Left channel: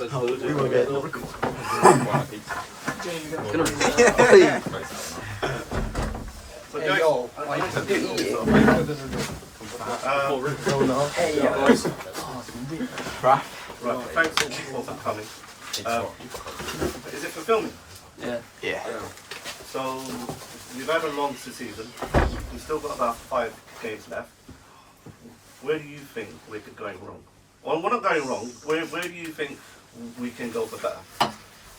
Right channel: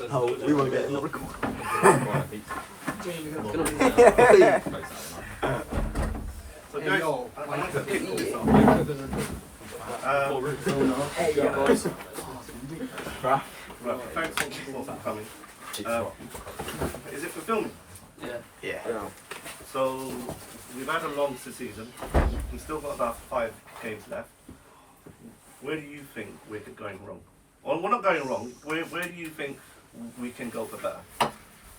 We won't get a record. So guys, right, thanks for coming. Is it for filming? Yeah. So you've had a long season. We've still got about 5 games left. Where do you think we're going wrong? Well, we're not going wrong. Where do you think we can go for better?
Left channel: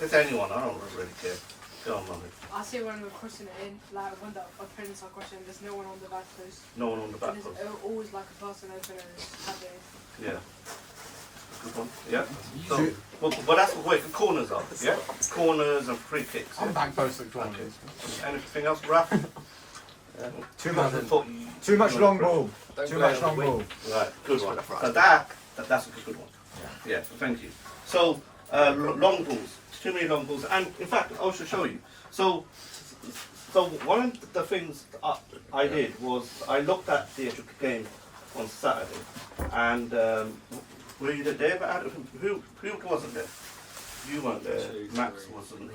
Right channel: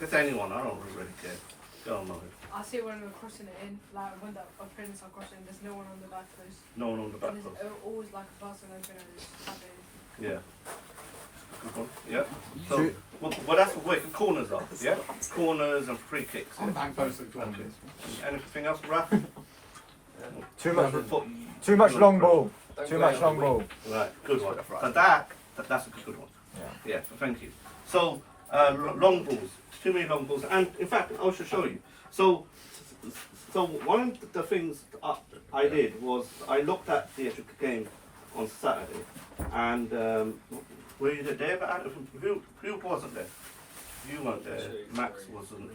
It's anyone. I don't really care. Go on, Mohammed. I see when we're crossing it in, like when the opponents are crossing, there's no one on the back post. No one on the back And post. there's always like a person open and it's happening. Yeah. Good one. Yeah. So, well, that's where the corners are. Yeah. Corners and free kicks. Yeah? Back post and corners. Anything else, Raph? Too much long ball. Too much long ball. Right. Good one. So that's a good one. Yeah. Thank you. So long balls. Too many long balls. And in fact, I should show you. So one of the things I did was I looked at the actual game on Saturday, and were you there? But who wasn't there? You weren't there. Max wasn't.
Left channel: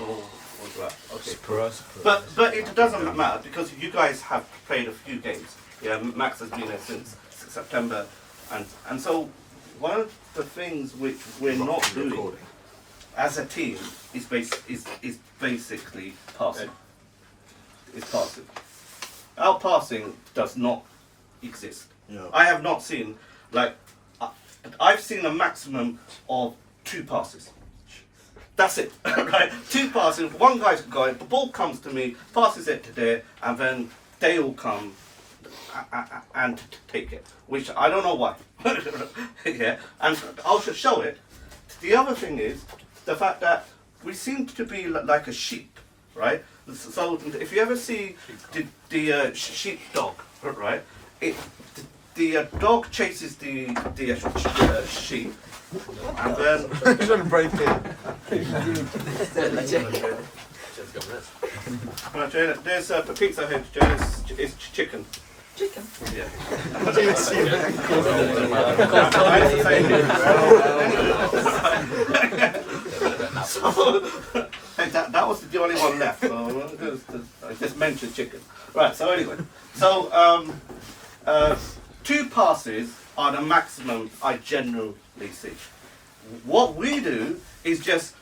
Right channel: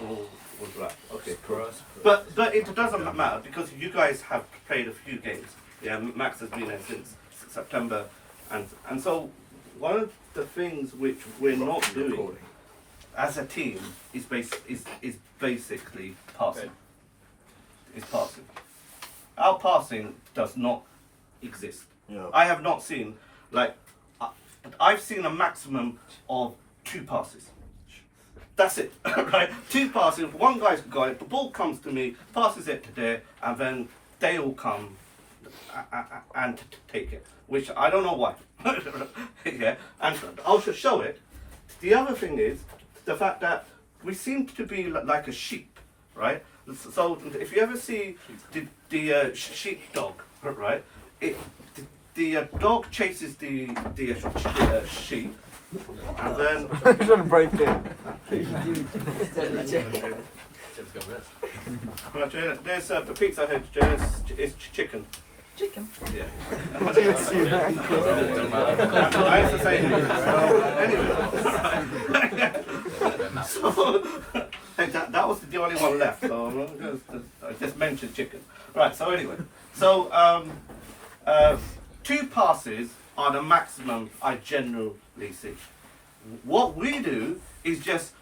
Or was that? Okay, cool. But it doesn't matter because you guys have played a few games. Yeah, Max has been there since September, and so one of the things which we're not doing as a team is basically passing. It's passing. Our passing does not exist. Yeah. I have not seen, like, I've seen a maximum of 2 passes. That's it, right? 2 passes, one guy's going, the ball comes to me, passes it to there, and then they all come and take it, which I don't know why. Yeah, and I'll just show it. The other thing is the fact that we seem to be like a sheep, right? So if you ever see the sheep dog, right? The dog chases the sheep, and then there's a pizza head. It's chicken. Chicken? Yeah. It's the same. Anyway. So, that was the only one left. So I just mentioned chicken. Right. So anyway, so 2 passes are the maximum I generally see. What we do is just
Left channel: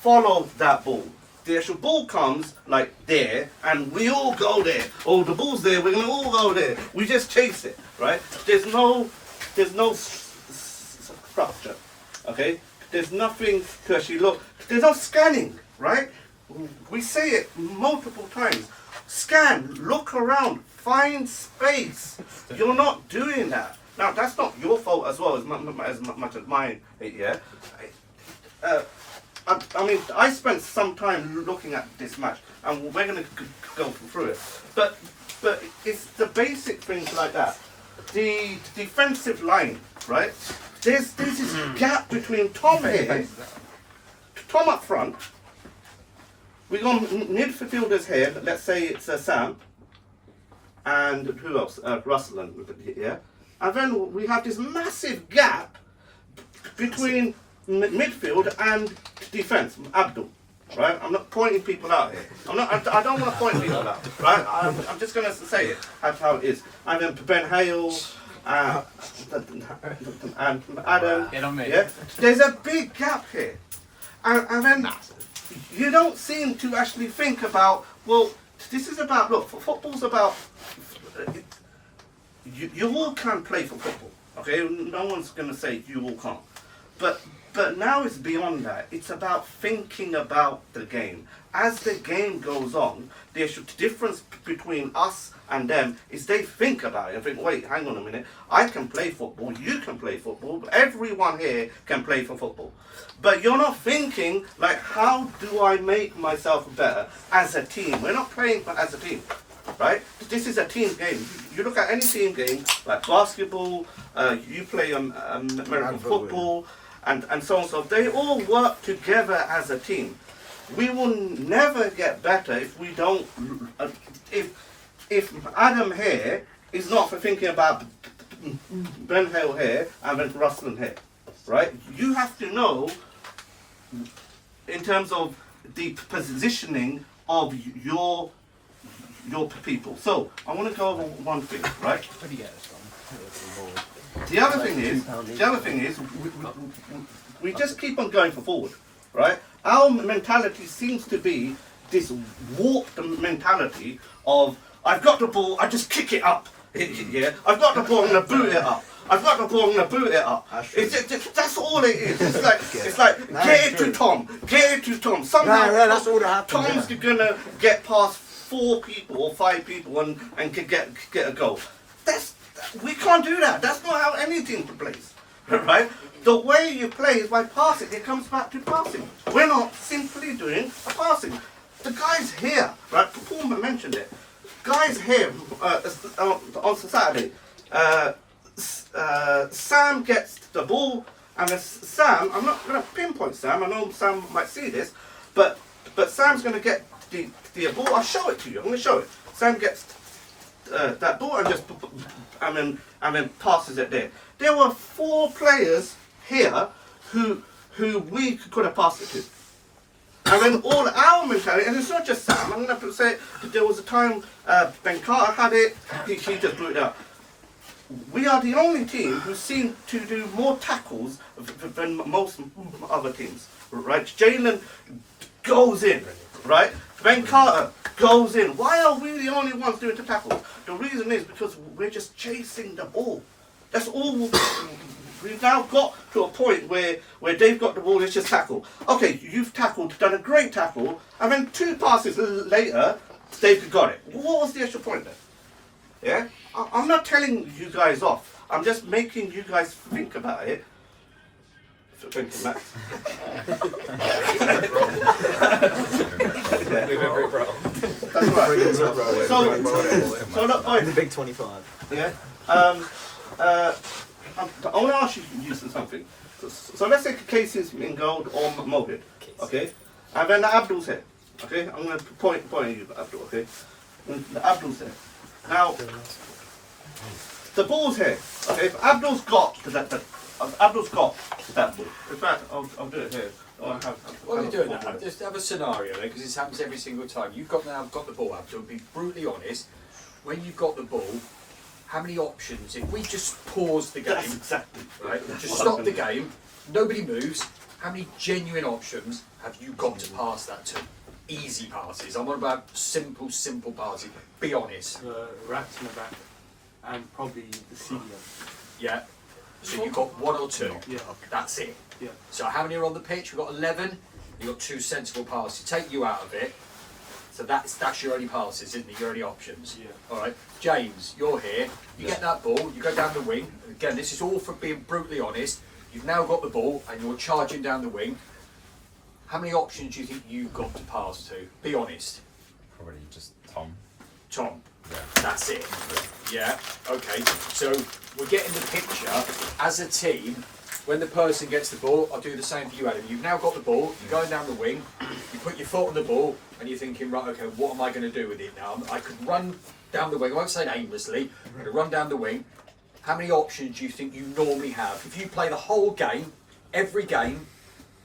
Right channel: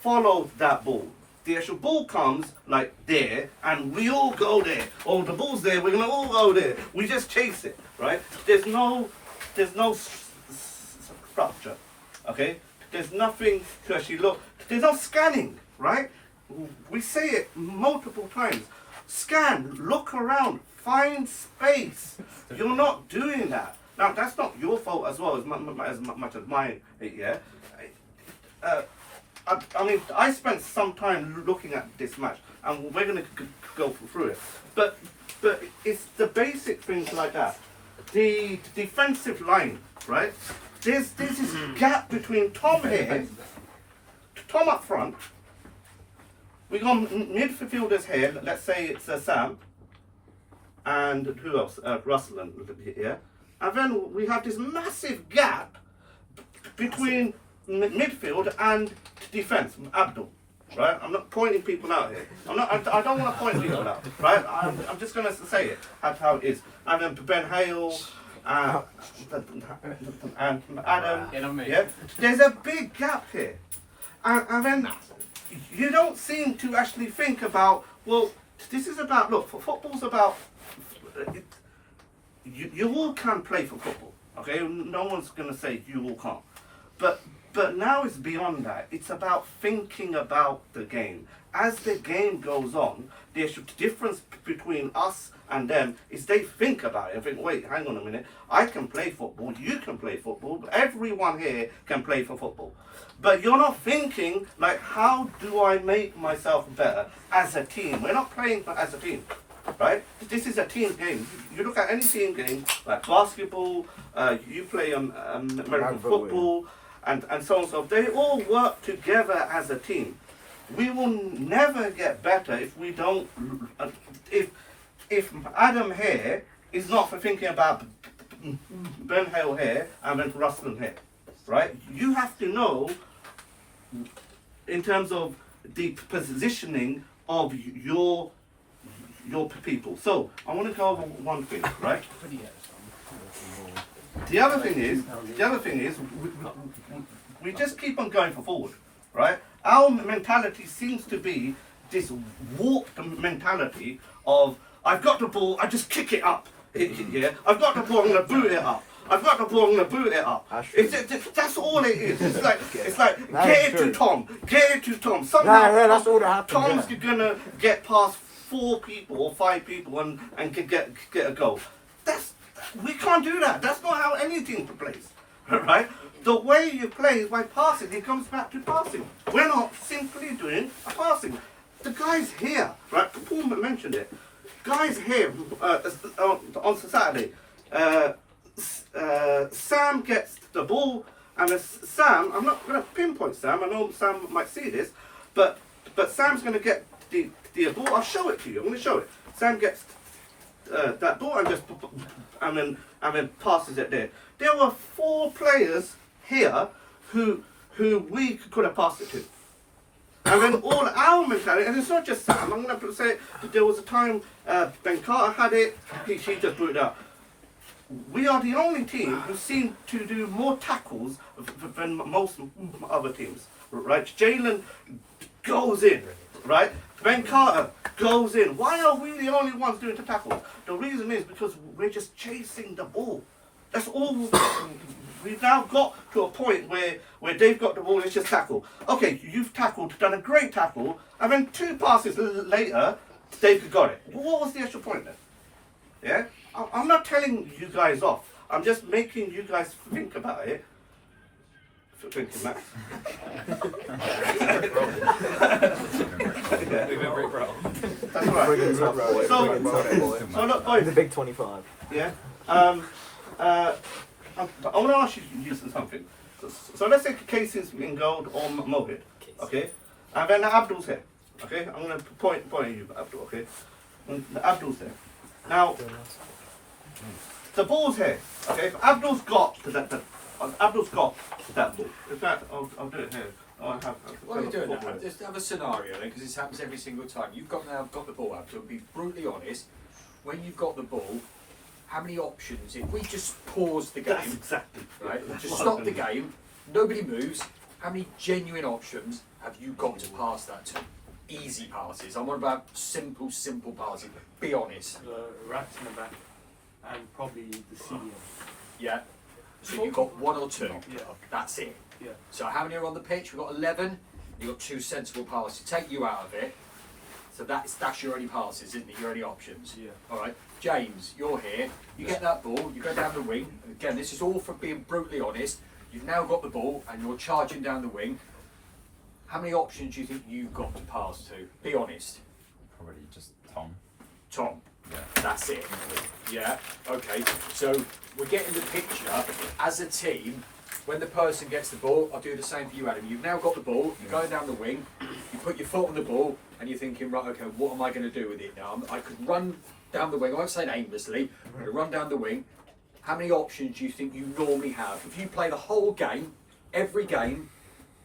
follow that ball. The actual ball comes like there, and we all go there. Oh, the ball's there. We're gonna all go there. We just chase it, right? There's no structure. Okay. There's nothing to actually look. There's no scanning, right? We say it multiple times. Scan, look around, find space. You're not doing that. Now that's not your fault as well as much as mine. Yeah. I mean, I spent some time looking at this match, and we're going to go through it. But it's the basic things like that. The defensive line, right? There's this gap between Tom here, Tom up front. We got midfielders here. Let's say it's Sam, and who else? Russell, yeah. And then we have this massive gap between midfield and defense. Abdul, right? I'm not pointing people out here. I don't want to point people out, right? I'm just going to say it. That's how it is. And then Ben Hale and Adam. Yeah. There's a big gap here, and then you don't seem to actually think about. Well, this is about. Look, football's about. You all can play for football, okay? No one's going to say you all can't. But now it's beyond that. It's about thinking about the game. As the game goes on, the difference between us and them is they think about it and think, wait, hang on a minute. I can play football. You can play football. Everyone here can play for football. But you're not thinking, like, how do I make myself better as a team? We're not playing as a team. Right? This is a team game. You look at any team game, like basketball, you play American football, and so on. So they all work together as a team. We will never get better if we don't. If Adam here is not for thinking about Ben Hale here and then Russell here. right? You have to know in terms of the positioning of your people. So I want to go over one thing, right? The other thing is, we just keep on going forward, right? Our mentality seems to be this warped mentality of I've got the ball, I just kick it up. Yeah, I've got the ball, I'm gonna boot it up. I've got the ball, I'm gonna boot it up. That's all it is. It's like get it to Tom, get it to Tom. Somehow that's all that happens. Tom's gonna get past 4 people or 5 people and get a goal. We can't do that. That's not how any team plays, right? The way you play is by passing. It comes back to passing. We're not simply doing a passing. The guys here, right? Paul mentioned it. Guys here on Saturday. Sam gets the ball, and Sam. I'm not going to pinpoint Sam. I know Sam might see this, but Sam's going to get the ball. I'll show it to you. I'm going to show it. Sam gets that ball and then passes it there. There were 4 players here who we could have passed it to. And then all our mentality, and it's not just Sam, I'm going to say there was a time Ben Carter had it, he just blew it up. We are the only team who seem to do more tackles than most other teams, right? Jalen goes in, right? Ben Carter goes in. Why are we the only ones doing the tackles? The reason is because we're just chasing the ball. That's all. We've now got to a point where they've got the ball, let's just tackle. Okay, you've tackled, done a great tackle, and then 2 passes later, they've got it. What was the extra point then? Yeah? I'm not telling you guys off. I'm just making you guys think about it. Thank you, Matt. That's right. So look, boys. The big 25. Yeah. I want to ask you something. So let's say Casey's in gold or Mohit, okay? And then Abdul's here, okay? I'm going to point at you, Abdul, okay? And Abdul's here. Now, the ball's here, okay? If Abdul's got that ball. In fact, I'll do it here. What are you doing now? Just have a scenario then, because this happens every single time. You've got the ball, Abdul. Be brutally honest. When you've got the ball, how many options? If we just pause the game, That's exactly right? Just stop the game. Nobody moves. How many genuine options have you got to pass that to? Easy passes. I'm on about simple passes. Be honest. Rats in the back, and probably the senior. Yeah. So you've got 1 or 2. Yeah. That's it. Yeah. So how many are on the pitch? We've got 11. You've got 2 sensible passes. Take you out of it. So that's your only passes, isn't it? Your only options. Yeah. All right. James, you're here. You get that ball. You go down the wing. Again, this is all from being brutally honest. You've now got the ball and you're charging down the wing. How many options do you think you've got to pass to? Be honest. Probably just Tom. Tom. That's it. Yeah. Okay. So we're getting the picture as a team. When the person gets the ball, I'll do the same for you, Adam. You've now got the ball, you're going down the wing, you put your foot on the ball, and you're thinking, right, okay, what am I going to do with it now? I could run down the wing, I won't say aimlessly, I'm going to run down the wing. How many options do you think you normally have? If you play the whole game, every game,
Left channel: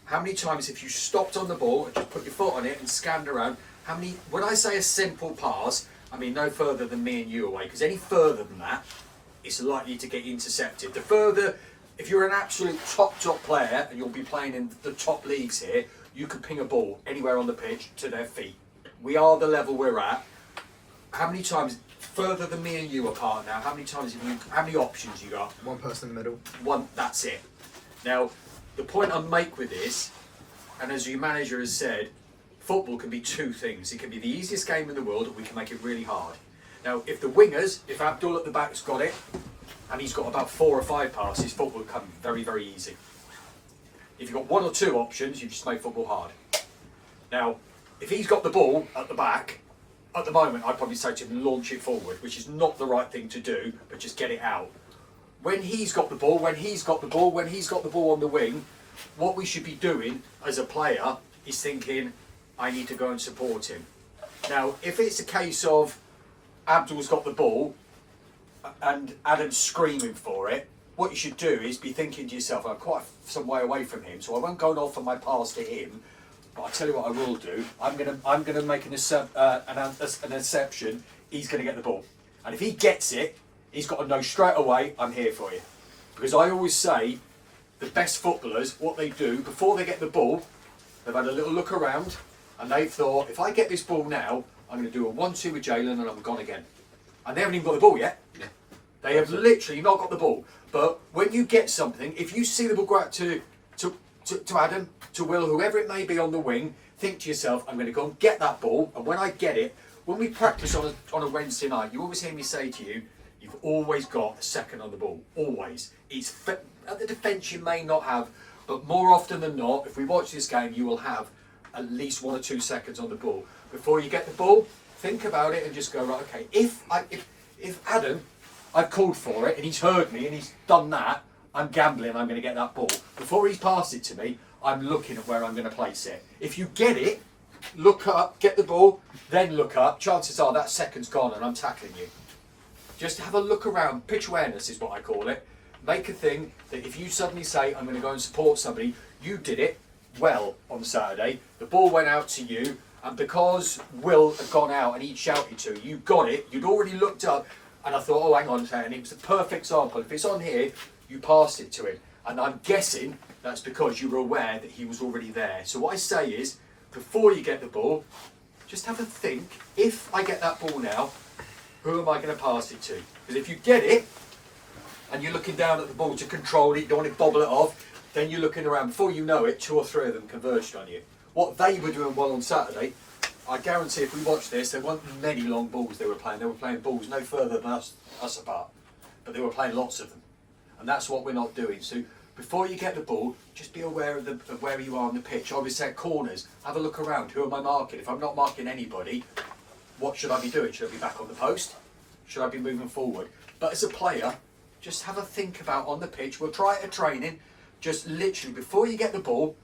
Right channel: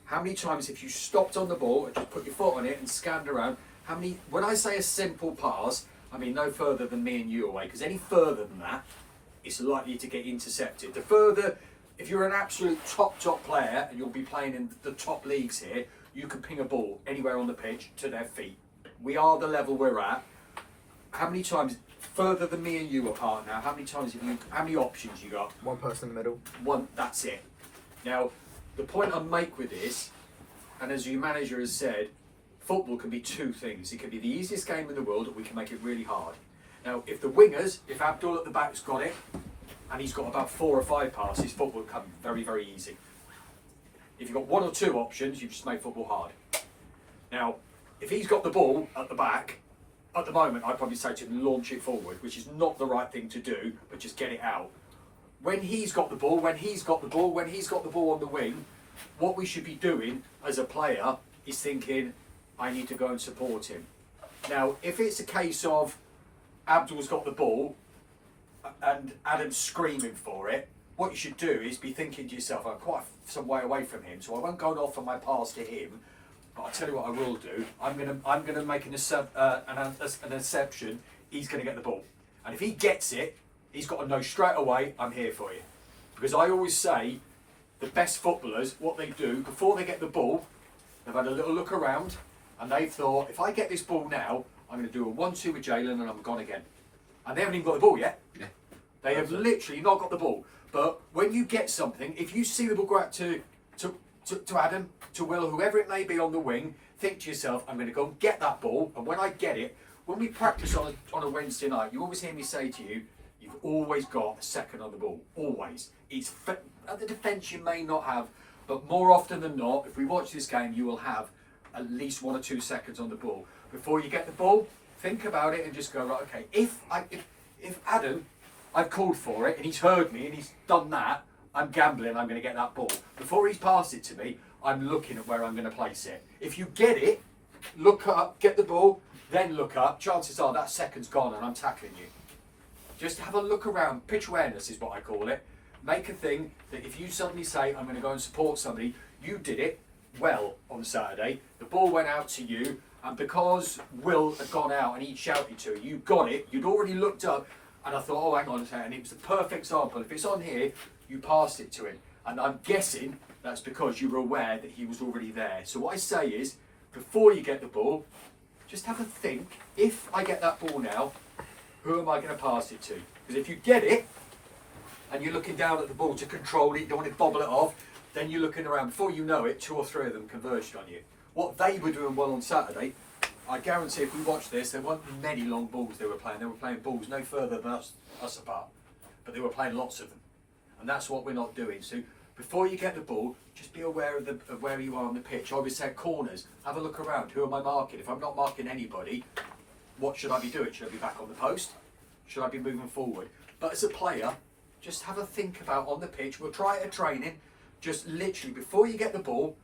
how many times have you stopped on the ball and just put your foot on it and scanned around? How many, when I say a simple pass, I mean no further than me and you away, because any further than that, it's likely to get intercepted. The further, if you're an absolute top player and you'll be playing in the top leagues here, you can ping a ball anywhere on the pitch to their feet. We are the level we're at. How many times, further than me and you apart now, how many options you got? 1 person in the middle. 1, that's it. Now, the point I make with this, and as your manager has said, football can be 2 things. It can be the easiest game in the world, or we can make it really hard. Now, if the wingers, if Abdul at the back's got it, and he's got about 4 or 5 passes, football will come very, very easy. If you've got 1 or 2 options, you've just made football hard. Now, if he's got the ball at the back, at the moment, I'd probably say to him, launch it forward, which is not the right thing to do, but just get it out. When he's got the ball, when he's got the ball on the wing, what we should be doing as a player is thinking, I need to go and support him. Now, if it's a case of Abdul's got the ball, and Adam's screaming for it, what you should do is be thinking to yourself, I'm quite some way away from him, so I won't go and offer my pass to him. But I tell you what I will do. I'm gonna make an exception. He's gonna get the ball, and if he gets it, he's got to know straight away I'm here for you. Because I always say, the best footballers, what they do before they get the ball, they've had a little look around, and they've thought, if I get this ball now, I'm going to do a 1-2 with Jalen, and I'm gone again. And they haven't even got the ball yet. Yeah. They have literally not got the ball. But when you get something, if you see the ball go out to Adam, to Will, whoever it may be on the wing, think to yourself, I'm going to go and get that ball, and when I get it, when we practice on a Wednesday night, you always hear me say to you, you've always got a second on the ball, always. It's at the defence you may not have, but more often than not, if we watch this game, you will have at least 1 or 2 seconds on the ball. Before you get the ball, think about it and just go, right, okay, if Adam, I've called for it and he's heard me and he's done that, I'm gambling I'm going to get that ball. Before he's passed it to me, I'm looking at where I'm going to place it. If you get it, look up, get the ball, then look up, chances are that second's gone and I'm tackling you. Just have a look around. Pitch awareness is what I call it. Make a thing that if you suddenly say, I'm going to go and support somebody, you did it well on Saturday, the ball went out to you, and because Will had gone out and he shouted to you, you got it, you'd already looked up, and I thought, oh, hang on a second, it was the perfect example. If it's on here, you passed it to him. And I'm guessing that's because you were aware that he was already there. So what I say is, before you get the ball, just have a think, if I get that ball now, who am I going to pass it to? Because if you get it, and you're looking down at the ball to control it, you don't want to bobble it off, then you're looking around. Before you know it, 2 or 3 of them converged on you. What they were doing well on Saturday, I guarantee if we watch this, there weren't many long balls they were playing. They were playing balls no further than us apart. But they were playing lots of them. And that's what we're not doing. So before you get the ball, just be aware of where you are on the pitch. I always say corners, have a look around. Who am I marking? If I'm not marking anybody, what should I be doing? Should I be back on the post? Should I be moving forward? But as a player, just have a think about on the pitch. We'll try it at training. Just literally, before you get the ball,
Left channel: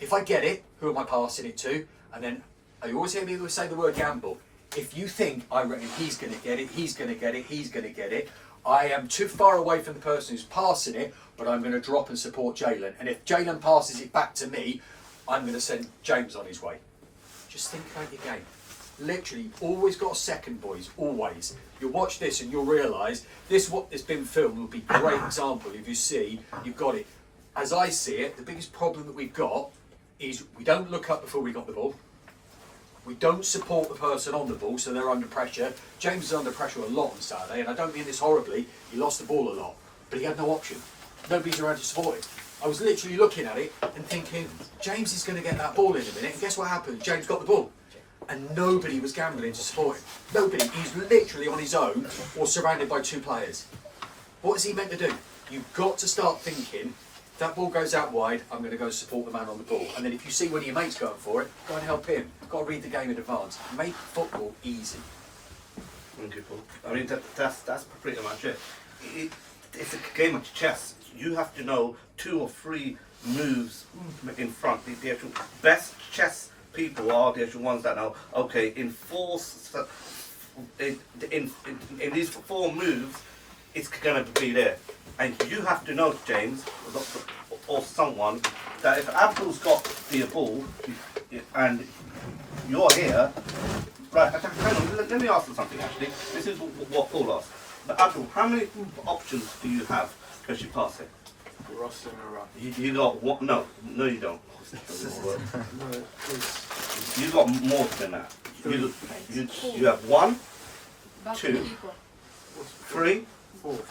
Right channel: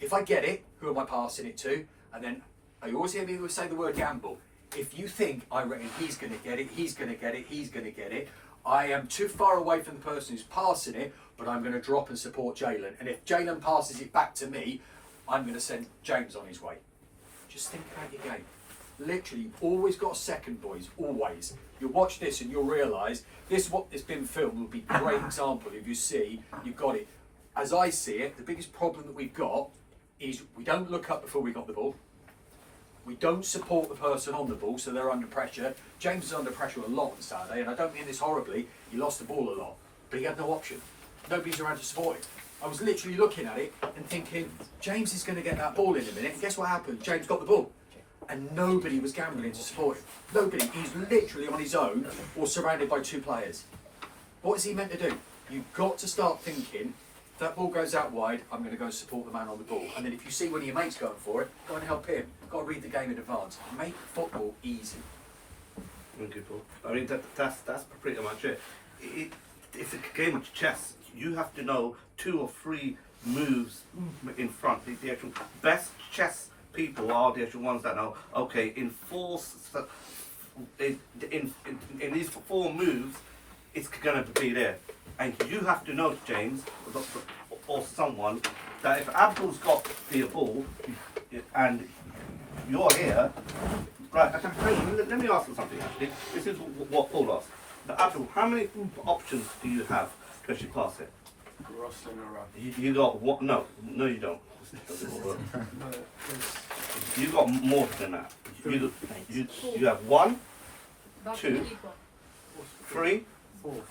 if I get it, who am I passing it to? And then, you always hear me say the word gamble. If you think, I reckon he's going to get it, he's going to get it, he's going to get it, I am too far away from the person who's passing it, but I'm going to drop and support Jalen. And if Jalen passes it back to me, I'm going to send James on his way. Just think about your game. Literally, you've always got a second, boys, always. You'll watch this and you'll realise this, what has been filmed, will be a great example. If you see, you've got it. As I see it, the biggest problem that we've got is we don't look up before we got the ball. We don't support the person on the ball, so they're under pressure. James is under pressure a lot on Saturday, and I don't mean this horribly. He lost the ball a lot, but he had no option. Nobody's around to support him. I was literally looking at it and thinking, James is going to get that ball in a minute, and guess what happened? James got the ball. And nobody was gambling to support him. Nobody. He's literally on his own or surrounded by 2 players. What is he meant to do? You've got to start thinking, if that ball goes out wide, I'm going to go support the man on the ball. And then if you see one of your mates going for it, go and help him. Got to read the game in advance. Make football easy. Thank you, Paul. I mean, that's pretty much it. It's a game of chess. You have to know 2 or 3 moves in front. The actual best chess people are the actual ones that know, okay, in these 4 moves, it's going to be there. And you have to know, James, or someone, that if Abdul's got the ball and you're here, right, let me ask you something actually. This is what Paul asked. But Abdul, how many options do you have to actually pass it? Ross and a run. You got what? No, you don't. No, You got more than that. You have 1, That's 2, equal. 3,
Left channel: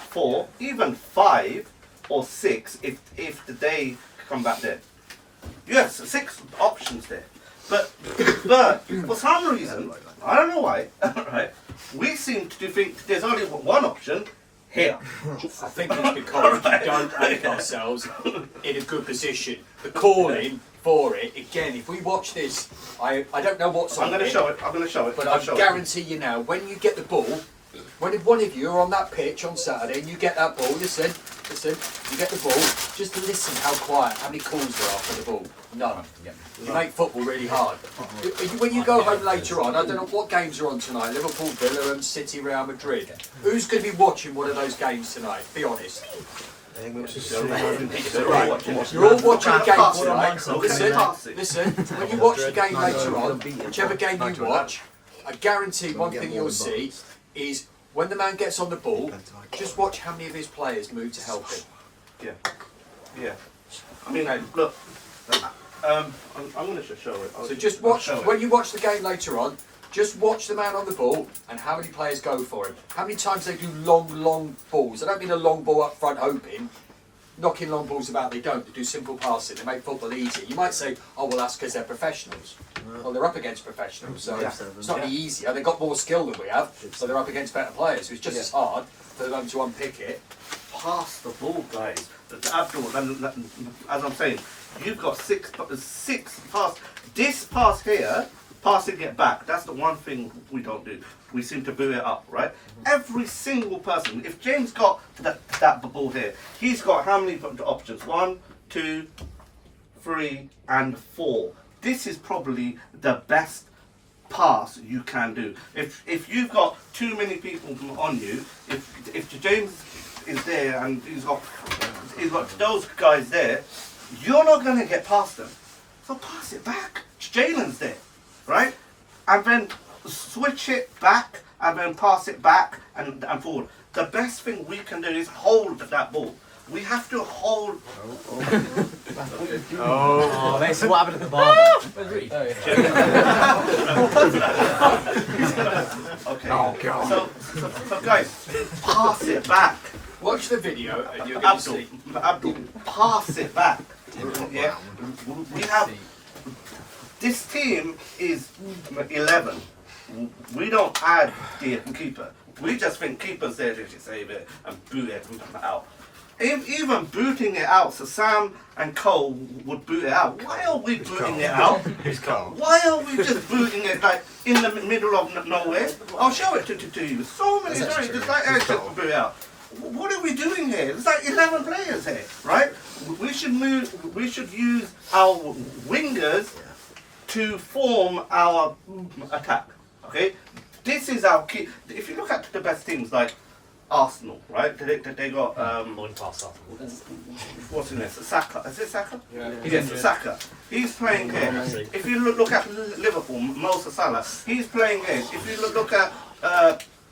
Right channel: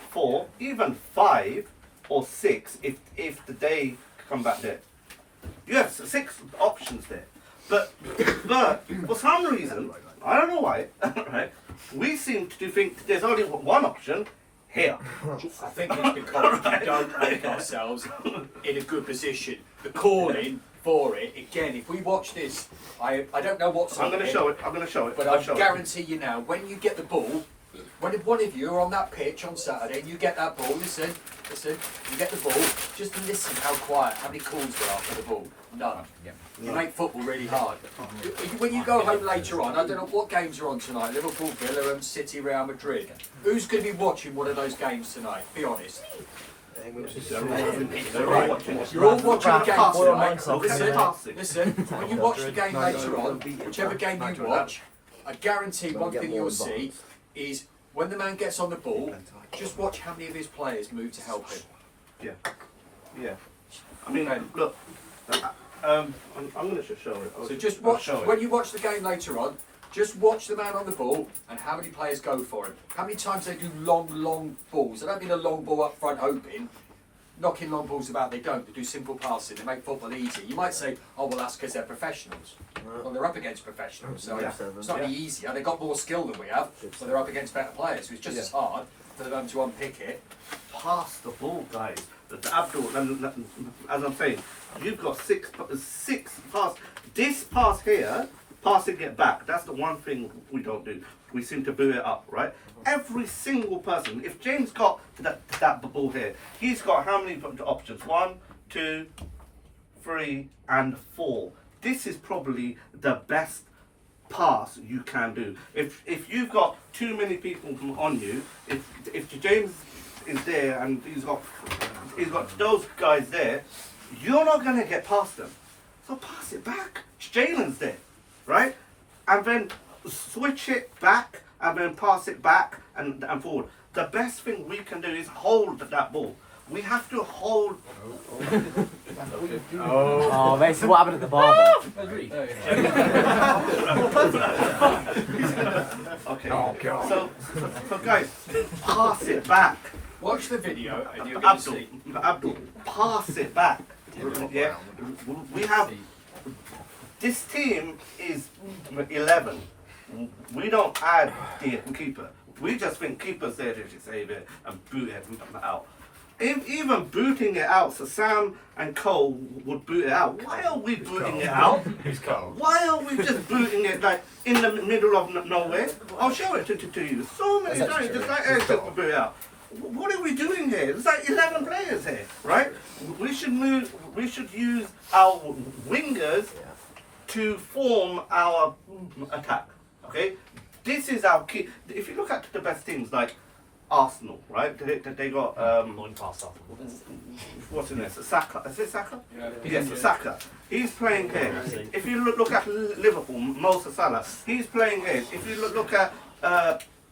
4, even 5 or 6 if the day come back there. You have 6 options there. But for some reason, I don't know why, right? We seem to think there's only one option here. I think it's because we don't make ourselves in a good position. The calling for it, again, if we watch this, I don't know what's on I'm going to show it. I'm going to show it. But I'll I show guarantee you now, when you get the ball, when one of you are on that pitch on Saturday and you get that ball, listen, you get the ball, just listen how quiet, how many calls there are for the ball. None. You make football really hard. When you go home later on, I don't know what games are on tonight, Liverpool, Villa and City, Real Madrid. Who's going to be watching one of those games tonight? Be honest. You're all watching the game Passing, tonight. mate. Passing. Listen, when you watch the game later on, whichever game you watch, I guarantee one thing you'll see is when the man gets on the ball, just watch how many of his players move to help him. Yeah. I mean, look. I'm going to show it. So just watch, when you watch the game later on, just watch the man on the ball and how many players go for him. How many times they do long balls. I don't mean a long ball up front hoping, knocking long balls about, they don't. They do simple passing, they make football easy. You might say, oh well, that's because they're professionals. Well, they're up against professionals, so it's not any easier. They've got more skill than we have, so they're up against better players. So it's just as hard for them to unpick it. Pass the ball, guys. The Abdul, as I'm saying, you've got six pass. This pass here, passing it back, that's the one thing we don't do. We seem to boot it up, right? Every single person, if James got that ball here, he's got how many options? 1, 2, 3, and 4. This is probably the best pass you can do. If you've got too many people on you, if James is there and he's got those guys there, you're not going to get past them. So pass it back. Jalen's there, right? And then switch it back and then pass it back and forward. The best thing we can do is hold that ball. We have to hold. Oh, mate, so what happened at the bar Okay. Oh, God. So guys, pass it back. Watch the video and you're going to see. Abdul, pass it back. Yeah. We have. This team is 11. We don't add the keeper. We just think keeper's there to save it and boot it out. Even booting it out, so Sam and Cole would boot it out. Why are we booting it out? Who's Cole? Why are we just booting it like in the middle of nowhere? I'll show it to you. So many times, just like just boot it out. What are we doing here? There's like 11 players here, right? We should move. We should use our wingers to form our attack. Okay, this is our key. If you look at the best teams like Arsenal, right? They got what's in this? Saka. Is it Saka? Yeah. Yes, Saka. He's playing here. If you look at Liverpool, Mo Salah. He's playing here. If you look at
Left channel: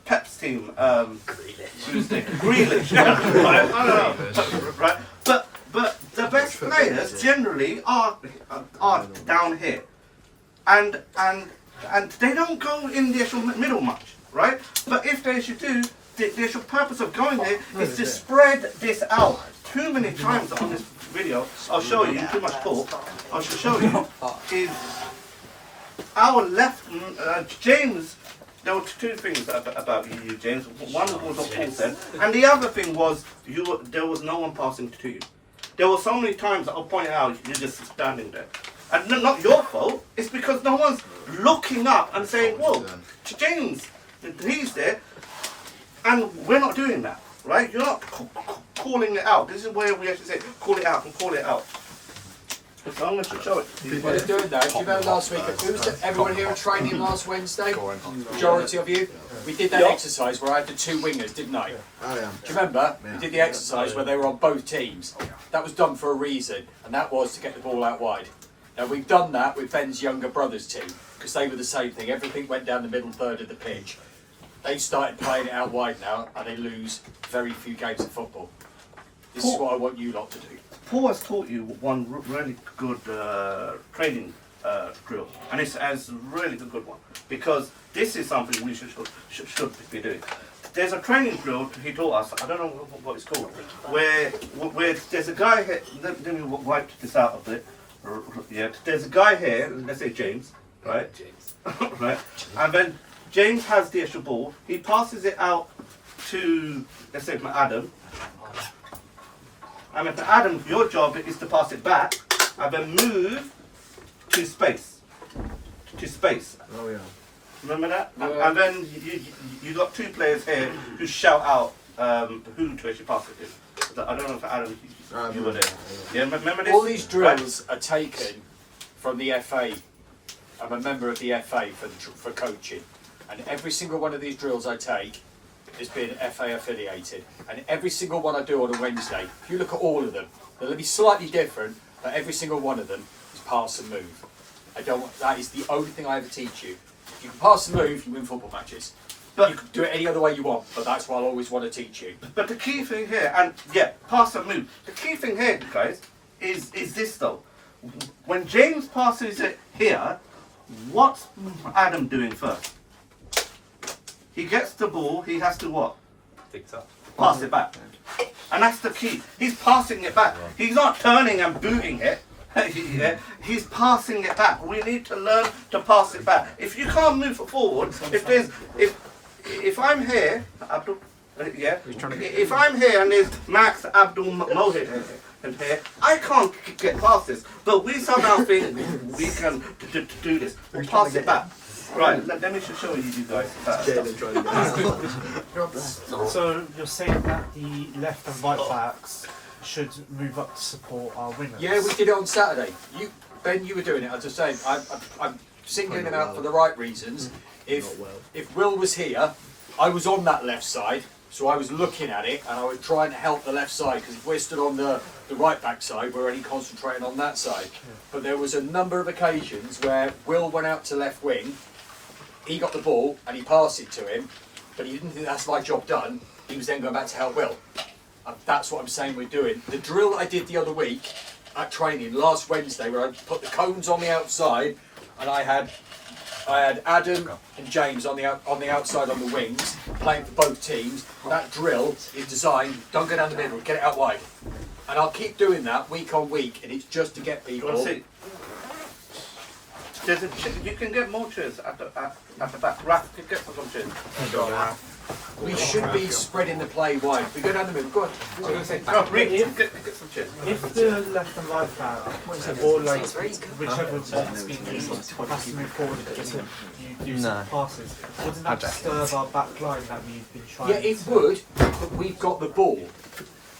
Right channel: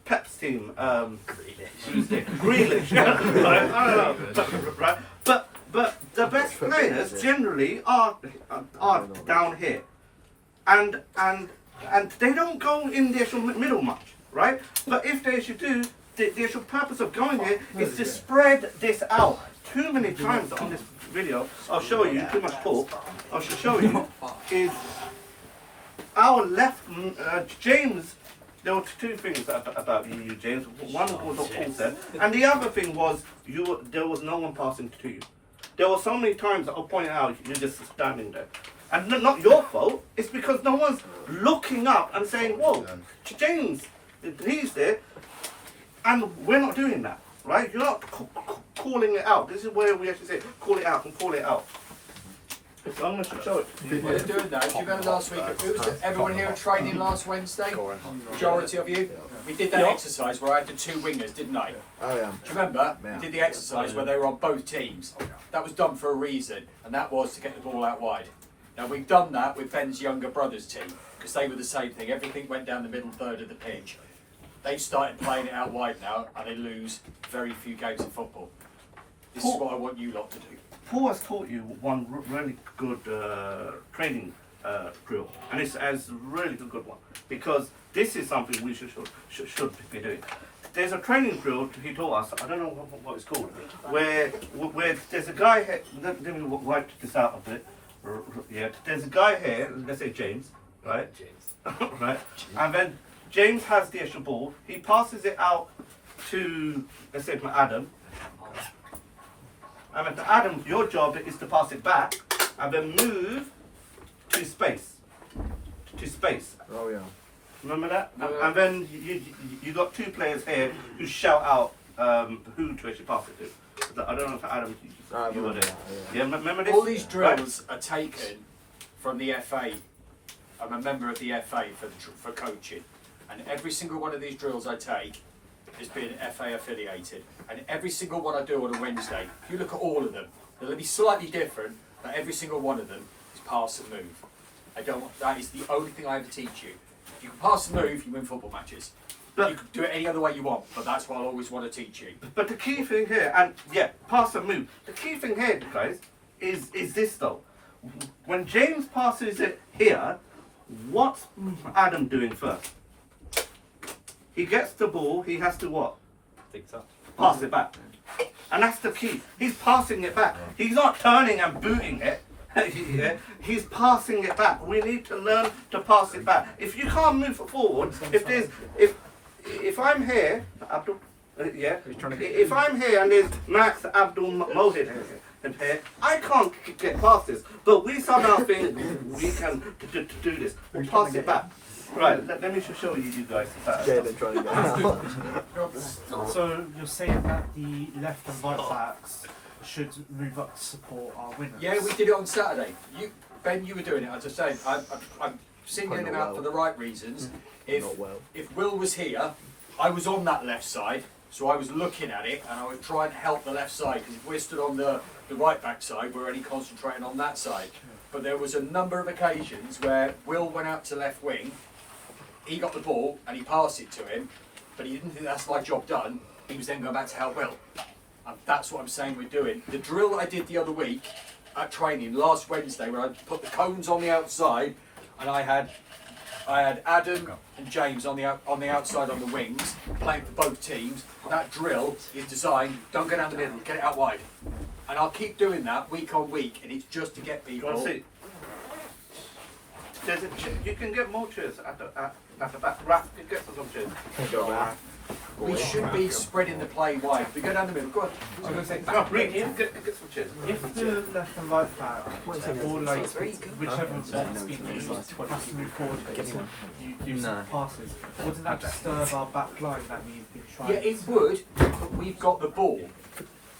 Pep's team, Grealish. Right? I don't know. Right? But the best players generally are down here, and they don't go in the actual middle much, right? But if they should do, the actual purpose of going here is to spread this out. Too many times on this video, I'll show you. Too much talk. I shall show you is our left James. There were two things about you, James. One was what Paul said, and the other thing was there was no one passing to you. There were so many times that I'll point out you're just standing there. And not your fault, it's because no one's looking up and saying, whoa, James, he's there. And we're not doing that, right? You're not calling it out. This is where we actually say, call it out and call it out. So I'm going to show it. While they're doing that, do you remember last week, everyone here at training last Wednesday? Majority of you? We did that exercise where I had the two wingers, didn't I? Oh, yeah. Do you remember? We did the exercise where they were on both teams. That was done for a reason, and that was to get the ball out wide. Now we've done that with Ben's younger brother's team, because they were the same thing. Everything went down the middle third of the pitch. They started playing it out wide now, and they lose very few games of football. This is what I want you lot to do. Paul has taught you one really good training drill, and it's a really good one, because this is something we should be doing. There's a training drill he taught us, I don't know what it's called, where there's a guy here, let me wipe this out a bit. Yeah, there's a guy here, let's say James, right? James. Right? And then James has the actual ball, he passes it out to, let's say, Adam. And then Adam, your job is to pass it back and then move to space. To space. Oh, yeah. Remember that? And then you got two players here who shout out who to actually pass it to. I don't know if Adam, you were there. Yeah, remember this? All these drills are taken from the FA. I'm a member of the FA for coaching, and every single one of these drills I take has been FA affiliated, and every single one I do on a Wednesday, if you look at all of them, they'll be slightly different, but every single one of them is pass and move. That is the only thing I ever teach you. If you can pass and move, you win football matches. But you can do it any other way you want, but that's what I always want to teach you. But the key thing here, and yeah, pass and move. The key thing here, guys, is this though. When James passes it here, what's Adam doing first? He gets the ball, he has to what? Pass it back. And that's the key. He's passing it back. He's not turning and booting it. Yeah, he's passing it back. We need to learn to pass it back. If you can't move it forward, if I'm here, Abdul, yeah, if I'm here and there's Max, Abdul, Mohit in here, I can't get past this. But we somehow think we can do this. We'll pass it back. Right, let me just show you guys. So you're saying that the left and right backs should move up to support our wingers? Yeah, we did it on Saturday. Ben, you were doing it. I was just saying, I'm singling him out for the right reasons. If Will was here, I was on that left side, so I was looking at it and I was trying to help the left side, because if we're stood on the right back side, we're only concentrating on that side. But there was a number of occasions where Will went out to left wing, he got the ball and he passed it to him, but he didn't think that's my job done. He was then going back to help Will. That's what I'm saying we're doing. The drill that I did the other week at training last Wednesday, where I put the cones on the outside, and I had Adam and James on the outside on the wings, playing for both teams. That drill is designed, don't go down the middle, get it out wide. And I'll keep doing that week on week, and it's just to get people. You can get more chairs at the back. Raph, get some chairs. We should be spreading the play wide. We go down the middle. Go on. Get some chairs. If the left and right back, or like whichever has to move forward and you do some passes, wouldn't that disturb our back line that we've been trying Yeah, it would, but we've got the ball.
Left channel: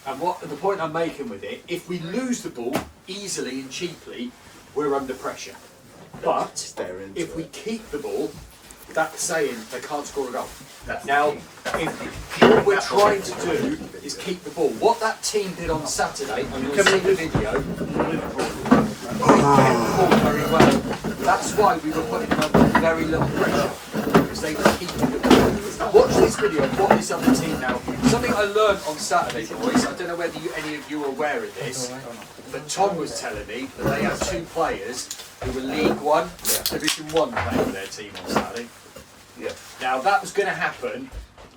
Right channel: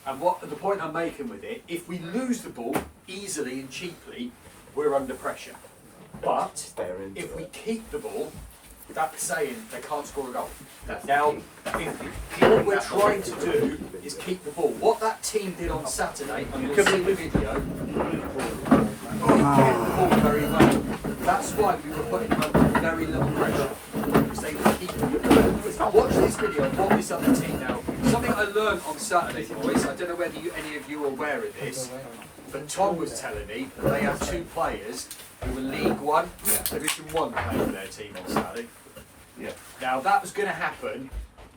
And the point I'm making with it, if we lose the ball easily and cheaply, we're under pressure. But if we keep the ball, that's saying they can't score a goal. Now, what we're trying to do is keep the ball. What that team did on Saturday, and you'll see the video, they kept the ball very well. That's why we were putting them under very little pressure, because they were keeping the ball. Watch this video of what this other team now. Something I learned on Saturday, boys, I don't know whether any of you are aware of this, but Tom was telling me that they had two players who were League One, Division 1 playing for their team on Saturday. Yeah. Now that was going to happen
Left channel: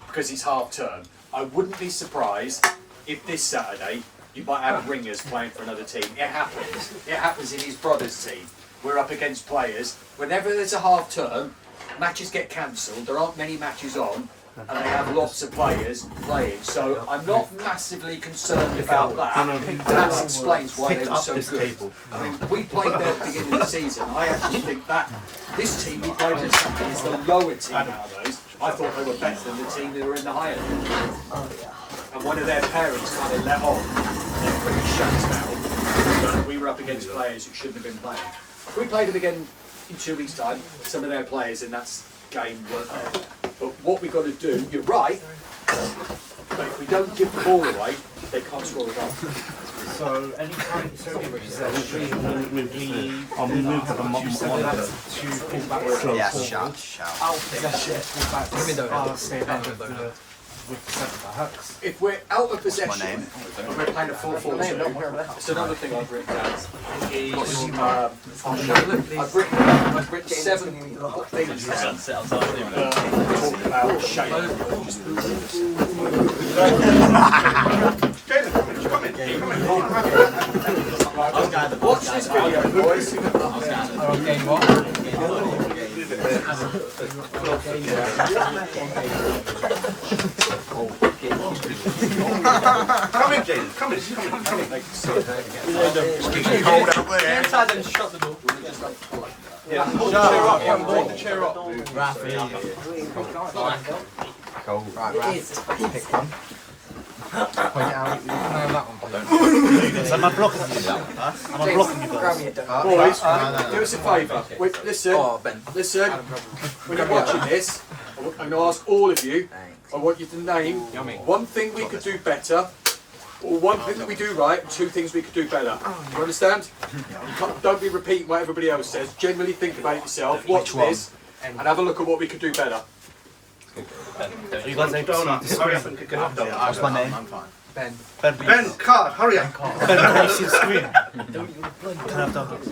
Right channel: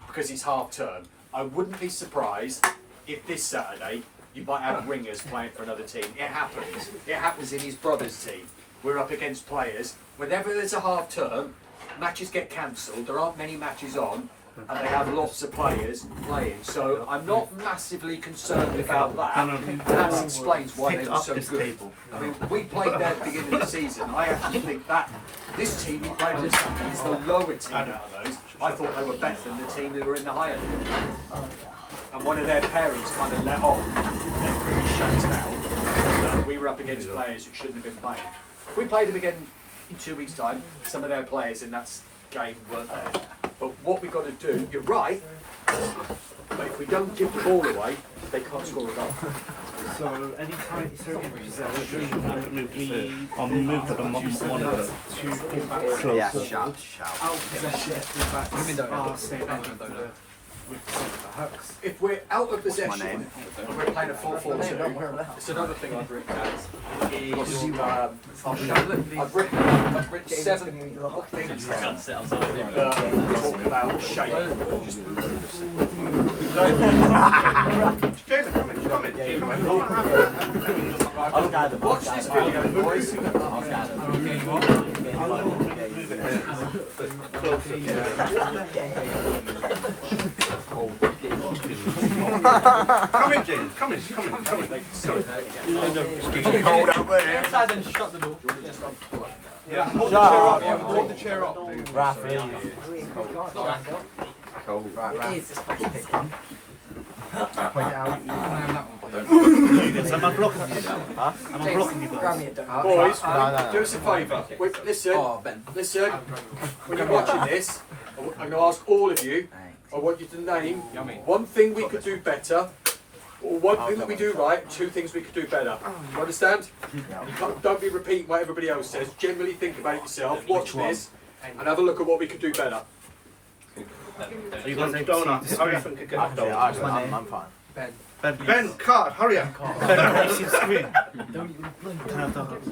because it's half term. I wouldn't be surprised if this Saturday you might have wingers playing for another team. It happens. It happens in his brother's team. We're up against players. Whenever there's a half term, matches get cancelled. There aren't many matches on, and they have lots of players playing. So I'm not massively concerned about that. That explains why they were so good. We played there at the beginning of the season. I actually think that this team we played this Saturday is the lower team out of those. I thought they were better than the team who were in the higher league. And one of their parents kind of let off. They're pretty shut out. We were up against players who shouldn't have been playing. We played them again in 2 weeks' time. Some of their players in that game weren't there. But what we've got to do, you're right, but if we don't give the ball away, they can't score a goal. So anytime it's over possession, I'll move to the monitor. Yeah, shout. Out of possession, fullbacks stay back with centre backs. If we're out of possession and we're playing a 4-4-2, it's another thing I've written down. I've written 7 things down about shape. Watch this video, boys. Come in, James. Come in. It's getting cold out there. Inside and shut the door. Yeah. Take the chair up. Cool. Right, Raph. Pick one. Point it out. So am I blocking you? Am I blocking you guys? Boys, do us a favour. Listen. When you're watching this, I'm going to ask all of you I want you to name one thing we could do better, or one thing that we do right, and two things we could do better. You understand? Don't be repeating what everybody else says. Generally think about it yourself, watch this, and have a look at what we could do better. You guys need donuts. Hurry up and get up donuts. What's my name? I'm fine. Ben, card, hurry up. Screen. Can I have donuts?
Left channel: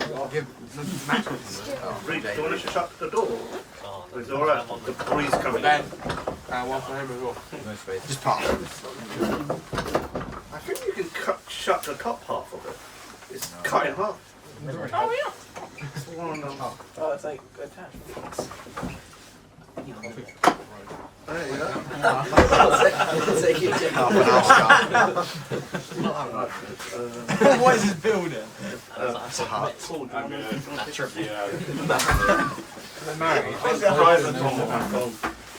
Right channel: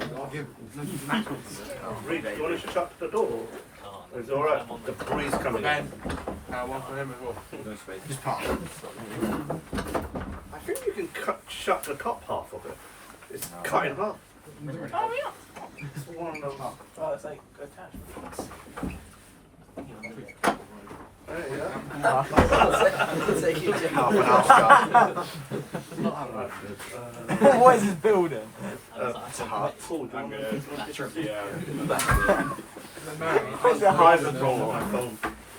Reed, do you want to shut the door? Or is it alright? The police coming in. What's my name as well? Just pop. I think you can shut the top half of it. It's cut in half. It's one and a half. Oh, it's like attached. There you go. Half an hour. What is this building? It's a hut.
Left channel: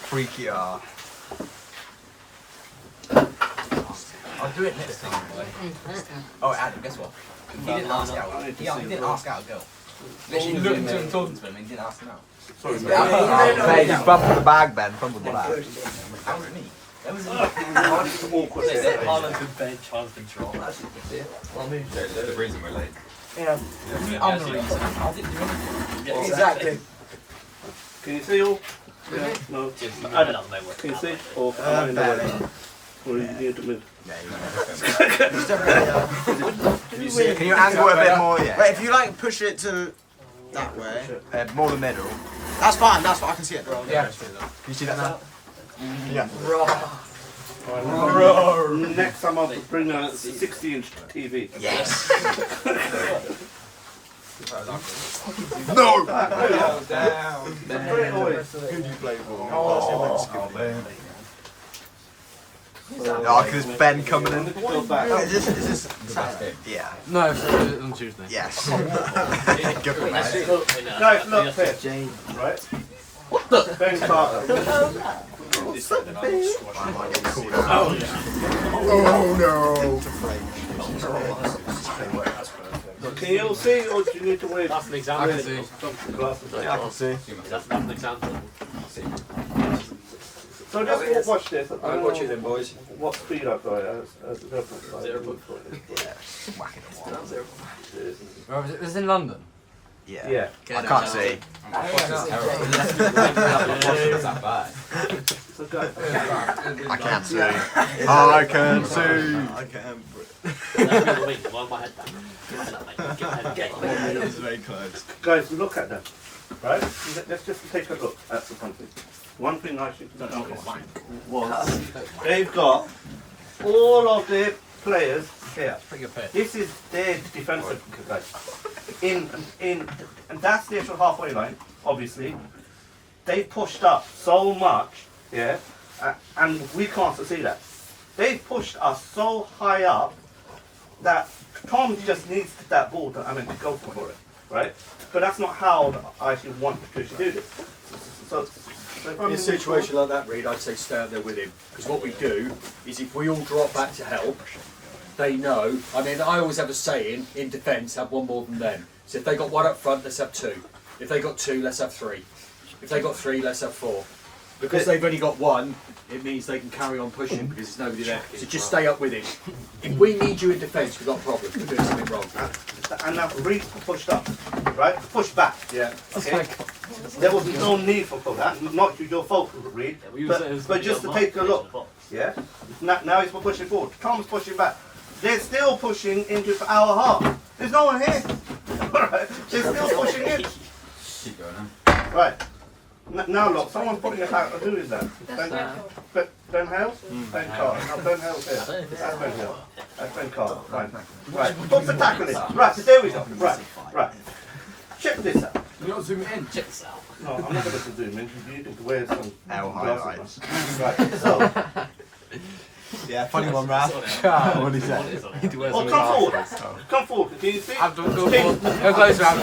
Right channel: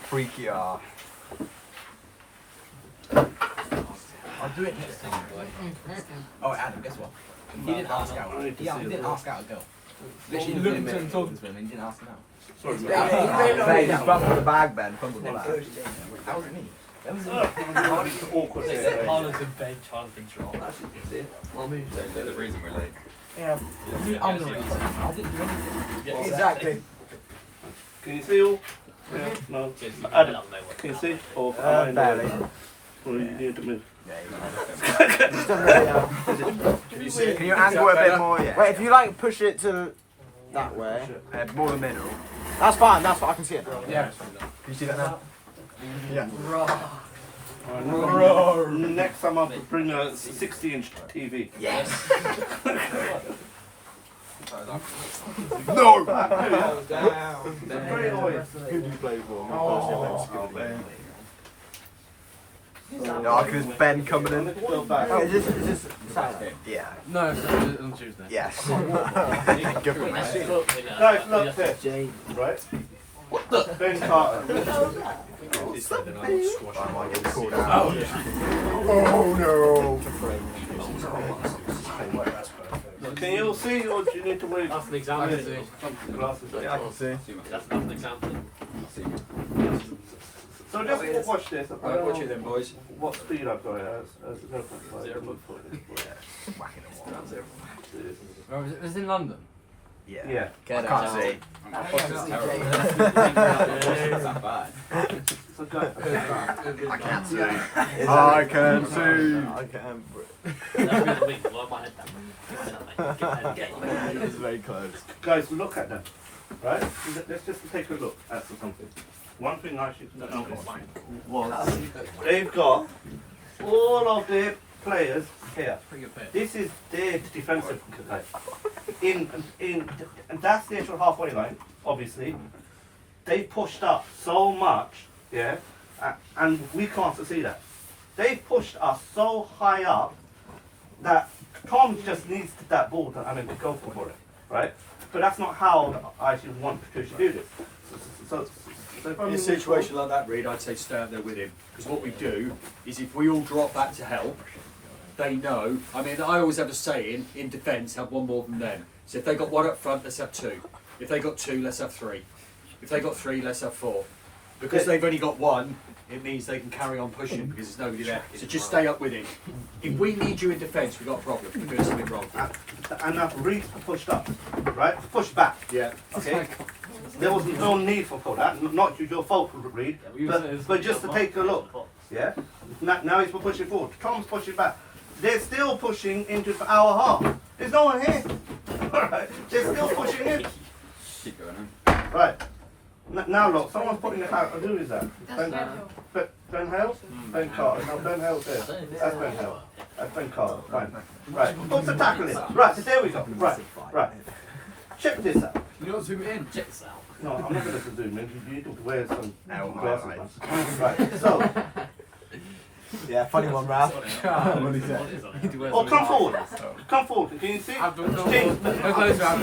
Freaky R. I'll do it next time. Oh, Adam, guess what? He didn't ask out. He didn't ask out a girl. Literally looking to him, talking to him, and he didn't ask him out. Sorry, Hey, just fumble the bag, Ben. Fumble the bag. How was it me? awkward. Ben Charles control. The reason we're late. Yeah. I'm the reason. I didn't do anything. Exactly. Can you see all? Yeah. No. Adam, can you see? Or am I in the way? Or you need to move? Can you angle it a bit more? Yeah. Wait, if you like push it to that way. More the middle. That's fine, that's what I can see it. Yeah. Can you see that now? Yeah. Next time I'll bring a 60-inch TV. Yes. No! Straight away. Who do you play for? Oh, because Ben coming in. Go back. Is this Saturday? Yeah. No, it's on Tuesday. Yes. Good for me. Guys, look here. Right? Ben Carter. I might get called out. Oh no! Can you all see, or do you need to wear That's an example. glasses? Yeah, I can see. That's an example. So just watch this. Right, watch it then, boys. What speed I've got as a reference. Whacking them all. Was it in London? Yeah. Yeah. I can't see. I can't see. I can see. I can. It's very close. Guys, look at them. Right? Let's just take a look at something. One thing I should notice was they've got all of the players here. This is their defensive guys. And that's the actual halfway line, obviously. They pushed up so much, yeah, and we can't see that. They pushed us so high up that Tom just needs that ball to go for it, right? But that's not how I actually want to do this. So In a situation like that, Reed, I'd say stay out there with him. Because what we do is if we all drop back to help, they know. I mean, I always have a saying, in defence, have one more than them. So if they got one up front, let's have two. If they got two, let's have three. If they got three, let's have four. Because they've only got one, it means they can carry on pushing because there's nobody there. So just stay up with him. If we need you in defence, we've got a problem. We're doing something wrong. And now Reed pushed up, right? Push back. Yeah. Okay. There was no need for that. Not your fault, Reed. But just to take a look. Yeah. Now he's pushing forward. Tom's pushing back. They're still pushing into our half. There's no one here. They're still pushing in. Keep going Right. Now look, someone's putting it out. Who is that? Ben Hales? Ben Carter. No, Ben Hales there. That's Ben Hales. That's Ben Carter. Right. Right. What's the tackle in? Right, there we go. Right. Right. Check this out. You don't zoom in. Check this out. No, I'm not going to zoom in. You need to wear some L glasses. highlights. Right. So, Yeah, funny one, Ralph. What is that? oh, come forward. Come forward. Can you see? How close, man?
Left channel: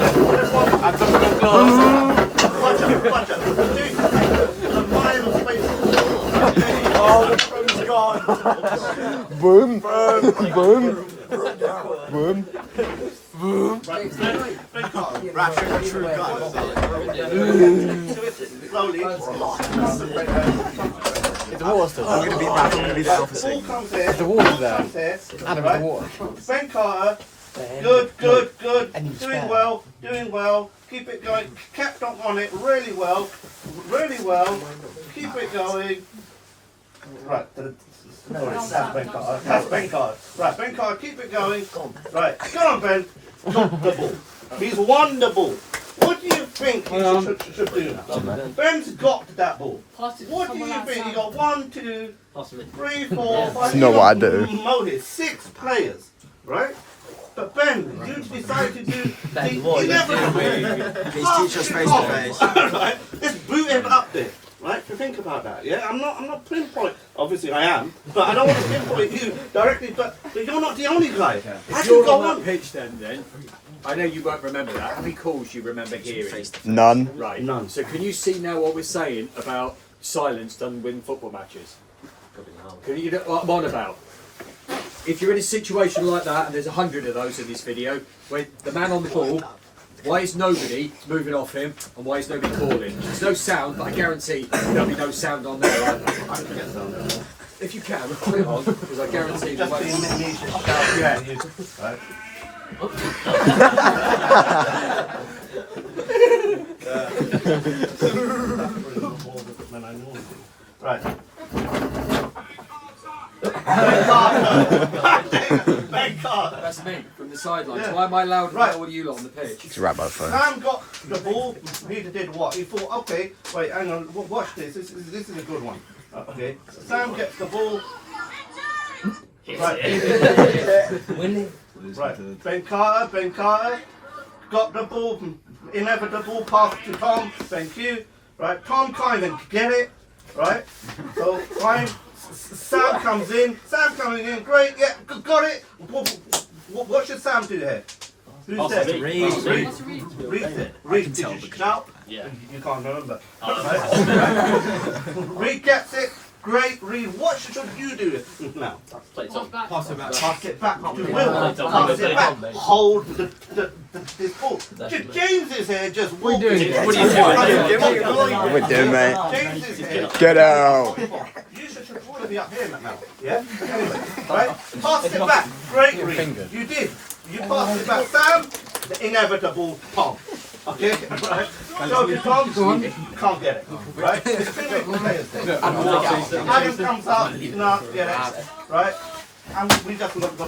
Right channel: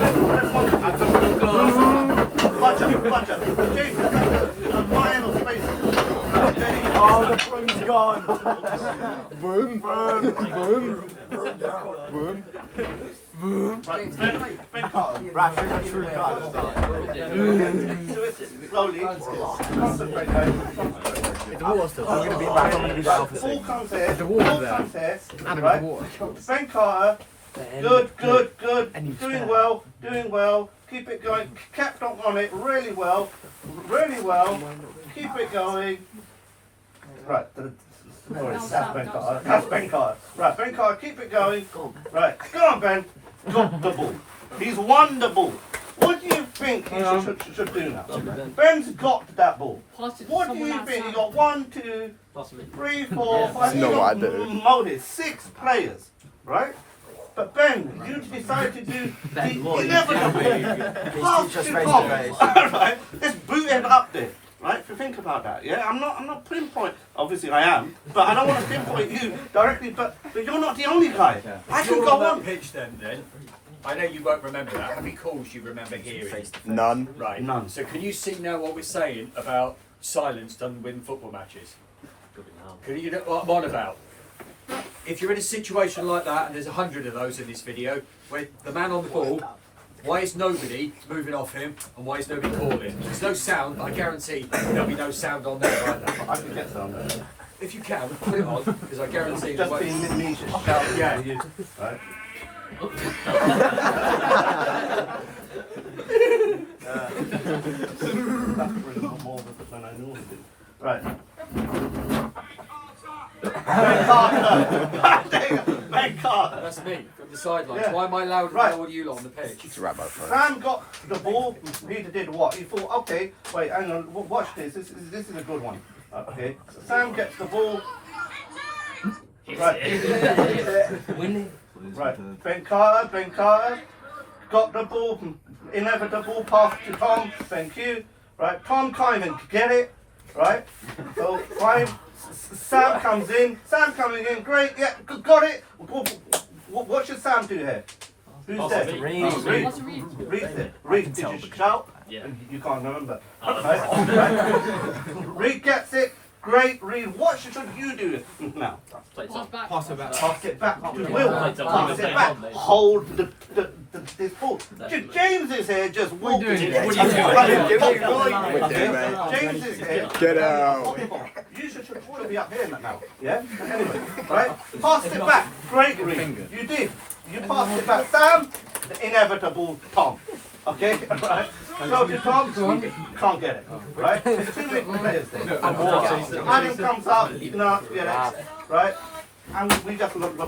Watch out, watch out. A mile of space. Oh, the broom's gone. Boom, boom, boom, boom. Right, Ben Carter. Right, trick or true card. Do it slowly. The water's still. I'm gonna be back. I'm gonna be the alpha Ball sig. comes here. The water's Ball there. comes here. Adam, Right. the water. Ben Carter. Good, good, good. And you Doing spare. well, doing well. Keep it going. Kept on it really well. Really well. Keep it going. Right. That's Ben Carter. That's Ben Carter. Right, Ben Carter, keep it going. Right, go on, Ben. Got the ball. He's won the ball. What do you think he should do now? Ben's got that ball. What do you think? He got 1, 2, 3, 4, 5. That's not what I do. Molded 6 players, right? But Ben, you decided to do the 11. Please teach us face to face. Right, let's boot him up there. Right, to think about that, yeah? I'm not pinpoint. Obviously, I am, but I don't want to pinpoint you directly. But you're not the only guy. I If can you're go on that on. pitch then, I know you won't remember that. How many calls you remember hearing? None. Right. None. So can you see now what we're saying about silence done win football matches? Can you know what I'm on about? If you're in a situation like that, and there's 100 of those in this video, where the man on the ball, why is nobody moving off him, and why is nobody calling? There's no sound, but I guarantee there'll be no sound on there either. I can get some. If you can, put it on, because I guarantee there Just won't being be. niche. Yeah. Right. More than I normally do. Right. Ben Carter. Ben Carter. That's me from the sidelines. Yeah. Why am I louder Right. than all you lot on the pitch? It's right by phone. Sam got the ball. He did what? He thought, okay, wait, hang on, watch this. This is a good one. Okay, Sam gets the ball. Right. Right. Ben Carter got the ball. Inevitable pass to Tom. Thank you. Right. Tom Kynan get it. Right. So right. Sam comes in. Sam coming in. Great. Yeah. Got it. What should Sam do here? Who's there? Reed. Did you shout? Yeah. You can't remember. Right. Reed gets it. Great, Reed. What should you do now? Pass it back. Pass it back to Will. Pass it back. Hold this ball. James is here just walking. What are you doing? We're doing, mate. James is here. Get out. You should all be up here now. Yeah? Anyway, right? Pass it back. Great, Reed. You did. You passed it back. Sam, the inevitable Tom. Okay? Right? Go to Tom. Can't get it. Right? There's 2 little players there. Adam comes up. No, get it. Right? And we just look.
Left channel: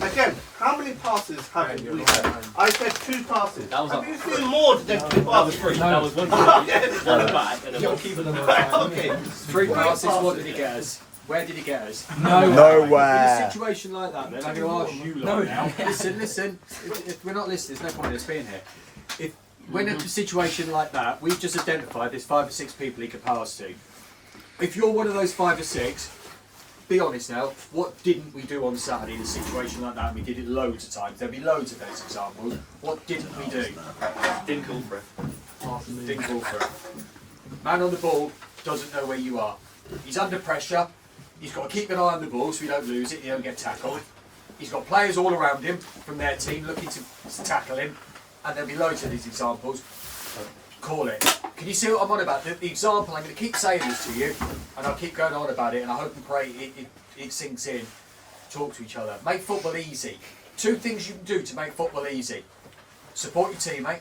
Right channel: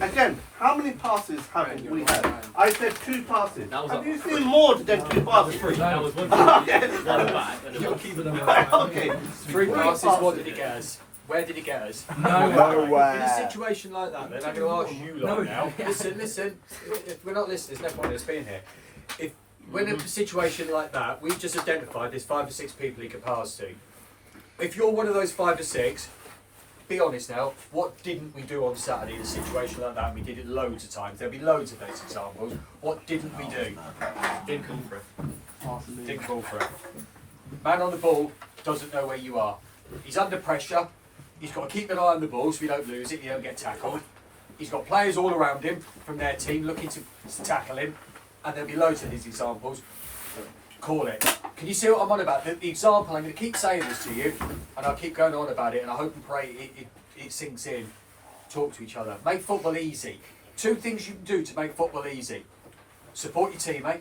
Again, how many passes have we had? I said 2 passes. Have you seen more than 2 passes? That was one back and then Okay. 3 passes, what did he get us? Where did he get us? In a Nowhere. situation like that, then I'm going to ask you lot now. Listen. If we're not listening, there's no point in us being here. If when in a situation like that, we've just identified there's 5 or 6 people he could pass to. If you're one of those 5 or 6, be honest now, what didn't we do on Saturday in a situation like that? And we did it loads of times. There'll be loads of those examples. What didn't we do? didn't call for it. Didn't call for it. Man on the ball doesn't know where you are. He's under pressure. He's got to keep an eye on the ball so we don't lose it, he don't get tackled. He's got players all around him from their team looking to tackle him. And there'll be loads of these examples. Call it. Can you see what I'm on about? The example, I'm going to keep saying this to you, and I'll keep going on about it, and I hope and pray it sinks in. Talk to each other. Make football easy. 2 things you can do to make football easy. Support your teammate,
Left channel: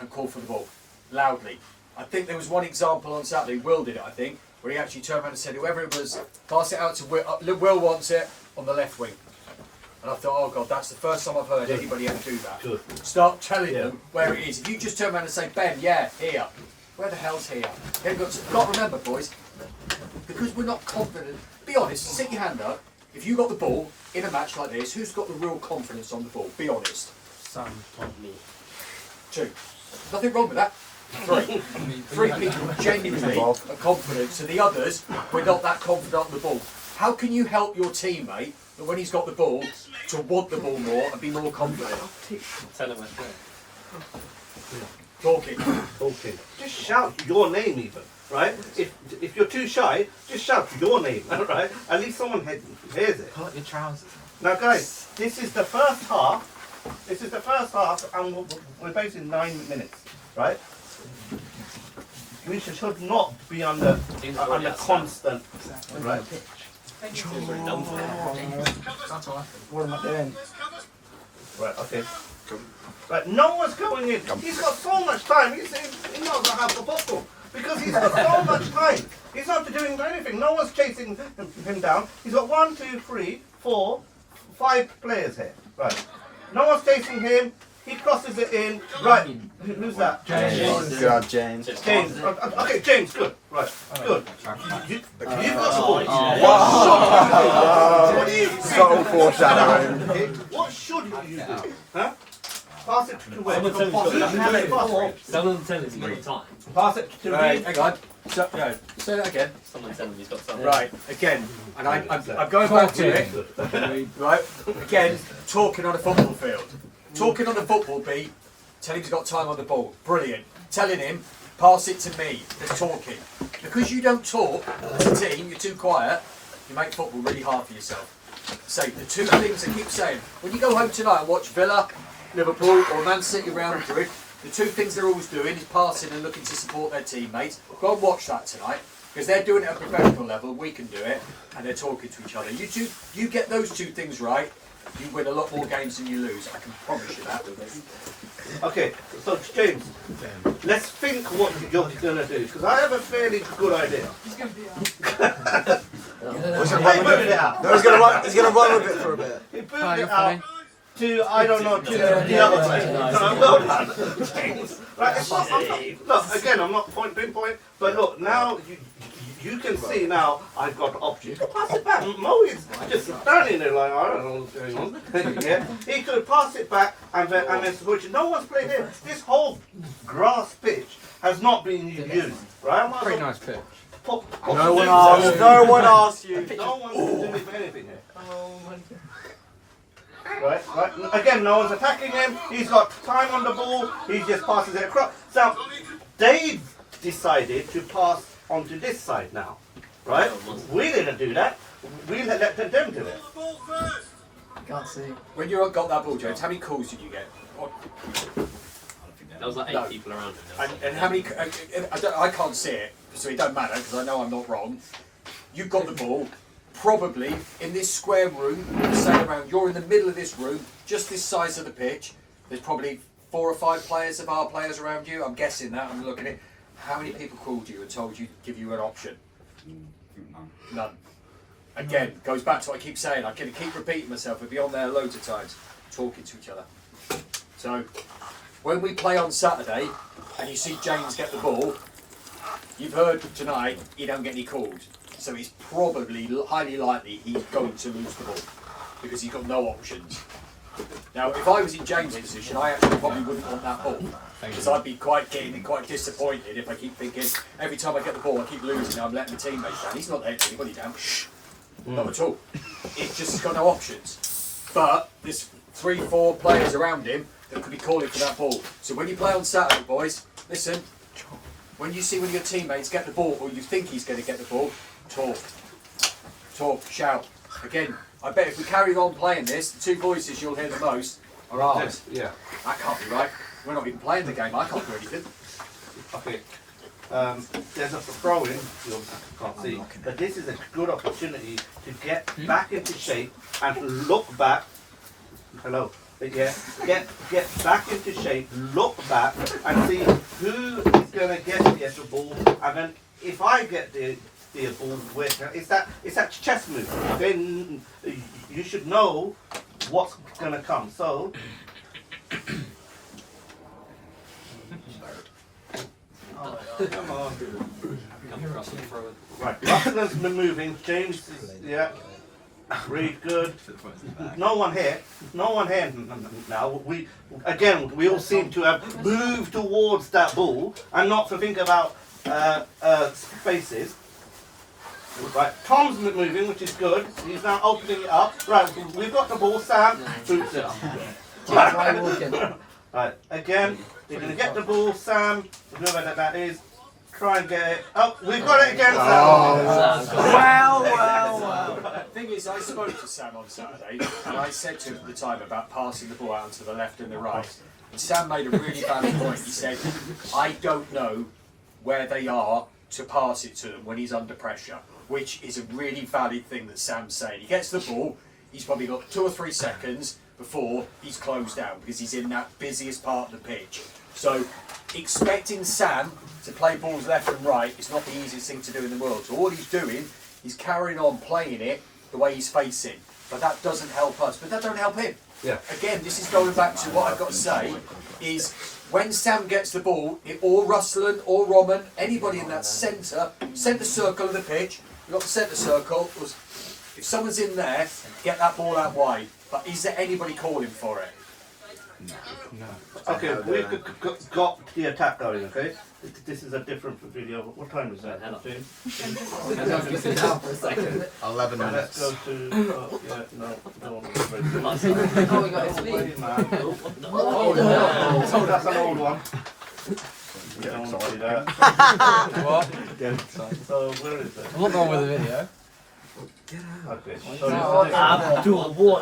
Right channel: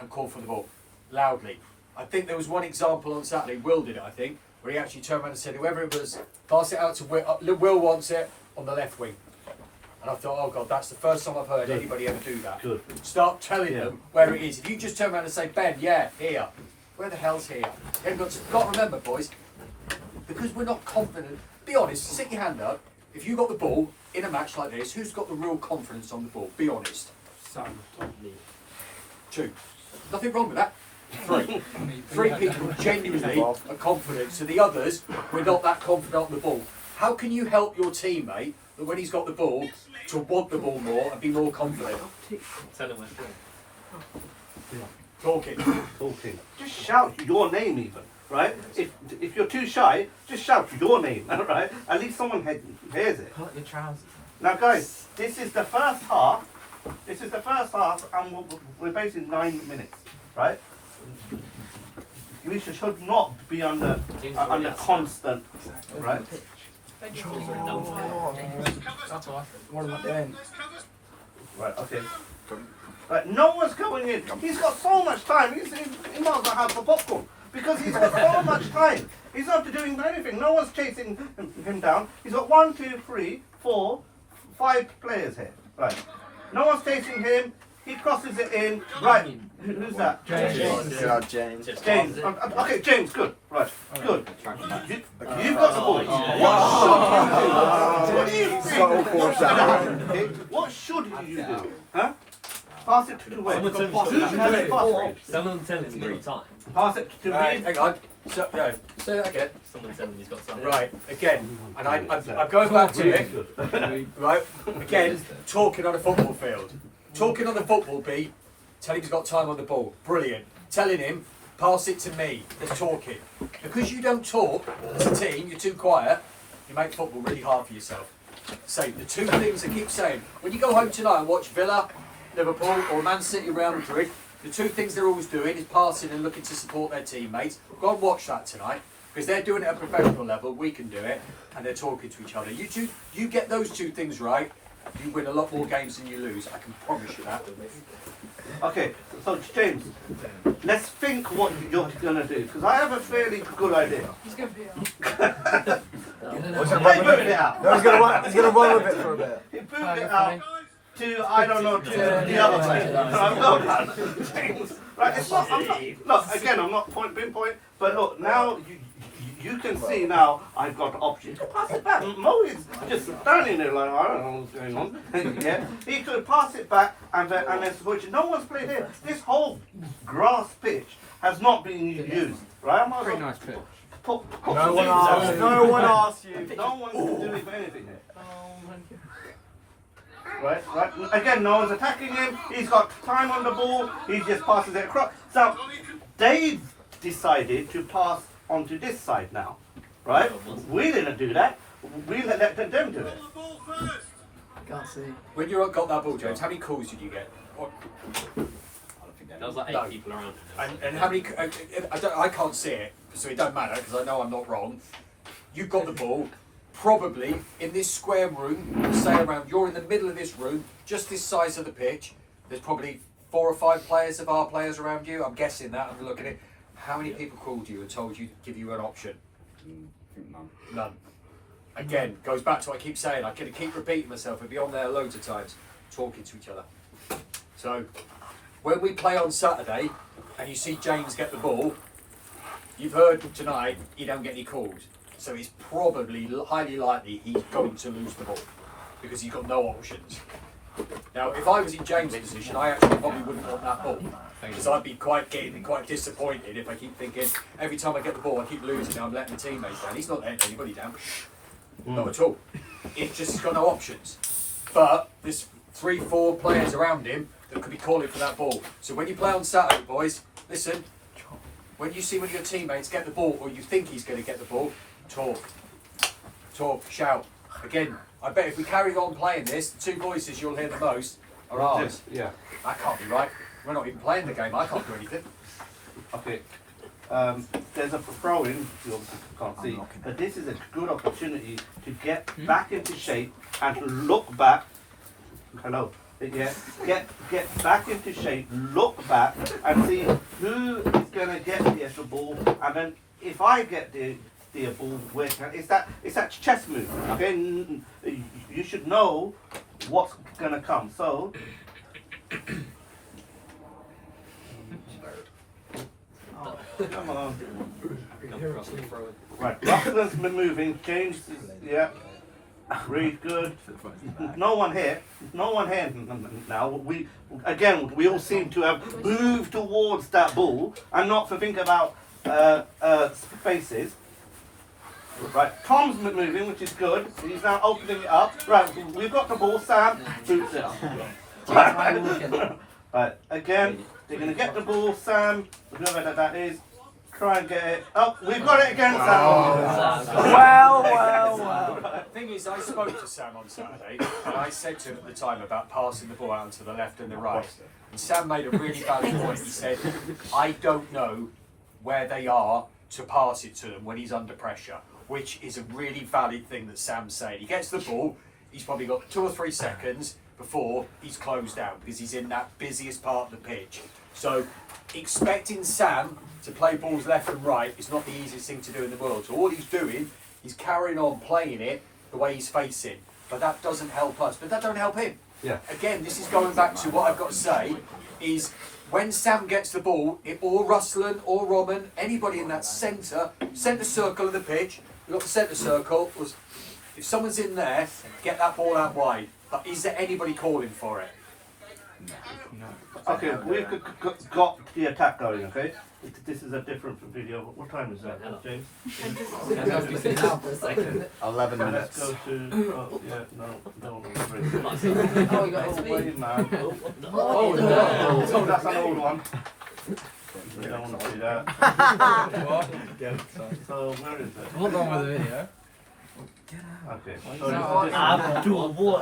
and call for the ball. Loudly. I think there was one example on Saturday, Will did it, I think, where he actually turned around and said, whoever it was, pass it out to Will. Will wants it on the left wing. And I thought, oh God, that's the first time I've heard anybody ever do that. Good. Start telling them where it is. If you just turn around and say, Ben, yeah, here. Where the hell's here? You've got to remember, boys, because we're not confident. Be honest, stick your hand up. If you got the ball in a match like this, who's got the real confidence on the ball? Be honest. Sam, Tom, me. 2. Nothing wrong with that. 3. 3 people genuinely are confident. So the others, we're not that confident on the ball. How can you help your teammate that when he's got the ball, to want the ball more and be more confident? Tell him where. Talking. Just shout your name even, right? If you're too shy, just shout your name, right? At least someone hears it. Pull up your trousers. Now guys, this is the first half This is the first half, and we're basically 9 minutes, right? We should not be under constant, right? That's all right. What am I doing? Right, okay. Right, no one's going in. He's got so much time. He might as well have the popcorn because he's got so much time. He's not doing anything. No one's chasing him down. He's got 1, 2, 3, 4, 5 players here. Right. No one's chasing him. He crosses it in. Right. Who's that? James. God, James. James. Okay, James. Good. Right. Good. You've got the ball. What should you do? So foreshadowing. What should you do? Huh? Pass it to where? Someone tell him he's got time. Pass it to Right, me. hang on. So, no, say that again. Someone tell him he's got time. Right, again, and I'm going back to it. Right, again, talking on a football field. Talking on the football beat, tell him he's got time on the ball. Brilliant. Telling him, pass it to me. There's talking. Because you don't talk as a team, you're too quiet, you make football really hard for yourself. Say the two things I keep saying. When you go home tonight and watch Villa, Liverpool or Man City, Real Madrid, the two things they're always doing is passing and looking to support their teammates. Go and watch that tonight. Because they're doing it at a professional level, we can do it, and they're talking to each other. You get those two things right, you win a lot more games than you lose. I can promise you that. Okay, so James, let's think what you're going to do, because I have a fairly good idea. He's going to be out. He's gonna run with it. No, he's gonna run with it for a bit. He booted it out to, I don't know, to the other place. Right, it's not, look, again, I'm not pinpoint, but look, now you can see now I've got options. Pass it back. Mo is just standing there like, I don't know what's going on. Yeah, he could pass it back and then switch. No one's played here. This whole grass pitch has not been used, right? Pretty nice pitch. No one asked. No one asked you. No one's doing anything here. Right. Again, no one's attacking him. He's got time on the ball. He just passes it across. So they've decided to pass onto this side now, right? We didn't do that. We let them do it. Can't see. When you got that ball, James, how many calls did you get? There was like 8 people around him. And how many? I can't see it, so it don't matter because I know I'm not wrong. You've got the ball. Probably in this square room, say around, you're in the middle of this room, just this size of the pitch. There's probably 4 or 5 players of our players around you. I'm guessing that. I'm looking at it. How many people called you and told you to give you an option? None. Again, goes back to what I keep saying. I can keep repeating myself. We'll be on there loads of times, talking to each other. So, when we play on Saturday, and you see James get the ball, you've heard tonight he don't get any calls. So it's probably highly likely he's going to lose the ball because he's got no options. Now, if I was in James' position, I actually probably wouldn't want that ball because I'd be quite disappointed if I keep thinking every time I get the ball I keep losing. I'm letting the teammates down. He's not letting anybody down. Not at all. It's just he's got no options. But there's 3, 4 players around him that could be calling for that ball. So when you play on Saturday, boys, listen. When you see one of your teammates get the ball or you think he's going to get the ball, talk, shout. Again, I bet if we carry on playing this, the 2 voices you'll hear the most are ours. Yeah. That can't be right. We're not even playing the game. I can't do anything. Okay. There's a throw-in, you can't see, but this is a good opportunity to get back into shape and look back. Hello. Yeah, get back into shape, look back and see who is going to get the ball, and then if I get the ball, it's that chess move. Then you should know what's going to come. So. Come on. Right, Buckner's been moving. James is, yeah. Read good. No one here now. We all seem to have moved towards that ball and not to think about spaces. Right, Tom's moving, which is good. He's now opening it up. Right, we've got the ball. Sam boots it up. Right, again, they're going to get the ball. Sam, whoever that is, try and get it. Oh, we've got it again, Sam. Well. The thing is, I spoke to Sam on Saturday, and I said to him at the time about passing the ball out to the left and the right. And Sam made a really valid point. He said, I don't know where they are to pass it to them when he's under pressure, which is a really valid thing that Sam's saying. He gets the ball, he's probably got 2 or 3 seconds before he's closed down because he's in that busiest part of the pitch. So expecting Sam to play balls left and right is not the easiest thing to do in the world. So all he's doing, he's carrying on playing it the way he's facing. But that doesn't help us, but that don't help him. Yeah. Again, this is going back to what I've got to say, is when Sam gets the ball, or Ruslan or Roman, anybody in that centre circle of the pitch, we've got the centre circle, if someone's in there, get that ball out wide. But is there anybody calling for it? No. Okay, we've got the attack going, okay? This is a different video. What time is that, James? 11 Let's minutes. go to, oh, yeah, no, don't. Oh, we got it. Wait, man. Oh, that's an old one. You don't want to do that. What? So, where is it? What's wrong with the video? Okay. Abdul, what?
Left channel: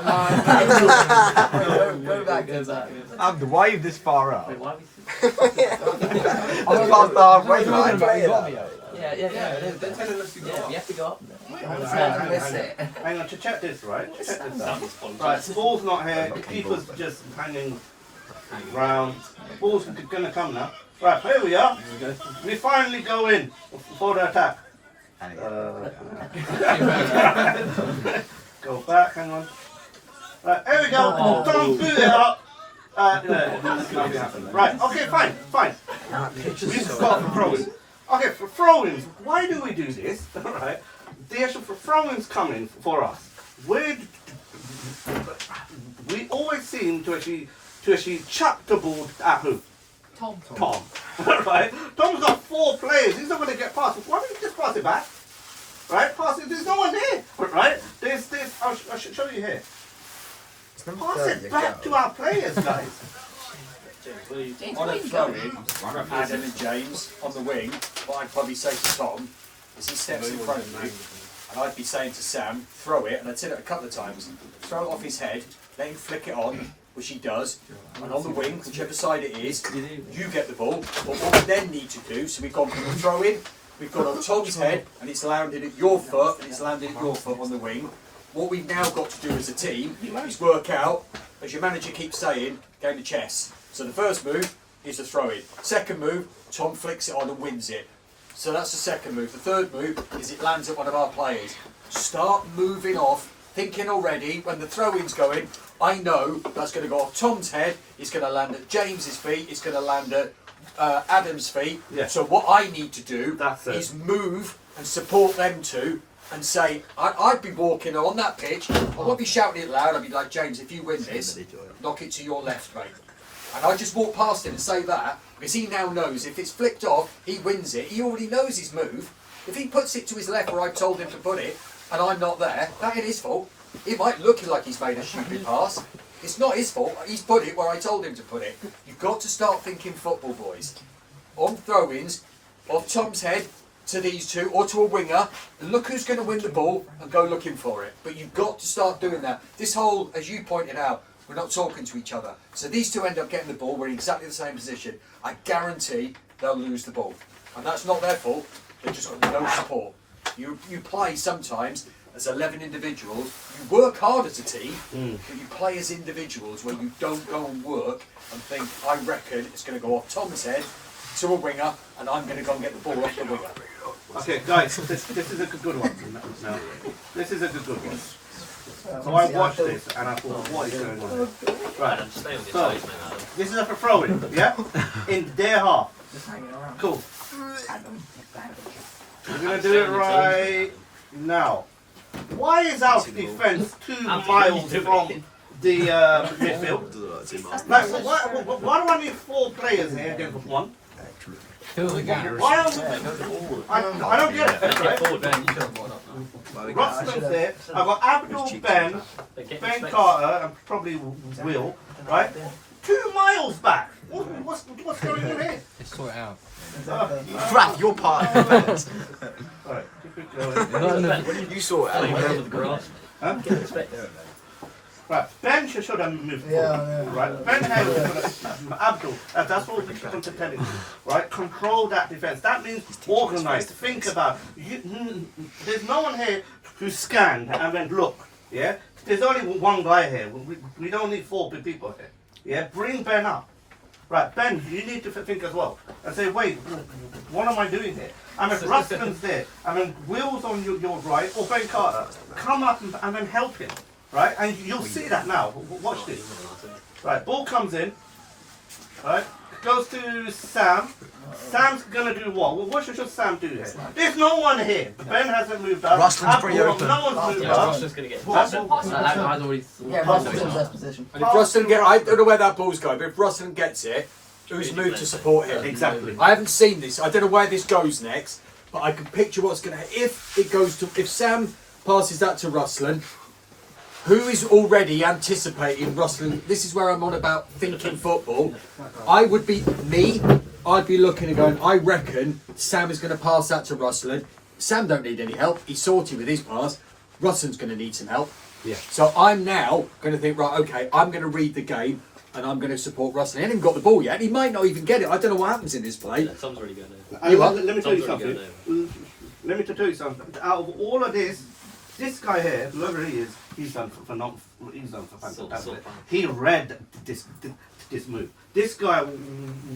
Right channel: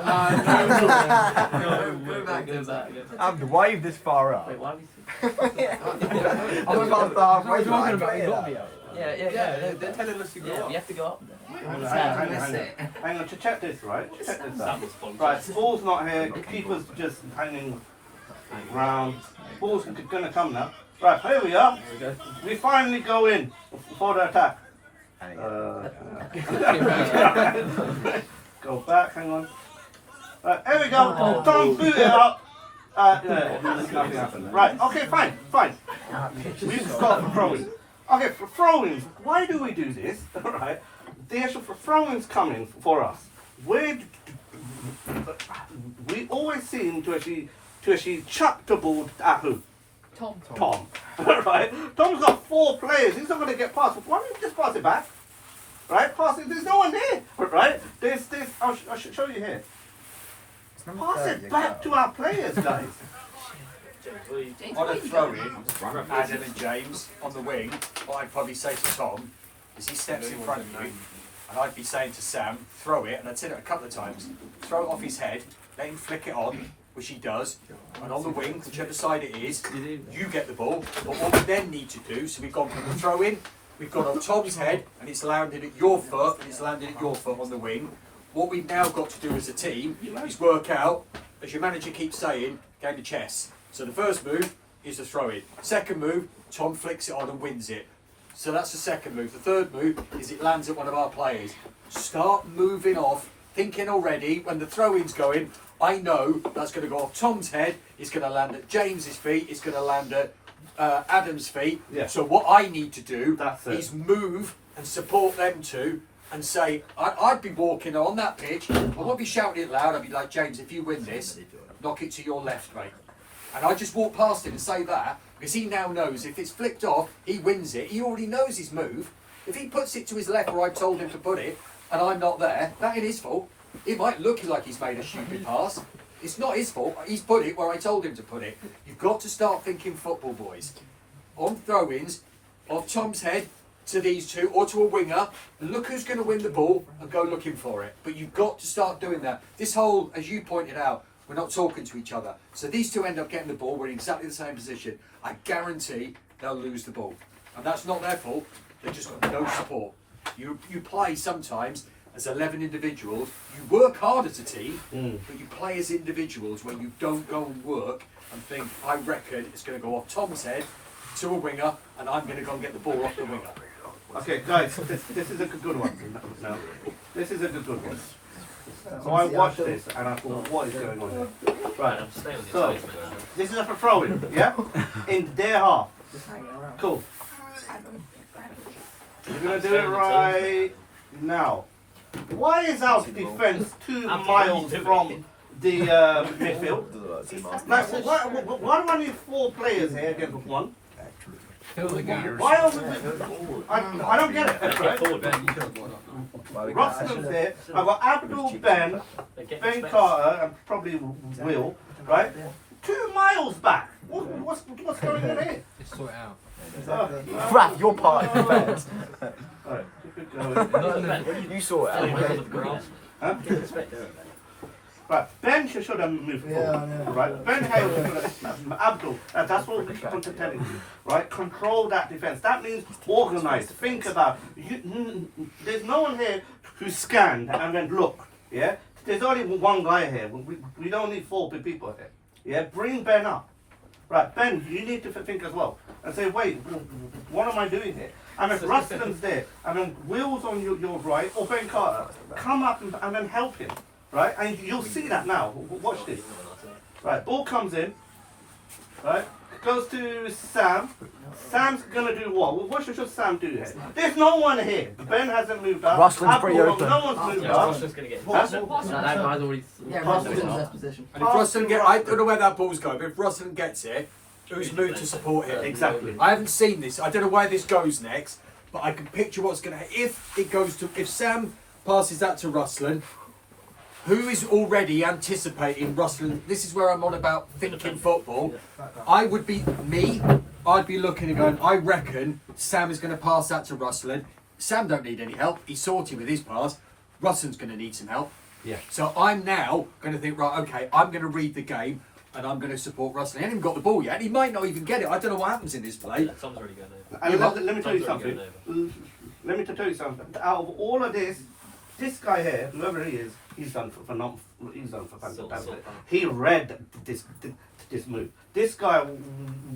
Go back. Abdul, why are you this far up? Wait, why are we I'm past the halfway line. Yeah. They're telling us to go. Yeah, we have to go up there. Hang on, to check this, right? Check this out. Right, the ball's not here, the keeper's just hanging round. Ball's gonna come now. Right, here we are. We finally go in for the attack. Go back, hang on. Right, here we go. Don't boot it up. Right, okay, fine. This is got for throwing. Okay, for throwing, why do we do this? Right, the issue for throwings coming for us. We always seem to actually chuck the ball at who? Tom. Right? Tom's got 4 players. He's not going to get past. Why don't you just pass it back? Right? Pass it. There's no one there. Right? There's. I should show you here. Pass it back to our players, guys. On a throw-in from Adam and James on the wing, what I'd probably say to Tom is he steps in front of you, and I'd be saying to Sam, throw it, and I'd said it a couple of times, throw it off his head, let him flick it on, which he does, and on the wing, whichever side it is, you get the ball. But what we then need to do, so we've gone from the throw-in, we've got on Tom's head, and it's landed at your foot, and it's landed at your foot on the wing. What we've now got to do as a team is work out, as your manager keeps saying, game of chess. So the first move is the throw-in. Second move, Tom flicks it on and wins it. So that's the second move. The third move is it lands at one of our players. Start moving off, thinking already, when the throw-in's going, I know that's going to go off Tom's head, it's going to land at James's feet, it's going to land at Adam's feet. Yeah. So what I need to do is move and support them two and say, I'd be walking on that pitch, I won't be shouting it loud, I'd be like, James, if you win this, knock it to your left, mate. And I just walk past him and say that, because he now knows if it's flicked off, he wins it, he already knows his move. If he puts it to his left where I told him to put it, and I'm not there, that ain't his fault. It might look like he's made a stupid pass. It's not his fault, he's put it where I told him to put it. You've got to start thinking football, boys. On throw-ins, off Tom's head, to these two, or to a winger, and look who's going to win the ball, and go looking for it. But you've got to start doing that. This whole, as you pointed out, we're not talking to each other. So these two end up getting the ball, we're in exactly the same position. I guarantee they'll lose the ball. And that's not their fault, they've just got no support. You play sometimes as 11 individuals, you work hard as a team, but you play as individuals where you don't go and work and think, I reckon it's going to go off Tom's head to a winger, and I'm going to go and get the ball off the winger. Okay, guys, this is a good one. No, this is a good one. So I watched this and I thought, what is going on here? Right, so this is a for throwing, yeah? In their half. Cool. We're going to do it right now. Why is our defence 2 miles from the midfield? Like, why do I need 4 players here against 1? Why are we, I don't get it, right? Russell's there, I've got Abdul, Ben Carter, and probably Will, right? 2 miles back. What's going on here? Just sort it out. Right, you're part of the defence. Right, keep it going. You sort it out. Huh? Right, Ben should have moved forward. Right, Ben has Abdul. That's what we keep on telling you. Right, control that defence. That means organise. Think about. There's no one here who scanned and went look. Yeah, there's only one guy here. We don't need 4 people here. Yeah, bring Ben up. Right, Ben, you need to think as well and say, wait, what am I doing here? I mean, Rustin's there. I mean, Will's on your right, or Ben Carter. Come up and then help him. Right, and you'll see that now. Watch this. Right, ball comes in. Right, goes to Sam. Sam's gonna do what? What should Sam do here? There's no one here. Ben hasn't moved up. Rustlin's pretty open. No one's moved up. Rustin's gonna get hit. And if Rustin I don't know where that ball's going, but if Rustin gets it, who's moved to support him? Exactly. I haven't seen this. I don't know where this goes next, but I can picture what's gonna. If Sam passes that to Rustin. Who is already anticipating Rustin? This is where I'm on about thinking football. I would be me. I'd be looking and going, I reckon Sam is going to pass that to Rustin. Sam don't need any help. He's sorted with his pass. Rustin's going to need some help. Yeah. So I'm now going to think, right, okay, I'm going to read the game and I'm going to support Rustin. He hasn't even got the ball yet. He might not even get it. I don't know what happens in this play. Tom's already going over. And let me tell you something. Let me tell you something. Out of all of this guy here, whoever he is, he's done fantastic. He read this move. This guy,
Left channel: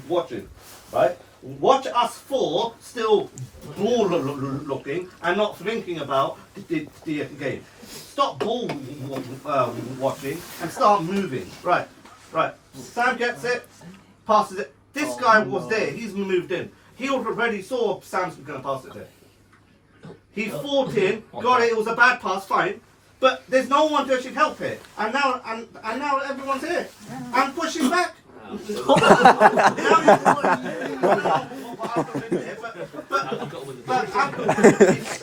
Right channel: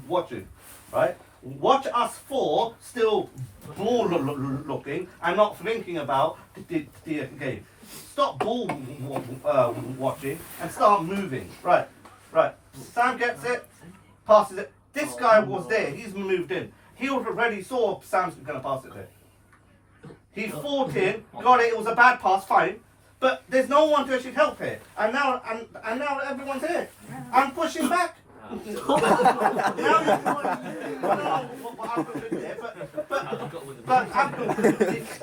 watch it, right? Watch us 4 still ball looking and not thinking about the game. Stop ball watching and start moving. Right. Sam gets it, passes it. This guy was there. He's moved in. He already saw Sam's going to pass it there. He fought in, got it. It was a bad pass, fine. But there's no one to actually help here. And now everyone's here. I'm pushing back.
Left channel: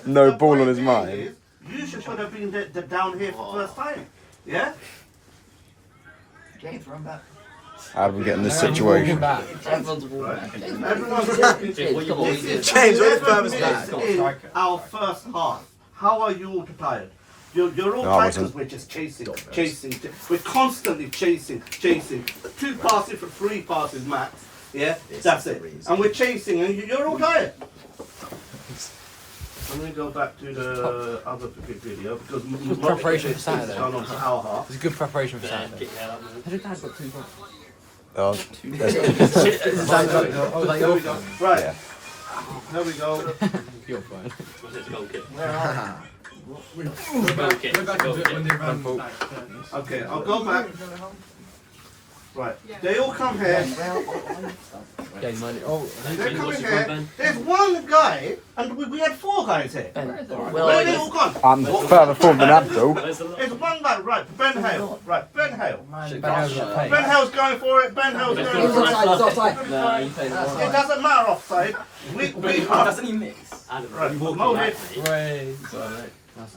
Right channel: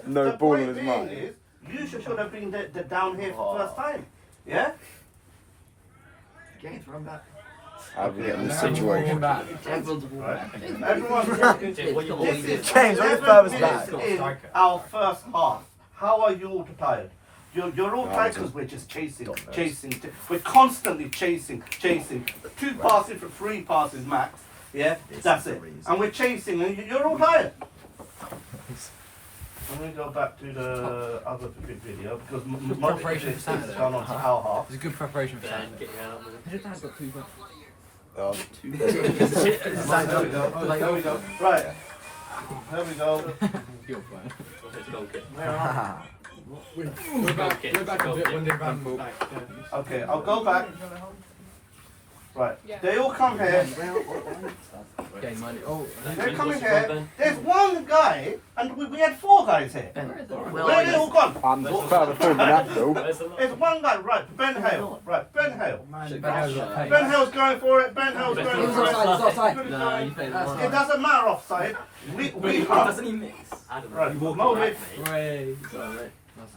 No ball on his mind. You should have been down here for the first time. Yeah? James, run back. How do we get in this situation? Everyone's James, where the furthest back? This is our first half. How are you all tired? You're all tired because we're just chasing. We're constantly chasing. 2 passes for 3 passes max. Yeah, that's it. And we're chasing, and you're all tired. Let me go back to the other video because preparation for Saturday. It's gone on to our half. It's a good preparation for Saturday. How did Dad got 2 points? Oh, There we go. Right. There we go. You're fine. Was it a goal kick? Go back and do it when they ran back. Okay, I'll go back. Right. They all come here. They come in here. There's one guy, and we had 4 guys here. Where are they all gone? I'm further forward than Abdul. There's one guy, right, Ben Hale. Right, Ben Hale. Ben Hale's going for it. Ben Hale's going for it. No, you played It doesn't matter offside. We are. Doesn't he mix? Right, no hit.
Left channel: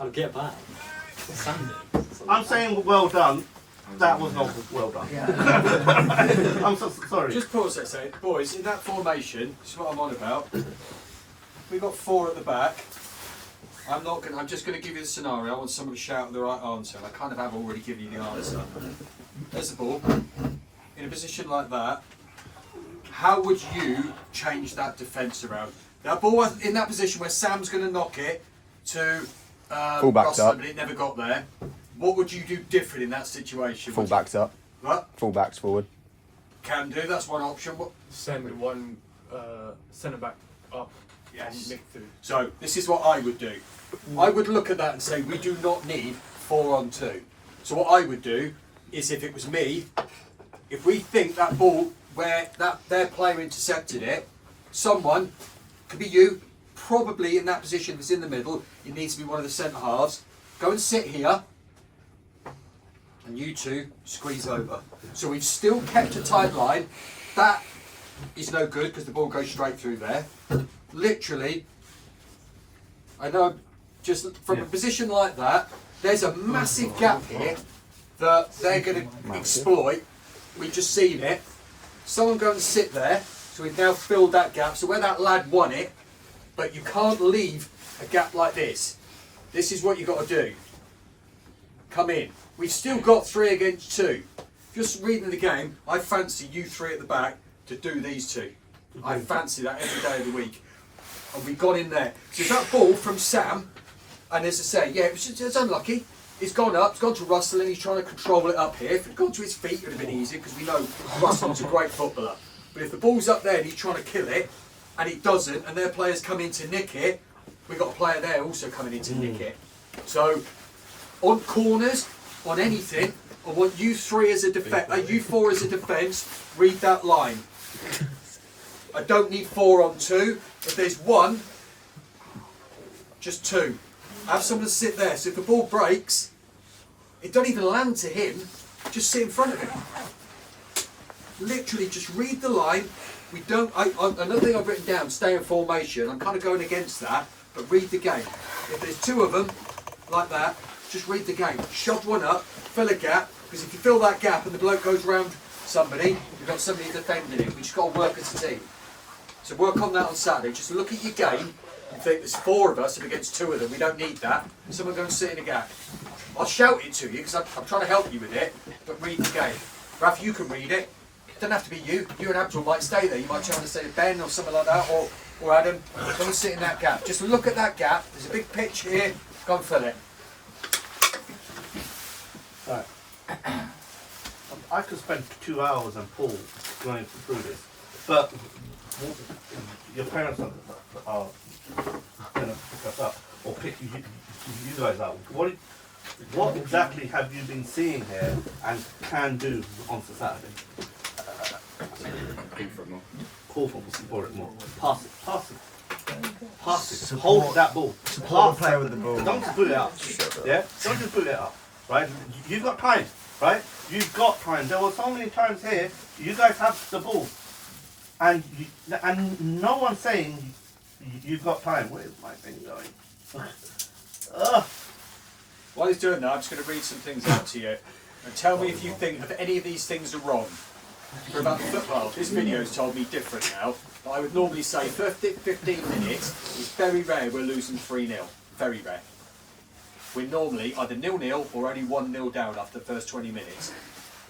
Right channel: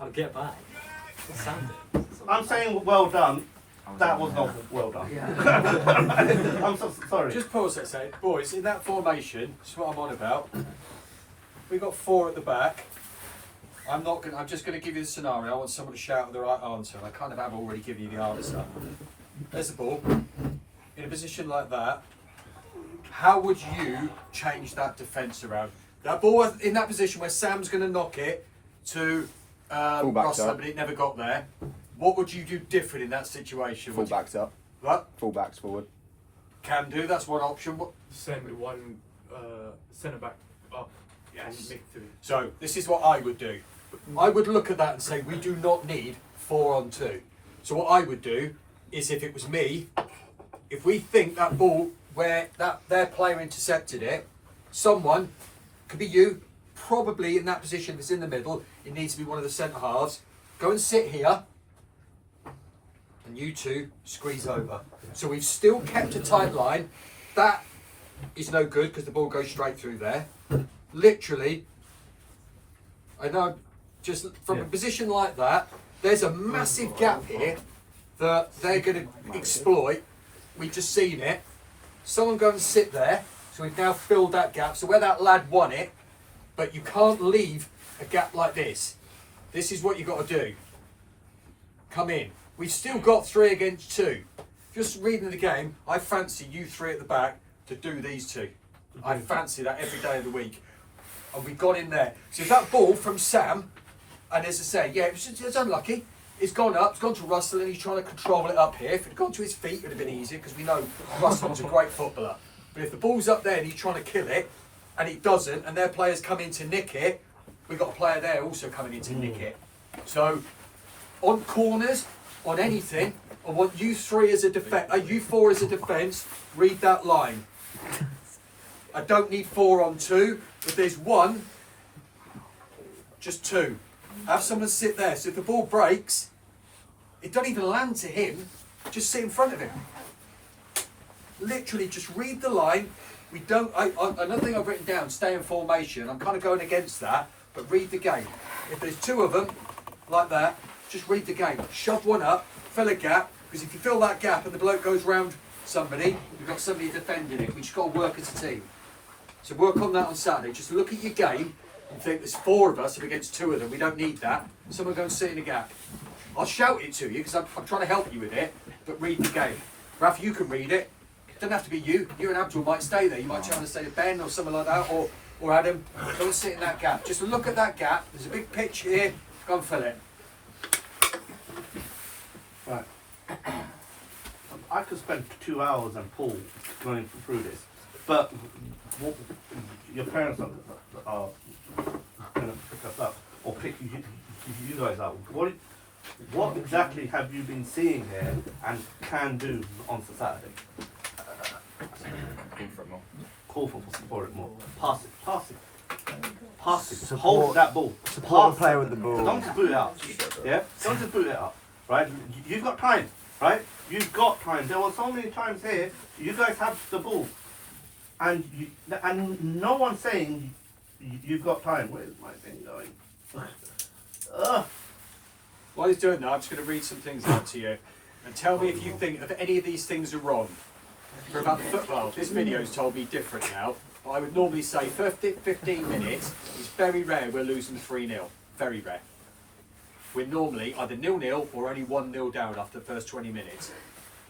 I'll get back. I'm saying well done. That was not well done. I'm so sorry. Just pause that a second. Boys, in that formation, this is what I'm on about. We've got 4 at the back. I'm just gonna give you the scenario. I want someone to shout the right answer, and I kind of have already given you the answer. There's the ball. In a position like that, how would you change that defence around? That ball in that position where Sam's gonna knock it to Rustin, but it never got there. What would you do different in that situation? Full-backs up. What? Full-backs forward. Can do, that's one option. What? Send one centre back up. Yes. And midfield. So, this is what I would do. I would look at that and say, we do not need 4 on 2. So what I would do is, if it was me, if we think that ball, where their player intercepted it, someone, could be you, probably in that position that's in the middle, it needs to be one of the centre halves, go and sit here, and you 2 squeeze over. So we've still kept a tight line. That is no good because the ball goes straight through there. Literally, I know, just from a position like that, there's a massive gap here that they're going to exploit. We've just seen it. Someone go and sit there. So we've now filled that gap. So where that lad won it, but you can't leave a gap like this. This is what you've got to do. Come in. We've still got 3 against 2. Just reading the game, I fancy you 3 at the back to do these 2. I fancy that every day of the week. And we got in there. So that ball from Sam, and as I say, yeah, it's unlucky. It's gone up, it's gone to Russell, and he's trying to control it up here. If it had gone to his feet, it would have been easier, because we know Russell's a great footballer. But if the ball's up there and he's trying to kill it, and he doesn't, and their players come in to nick it, we've got a player there also coming in to nick it. So, on corners, on anything, I want you 3 as a defence, you 4 as a defence, read that line. I don't need 4 on 2. If there's 1, just 2. Have someone sit there. So if the ball breaks, it don't even land to him. Just sit in front of him. Literally, just read the line. We don't. Another thing I've written down: stay in formation. I'm kind of going against that, but read the game. If there's 2 of them, like that, just read the game. Shove one up, fill a gap. Because if you fill that gap and the bloke goes round somebody, you've got somebody defending it. We just got to work as a team. So work on that on Saturday. Just look at your game and think there's 4 of us and against 2 of them. We don't need that. Someone go and sit in a gap. I'll shout it to you because I'm trying to help you with it, but read the game. Raf, you can read it. It doesn't have to be you. You and Abdul might stay there. You might try to say to Ben or something like that, or Adam. Go and sit in that gap. Just look at that gap. There's a big pitch here. Go and fill it. Right. I could spend 2 hours and Paul going through this, but your parents are going to pick us up or pick you guys up. What exactly have you been seeing here and can do on Saturday? Call for it more. Pass it. Hold that ball. Support the player with the ball. Don't just boot it up. Yeah? Don't just boot it up. Right? You've got time. Right? You've got time. There were so many times here, you guys have the ball. And no one's saying you've got time. Where's my thing going? While he's doing that, I'm just going to read some things out to you. And tell me if you think that any of these things are wrong. For about football, this video's told me different now. But I would normally say 15 minutes is very rare we're losing 3-0. Very rare. We're normally either 0-0 or only 1-0 down after the first 20 minutes.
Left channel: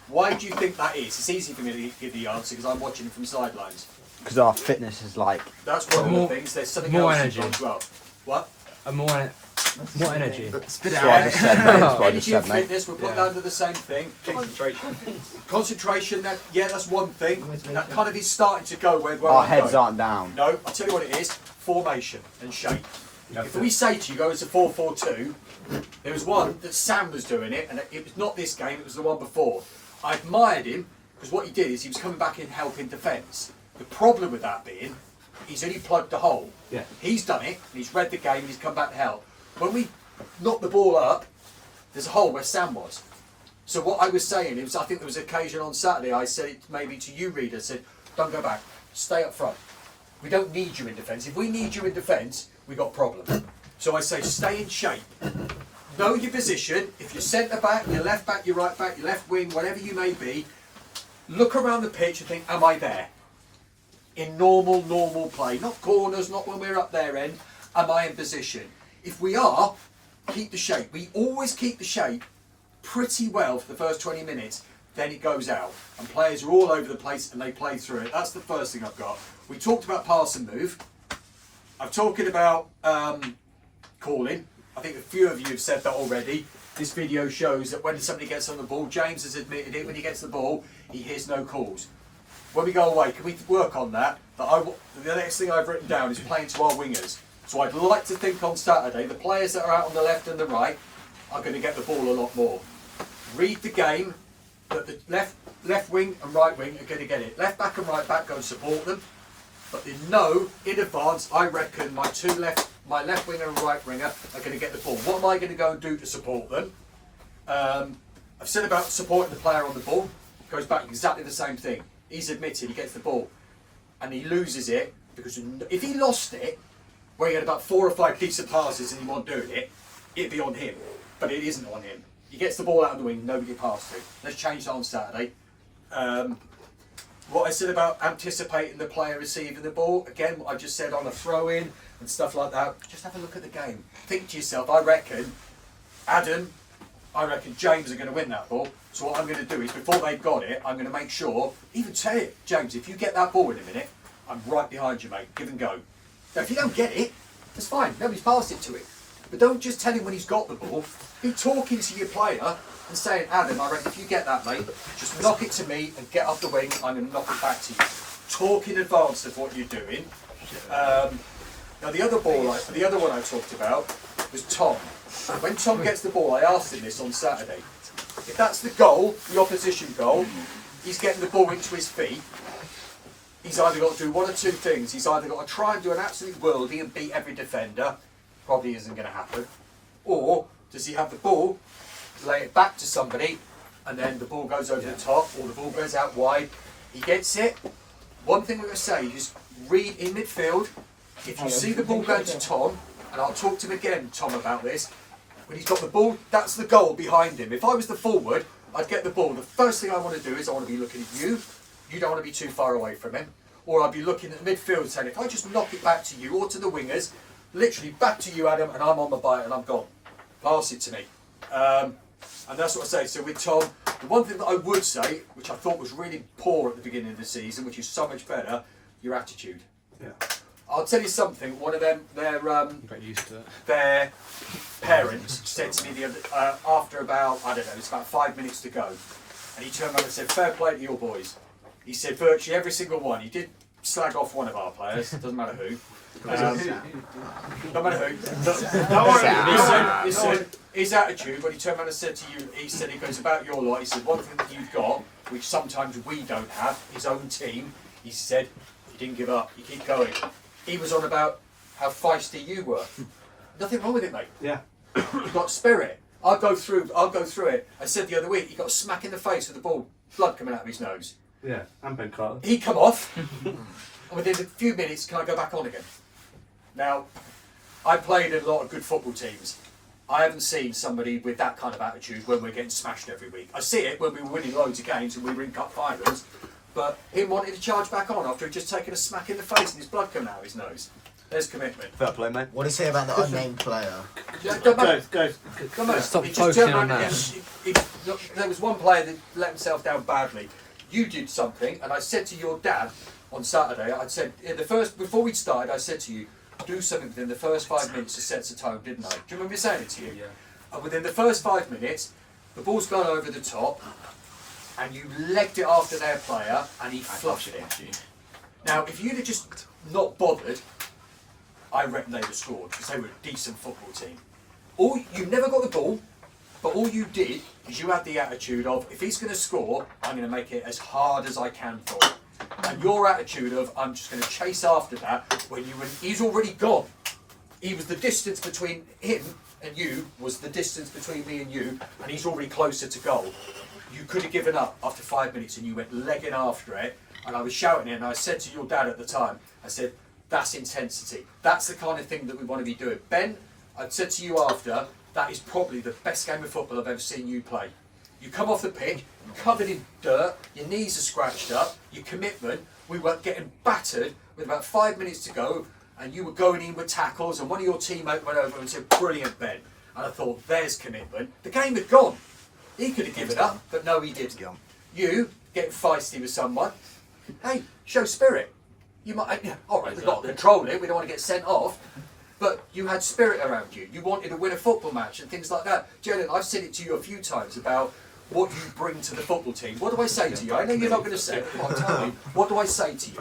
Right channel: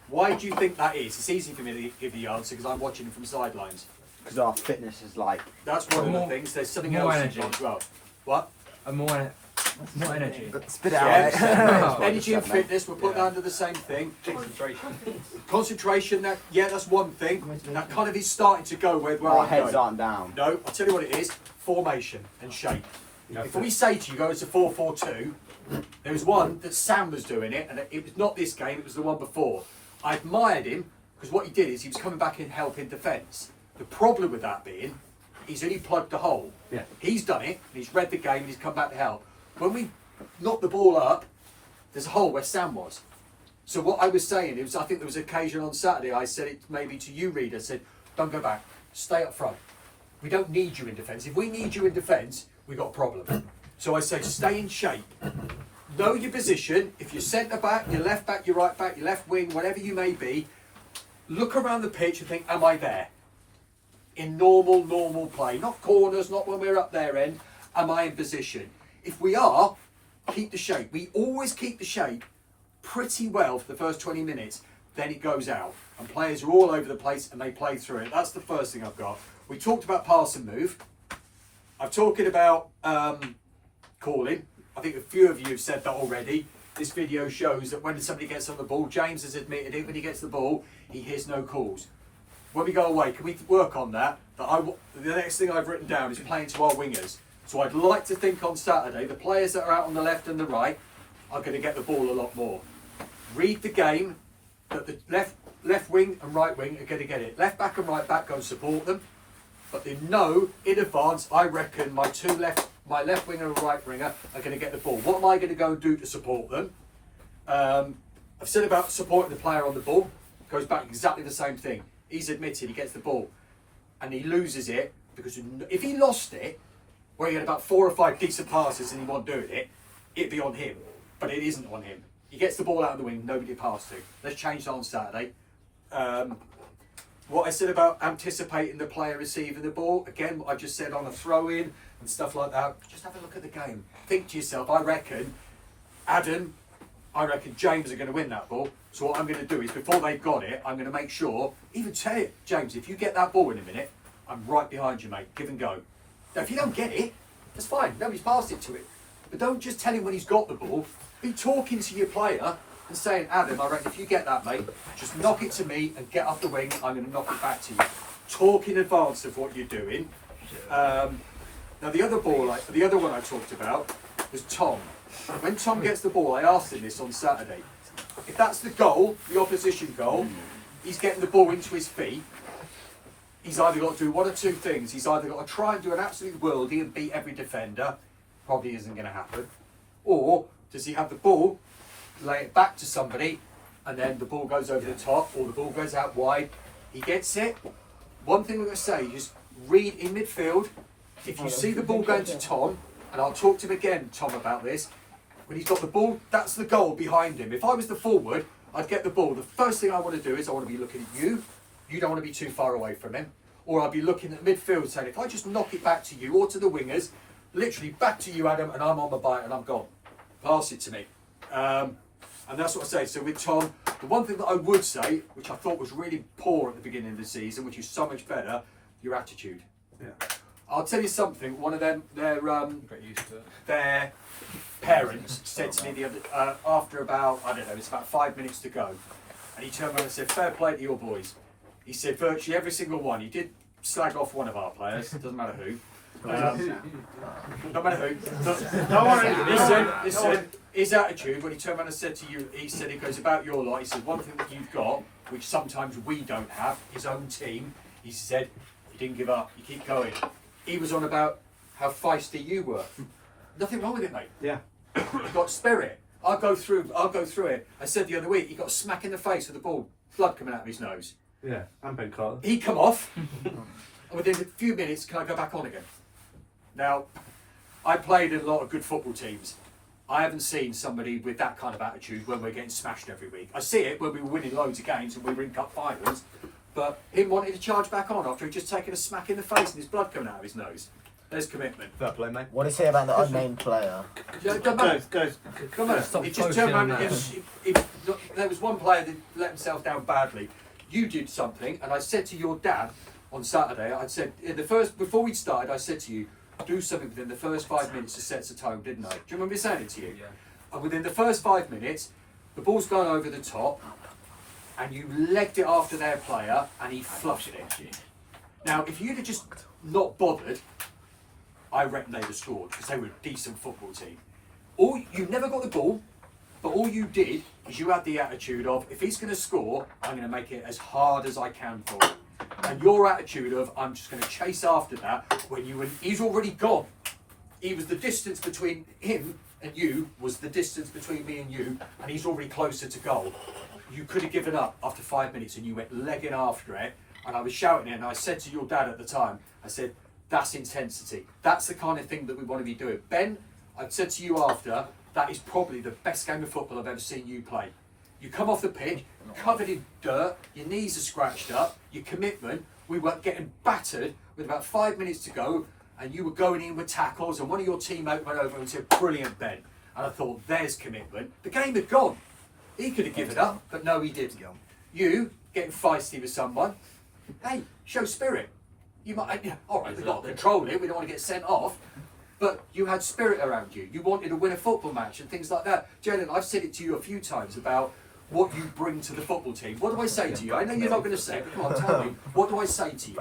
Why do you think that is? It's easy for me to give the answer because I'm watching from sidelines. Because our fitness is like... That's one of the things. There's something else involved as well. What? More energy. Spit it out. Energy and fitness, we'll put that under the same thing. Concentration, that's one thing. And that kind of is starting to go where Our we're heads going. aren't down. No, I'll tell you what it is. Formation and shape. If we say to you, go, it's a 4-4-2, there was one that Sam was doing it, and it was not this game, it was the one before. I admired him, because what he did is he was coming back in helping defence. The problem with that being, he's only plugged the hole. Yeah. He's done it, and he's read the game, and he's come back to help. When we knock the ball up, there's a hole where Sam was. So what I was saying is, I think there was an occasion on Saturday, I said it maybe to you, Reader, I said, don't go back, stay up front. We don't need you in defence. If we need you in defence, we've got a problem. So I say, stay in shape. Know your position. If you're centre back, your left back, your right back, your left wing, whatever you may be, look around the pitch and think, am I there? In normal play. Not corners, not when we're up their end. Am I in position? If we are, keep the shape. We always keep the shape pretty well for the first 20 minutes. Then it goes out. And players are all over the place and they play through it. That's the first thing I've got. We talked about pass and move. I'm talking about calling. I think a few of you have said that already. This video shows that when somebody gets on the ball, James has admitted it, when he gets the ball, he hears no calls. When we go away, can we work on that? The next thing I've written down is playing to our wingers. So I'd like to think on Saturday, the players that are out on the left and the right are going to get the ball a lot more. Read the game, that the left wing and right wing are going to get it. Left back and right back, go and support them. But they know in advance, I reckon my left winger and right winger are going to get the ball. What am I going to go and do to support them? I've said about supporting the player on the ball. Goes back exactly the same thing. He's admitted he gets the ball and he loses it because if he lost it, where he had about 4 or 5 decent passes and he wasn't doing it, it'd be on him. But it isn't on him. He gets the ball out of the wing, nobody passed to. Let's change that on Saturday. what I said about anticipating the player receiving the ball, again, what I just said on a throw-in and stuff like that, just have a look at the game. Think to yourself, I reckon James are going to win that ball. So what I'm going to do is, before they've got it, I'm going to make sure, even say it, James, if you get that ball in a minute, I'm right behind you, mate. Give and go. Now, if you don't get it, that's fine. Nobody's passed it to him. But don't just tell him when he's got the ball. Be talking to your player and saying, Adam, I reckon if you get that, mate, just knock it to me and get off the wing. I'm going to knock it back to you. Talk in advance of what you're doing. Now, the other one I talked about was Tom. When Tom gets the ball, I asked him this on Saturday. If that's the goal, the opposition goal, he's getting the ball into his feet. He's either got to do one or two things. He's either got to try and do an absolute worldie and beat every defender. Probably isn't going to happen. Or does he have the ball, lay it back to somebody, and then the ball goes over the top, or the ball goes out wide. He gets it. One thing we're going to say is read in midfield. If you see the ball going to Tom, and I'll talk to him again, Tom, about this, when he's got the ball, that's the goal behind him. If I was the forward, I'd get the ball. The first thing I want to do is I want to be looking at you. You don't want to be too far away from him. Or I'd be looking at the midfield saying, if I just knock it back to you or to the wingers, literally back to you, Adam, and I'm on the bite and I'm gone. Pass it to me. And that's what I say. So with Tom, the one thing that I would say, which I thought was really poor at the beginning of the season, which is so much better, your attitude. Yeah. I'll tell you something. One of them, their parents said to me the other, after about, I don't know, it's about 5 minutes to go, and he turned around and said, "Fair play to your boys." He said virtually every single one. He did slag off one of our players. Doesn't matter who. No matter who. Don't worry. Listen, his attitude, when he turned around and said to you, he said, it goes about your lot. He said, one thing that you've got, which sometimes we don't have, his own team, he said, you didn't give up, you keep going. He was on about how feisty you were. Nothing wrong with it, mate. Yeah. You've got spirit. I'll go through it. I said the other week, he got a smack in the face with the ball, blood coming out of his nose. Yeah, and Ben Carter. He come off, and within a few minutes, can I go back on again? Now, I played in a lot of good football teams. I haven't seen somebody with that kind of attitude when we're getting smashed every week. I see it when we were winning loads of games and we were in cup finals, but him wanting to charge back on after he'd just taken a smack in the face and his blood coming out of his nose. There's commitment. Fair play, mate. What do you say about the unnamed player? Don't matter. Go. Don't matter. Stop He just turned focusing around on and there was one player that let himself down badly. You did something, and I said to your dad on Saturday, I said, before we started, I said to you, do something within the first 5 minutes to set the tone, didn't I? Do you remember me saying it to you? Yeah. And within the first 5 minutes, the ball's gone over the top, and you legged it after their player, and he flushed it. Now, if you'd have just not bothered, I reckon they'd have scored, because they were a decent football team. You never got the ball, but all you did is you had the attitude of, if he's going to score, I'm going to make it as hard as I can for him. And your attitude of, I'm just going to chase after that, he's already gone. He was the distance between him and you, was the distance between me and you, and he's already closer to goal. You could have given up after 5 minutes and you went legging after it, and I was shouting it, and I said to your dad at the time, I said, that's intensity. That's the kind of thing that we want to be doing. Ben, I said to you after, that is probably the best game of football I've ever seen you play. You come off the pitch, covered in dirt, your knees are scratched up, your commitment, we were getting battered with about 5 minutes to go, and you were going in with tackles, and one of your teammates went over and said, brilliant, Ben. And I thought, there's commitment. The game had gone. He could have given up, but no, he didn't. You, getting feisty with someone, hey, show spirit. You might, all right, they've got to control it, we don't want to get sent off, but you had spirit around you. You wanted to win a football match and things like that. Jalen, I've said it to you a few times about what you bring to the football team. What do I say to you? I know you're not going to say it, but tell me, what do I say to you?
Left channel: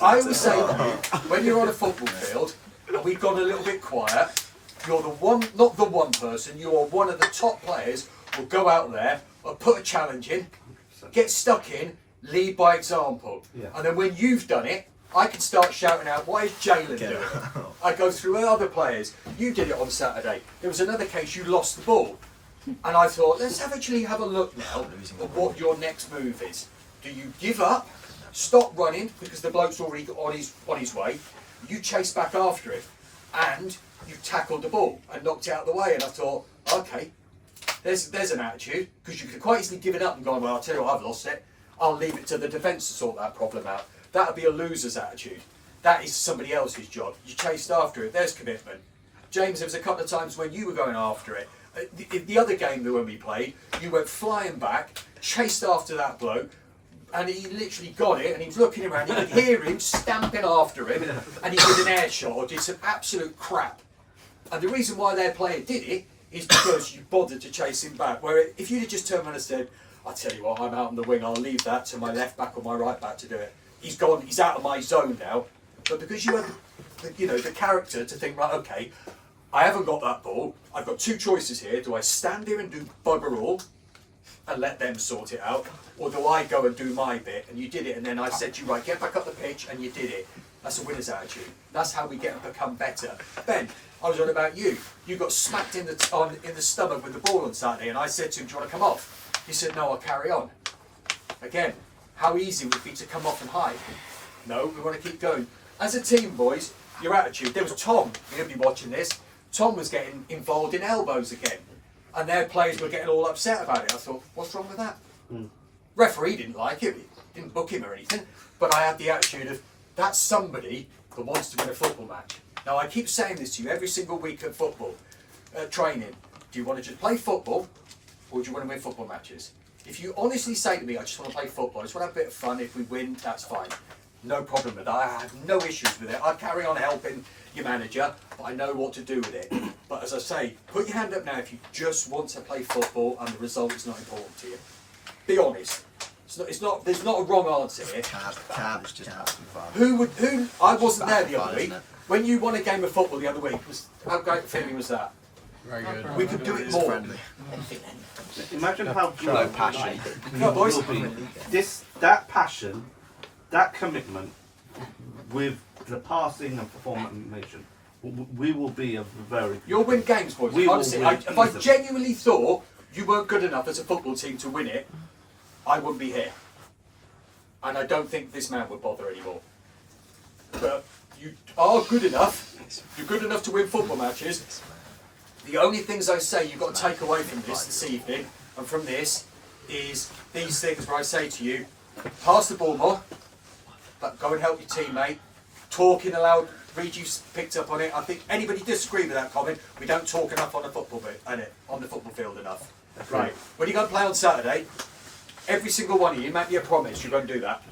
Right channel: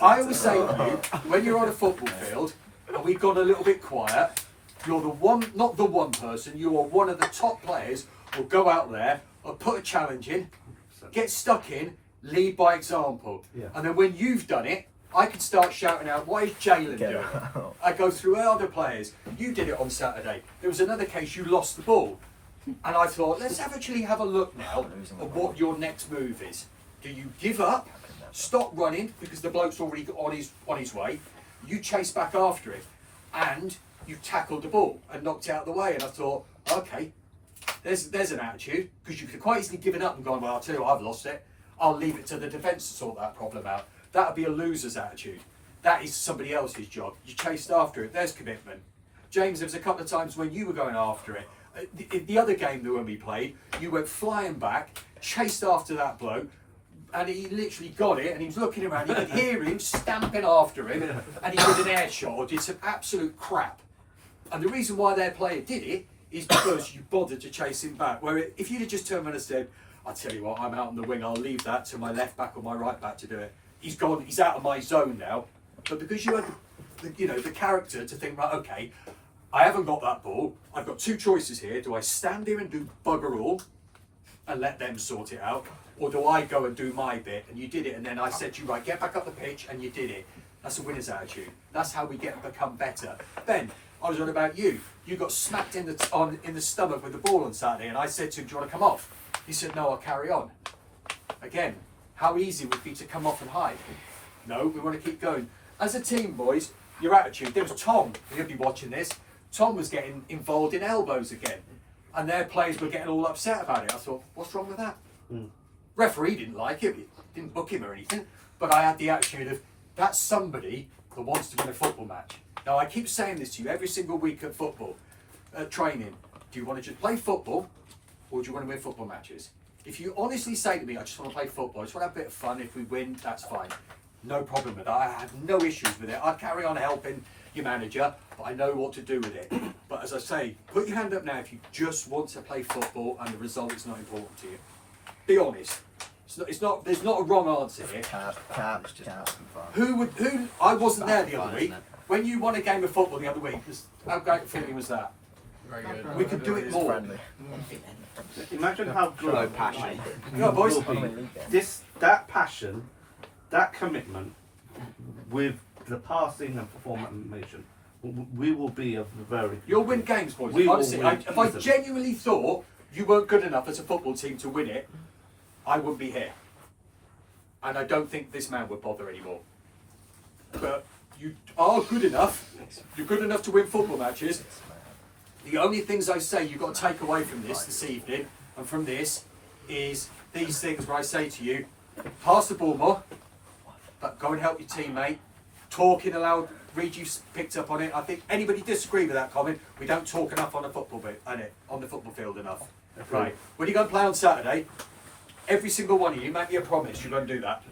I always say to you, when you're on a football field and we've gone a little bit quiet, you're the one, not the one person, you are one of the top players who'll go out there and put a challenge in, get stuck in, lead by example. Yeah. And then when you've done it, I can start shouting out, what is Jalen doing? I go through other players. You did it on Saturday. There was another case, you lost the ball. And I thought, let's actually have a look now at what your next move is. Do you give up, stop running, because the bloke's already on his way, you chase back after him, and you tackled the ball and knocked it out of the way, and I thought, okay, there's an attitude, because you could quite easily give it up and go, well, I'll tell you what, I've lost it. I'll leave it to the defence to sort that problem out. That would be a loser's attitude. That is somebody else's job. You chased after it. There's commitment. James, there was a couple of times when you were going after it. The other game that when we played, you went flying back, chased after that bloke, and he literally got it, and he was looking around. You could hear him stamping after him, and he did an air shot or did some absolute crap. And the reason why their player did it is because you bothered to chase him back. Where if you'd have just turned around and said, "I'll tell you what, I'm out on the wing. I'll leave that to my left back or my right back to do it." He's gone. He's out of my zone now. But because you had, the character to think, right, okay, I haven't got that ball. I've got two choices here. Do I stand here and do bugger all and let them sort it out? Or do I go and do my bit? And you did it, and then I said to you, right, get back up the pitch, and you did it. That's a winner's attitude. That's how we become better. Ben, I was on about you. You got smacked in the stomach with the ball on Saturday, and I said to him, do you want to come off? He said, no, I'll carry on. Again, how easy would it be to come off and hide? No, we want to keep going. As a team, boys, your attitude. There was Tom, you'll be watching this. Tom was getting involved in elbows again, and their players were getting all upset about it. I thought, what's wrong with that? Referee didn't like it, didn't book him or anything, but I had the attitude of, that's somebody that wants to win a football match. Now, I keep saying this to you every single week at football training. Do you want to just play football, or do you want to win football matches? If you honestly say to me, I just want to play football, I just want to have a bit of fun, if we win, that's fine. No problem with that. I have no issues with it. I'll carry on helping your manager, but I know what to do with it. But as I say, put your hand up now if you just want to play football and the result is not important to you. Be honest. It's not. There's not a wrong answer here. Tab is just fun. Who? I wasn't there the other week. When you won a game of football the other week, how great a feeling was that? Very good. We could do it more. Friendly. Imagine how good No passion. Come on, boys. will be. That passion, that commitment, with the passing and formation, we will be a very. You'll win games, boys. We will Honestly, win if I easily. genuinely thought you weren't good enough as a football team to win it, I wouldn't be here. And I don't think this man would bother anymore. But you are good enough. You're good enough to win football matches. The only things I say you've got to take away from this evening and from this is these things where I say to you, pass the ball more, but go and help your teammate. Talking aloud, Reed, you picked up on it. I think anybody disagree with that comment? We don't talk enough on the football field enough. Right. When you go and play on Saturday, every single one of you, make me a promise, you're going to do that.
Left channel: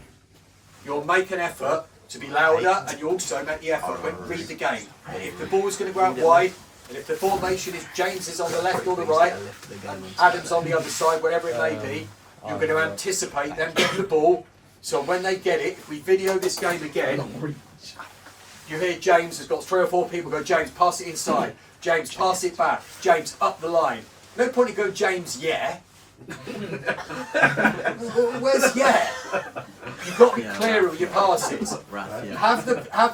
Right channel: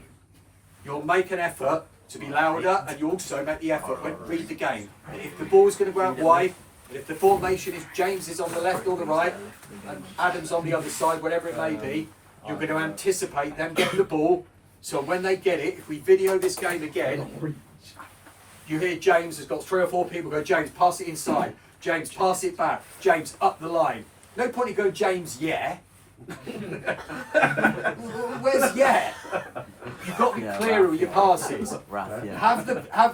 You'll make an effort to be louder, and you also make the effort when read the game. And if the ball's going to go out wide, and if the formation is James is on the left or the right, and Adam's on the other side, whatever it may be, you're going to anticipate them getting the ball. So when they get it, if we video this game again, you hear James has got 3 or 4 people go, James, pass it inside. James, pass it back. James, up the line. No point in going, James, yeah. Where's yeah? You've got to be clear with your passes. Have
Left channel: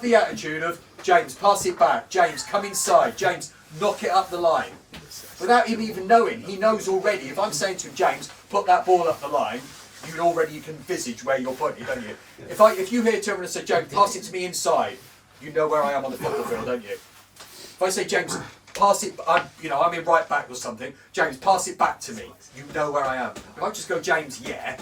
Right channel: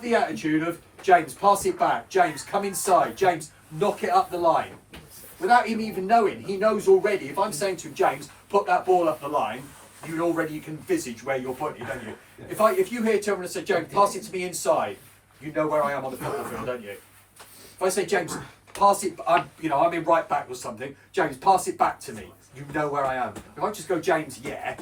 the attitude of, James, pass it back. James, come inside. James, knock it up the line. Without him even knowing, he knows already. If I'm saying to him, James, put that ball up the line, you can envisage where you're putting it, don't you? If you hear Turner and say, James, pass it to me inside, you know where I am on the football field, don't you? If I say, James, pass it, I'm in right back or something, James, pass it back to me, you know where I am. If I just go, James, yeah,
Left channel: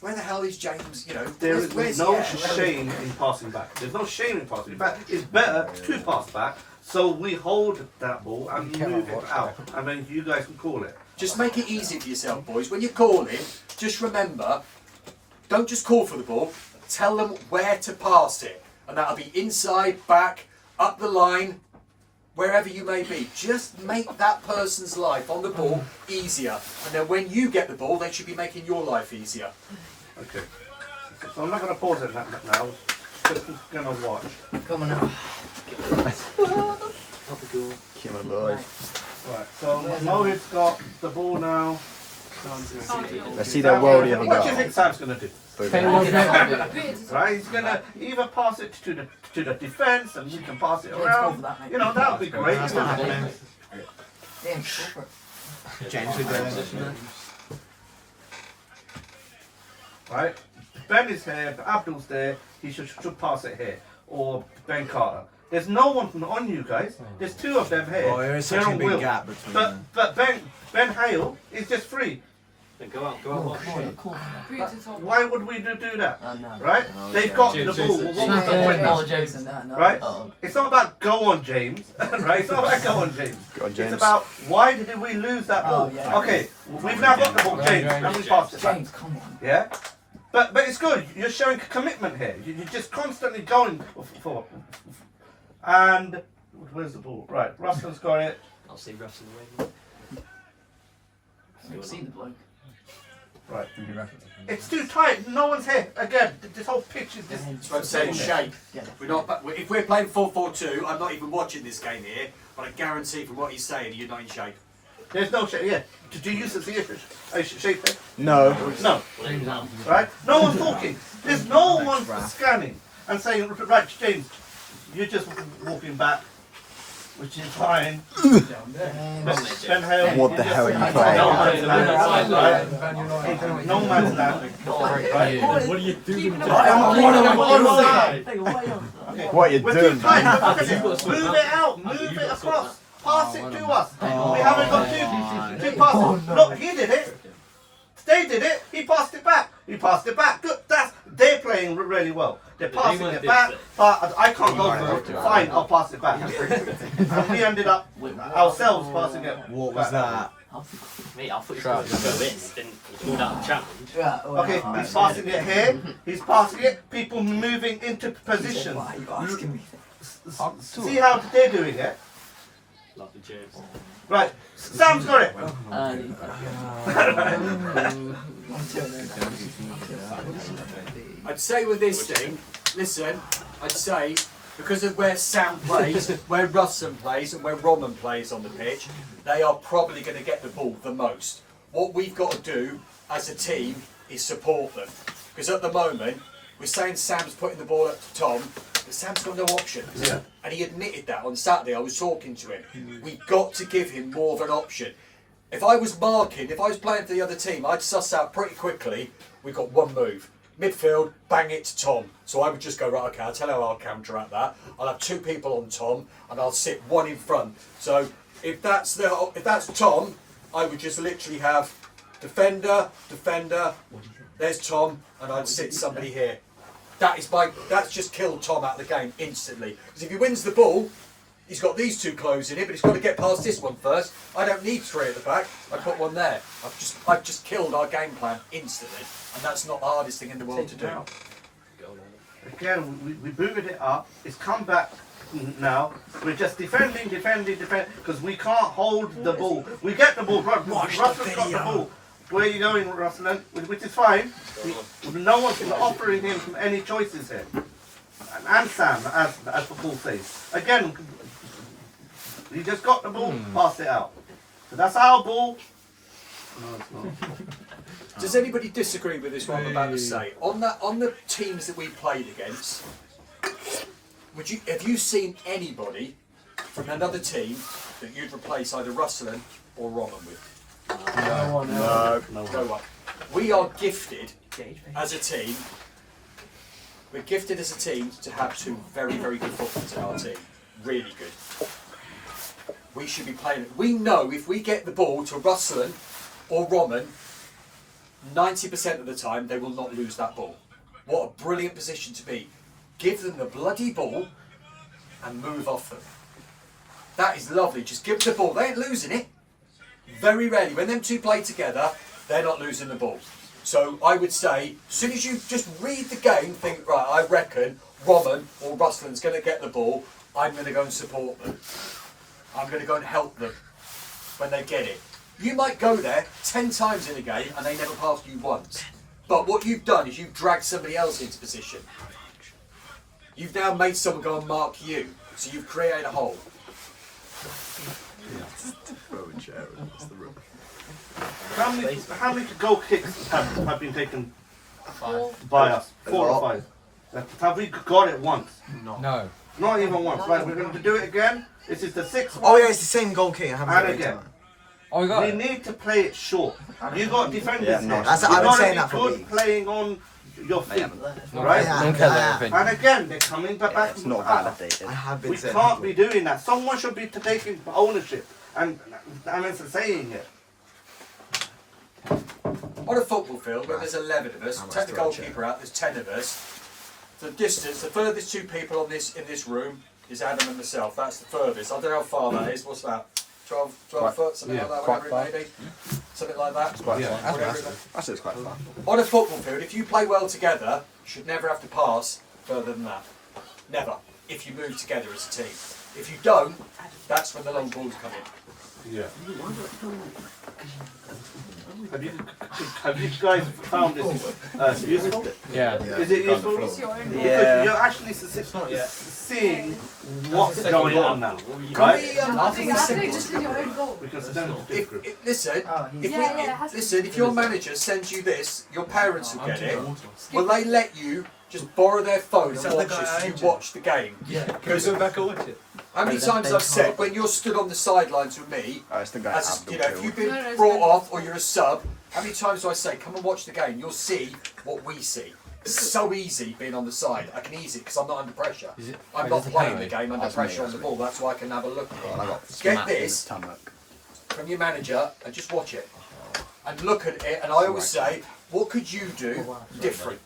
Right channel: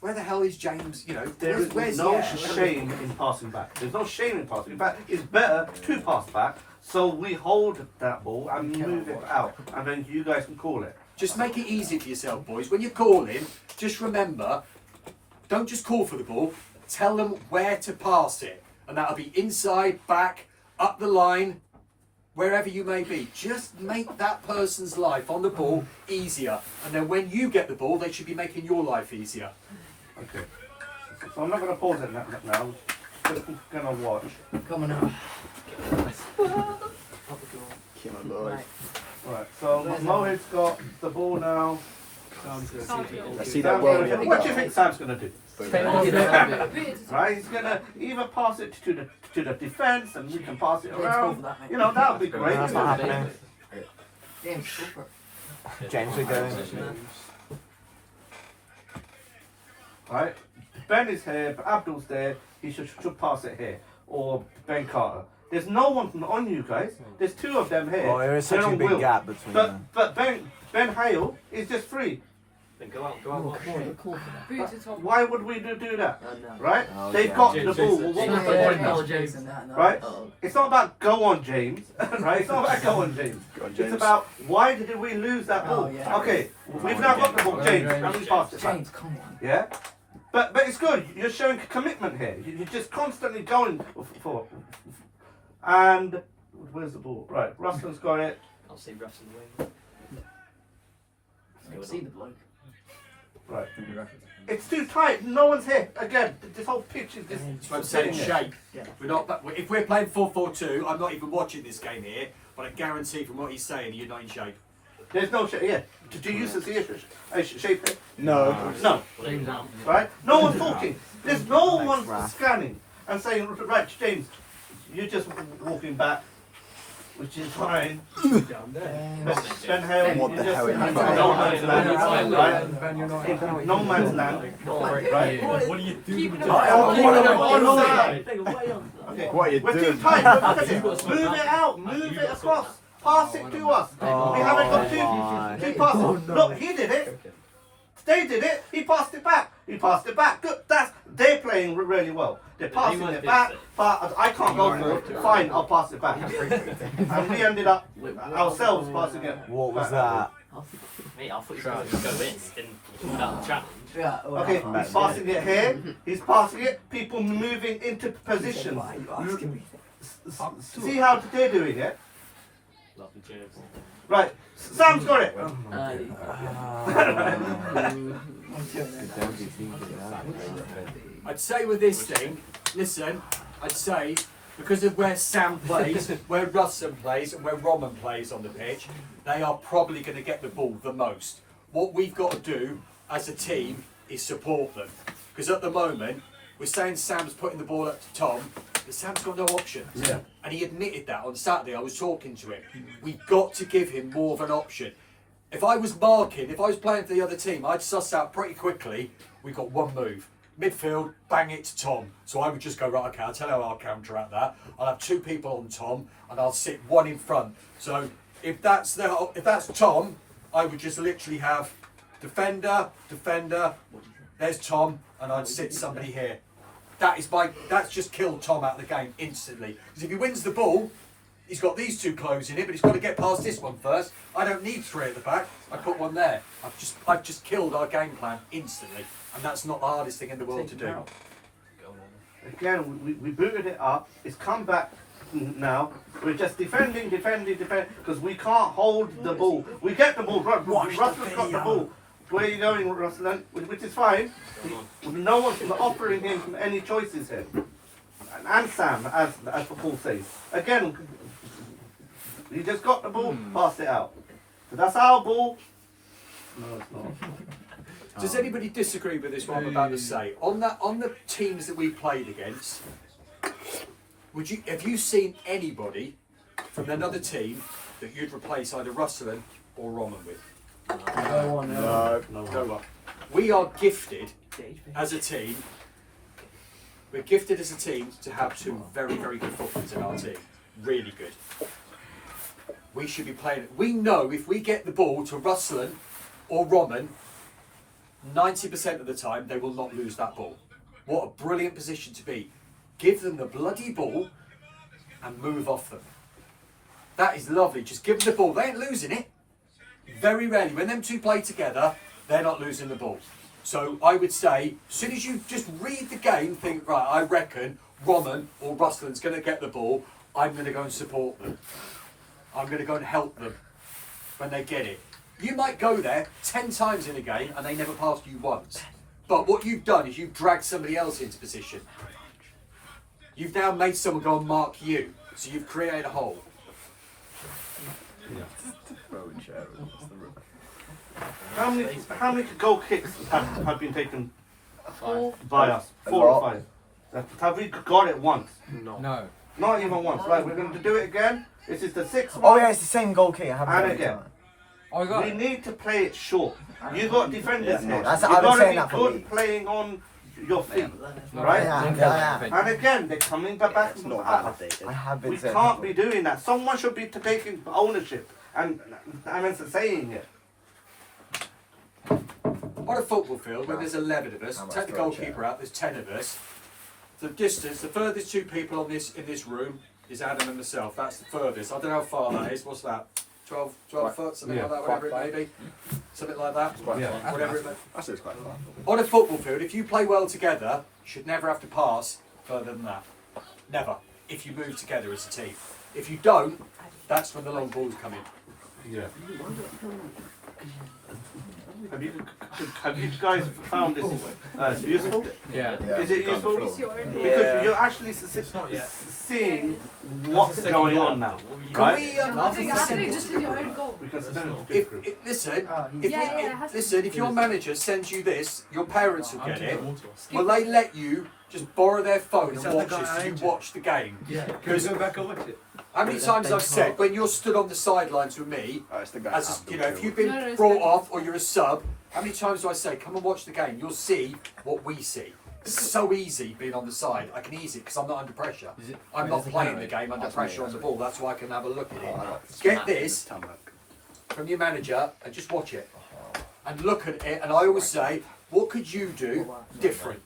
where the hell is James, There is where's no yeah? shame in passing back. There's no shame in passing. In fact, it's better to pass back, so we hold that ball and move it out, and then you guys can call it. Just make it easy for yourself, boys. When you're calling, just remember, don't just call for the ball, tell them where to pass it. And that'll be inside, back, up the line, wherever you may be. Just make that person's life on the ball easier. And then when you get the ball, they should be making your life easier. Okay. So I'm not going to pause it now. Just going to watch. Come on now. Right, so Mohit's got the ball now. Let's see that world. What do you think Sam's going to do? Right, he's going to either pass it to the defence and we can pass it around. That would be great. That's not happening. James will go in. Right, Ben is here, Abdul's there, he should pass it here. Or Ben Carter. There's no one on you guys. There's two of them here. Oh, there is They're such a on big wheel. gap between them. But Ben Hale is just free. Then go out, watch. Boot to top. Why would we do that? No. Right? Oh, They've yeah. got James, the ball. James, What was the point now? Jason, that, no. Right? Oh. It's not about go on James, right? It's not about go on James. Go on, It's James. about why did we lose that ball? Oh, yeah. Okay, we've now got the ball, James, and we passed it back. James, come on. Yeah? But it's good. You're showing commitment here. You're just constantly going for. And where's the ball? Right, Russell's got it. I'll see Russell in I've seen the bloke. Right. It's too tight. No one's here. Again, this whole pitch is just. That's what I'm saying, shape. Yeah. We're not. If we're playing 4-4-2, I'm not even watching this game here. But I guarantee from what he's saying, you're not in shape. There's no shape. Yeah. Do you see a shape? No. No. Right? No one's talking. There's no one scanning and saying, right, James, you're just walking back, which is fine. Ben Hale, What the hell are you no man's land, right? No man's land. Right? What are you doing? Onside. Okay. What are you We're doing? too tight. Move it out. Move it across. Pass it to us. We haven't got two passes. Look, he did it. They did it. He passed it back. He passed it back. Good. They're playing really well. They're passing it back. But I can't go for it. Fine, I'll pass it back. And we ended up ourselves passing it. What was that? Mate, I thought you were going to go this, then you pulled out the challenge. Yeah, well, Okay, he's passing it here. He's passing it. People moving into position. Why are you asking me? See how they're doing it? Lovely James. Right. Sam's got it. I'd say with this thing, listen, I'd say because of where Sam plays, where Russon plays, and where Roman plays on the pitch, they are probably going to get the ball the most. What we've got to do as a team is support them. Because at the moment, we're saying Sam's putting the ball up to Tom, but Sam's got no options. Yeah. And he admitted that on Saturday. I was talking to him. We've got to give him more of an option. If I was playing for the other team, I'd suss out pretty quickly, we've got one move. Midfield, bang it to Tom. So I would just go, right, okay, I'll tell you how I'll counteract that. I'll have two people on Tom, and I'll sit one in front. So if that's Tom, I would just literally have defender, there's Tom, and I'd sit somebody here. That's just killed Tom out of the game instantly. Because if he wins the ball, he's got these two closing it, but he's got to get past this one first. I don't need three at the back. I put one there. I've just killed our game plan instantly, and that's not the hardest thing in the world to do. Again, we booted it up. It's come back now. We're just defending, because we can't hold the ball. We get the ball. Russell's got the ball. Where are you going, Russell? Which is fine. No one's offering him any choices here. And Sam, as the ball says. Again, he just got the ball, pass it out. So that's our ball. No, it's not. Does anybody disagree with this? What I'm about to say on the teams that we played against? Have you seen anybody from another team that you'd replace either Russell or Roman with? No one. No one. We are gifted as a team. We're gifted as a team to have two very, very good footballers in our team. Really good. We should be playing it. We know if we get the ball to Russell or Roman, 90% of the time they will not lose that ball. What a brilliant position to be. Give them the bloody ball and move off them. That is lovely. Just give them the ball. They ain't losing it. Very rarely. When them two play together, they're not losing the ball. So I would say, as soon as you just read the game, think, right, I reckon Roman or Russell's going to get the ball, I'm going to go and support them. I'm going to go and help them when they get it. You might go there 10 times in a game and they never pass you once. But what you've done is you've dragged somebody else into position. You've now made someone go and mark you. So you've created a hole. Throw a chair across the room. How many goal kicks have been taken 5. by us? 4 or 5. Have we got it once? No. Not even once. Right, we're going to do it again. This is the 6th Oh one. yeah, it's the same goal kick. I haven't And done it again. time. Oh, we got We it. need to play it short. You got defenders here. I've been You've gotta saying be that for good weeks. playing on your feet, right? And again, they're coming back. It's not validated. I have been We saying can't be doing that. Someone should be taking ownership and it's saying it. On a football field where there's 11 of us, How much take the do I goalkeeper out, there's 10 of us. The distance, the furthest two people in this room is Adam and myself. That's the furthest. I don't know how far that is. What's that? 12 foot, something like that, whatever it may be. Something like that. Whatever it may be. That's quite fun. On a football field, if you play well together, you should never have to pass further than that. Never. If you move together as a team. If you don't, that's when the long balls come in. Yeah. Have you guys found this useful? Yeah. Is it useful? Because you're actually seeing what's going on now, right? I think just in your own goal. Because it's only Listen, if your manager sends you this, your parents will get it. Will they let you just borrow their phone and watch it so you watch the game? Because how many times I've said, when you're stood on the sidelines with me, as you know, if you've been brought off or you're a sub, how many times do I say, come and watch the game? You'll see what we see. It's so easy being on the side. I can ease it because I'm not under pressure. I'm not playing the game under pressure on the ball. That's why I can have a look at it. Get this from your manager and just watch it. And look at it. And I always say, what could you do different?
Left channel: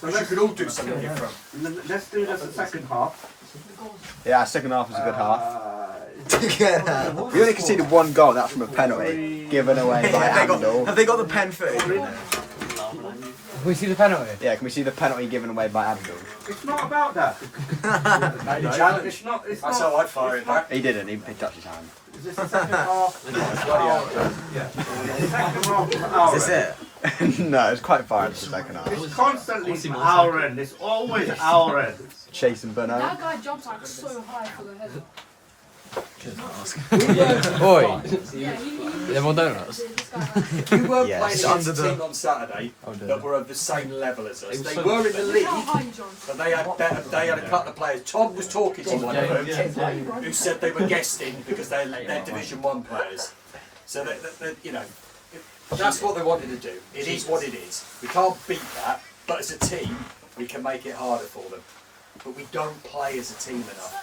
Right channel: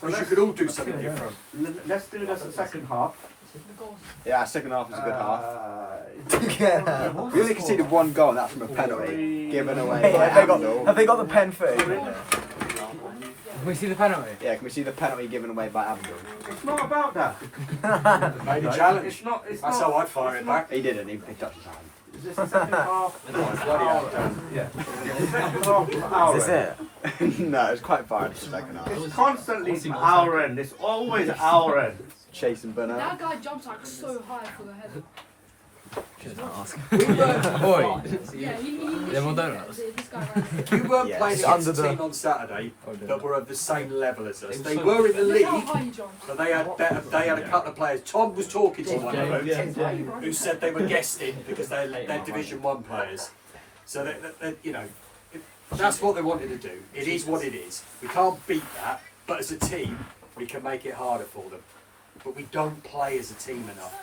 Because you could all do something different. Let's do this the second half. Yeah, second half is a good half. We only conceded one goal, that's from a penalty given away. Hey, have they got the pen footage? Can we see the penalty? Yeah, can we see the penalty given away by Abdul? It's not about that. Made a challenge. It's not. That's how I'd fire it back. He didn't, he touched his hand. Is this the second half? Yeah. Is this it? No, it's quite far into the second half. It's constantly our end. It's always our end. Chasing Bernard. That guy jumps like so high for the header. Oi! Yeah, Yeah, more donuts. this guy right We weren't Yeah, playing it's against under a the- team on Saturday that were of the same level as us. They so- were in the Look how league, high he jumps. but they had a couple of players. Tom was talking to one of them who said they were guesting because they're Division 1 players. So they, you know, that's what they wanted to do. It is what it is. We can't beat that, but as a team, we can make it harder for them. But we don't play as a team enough.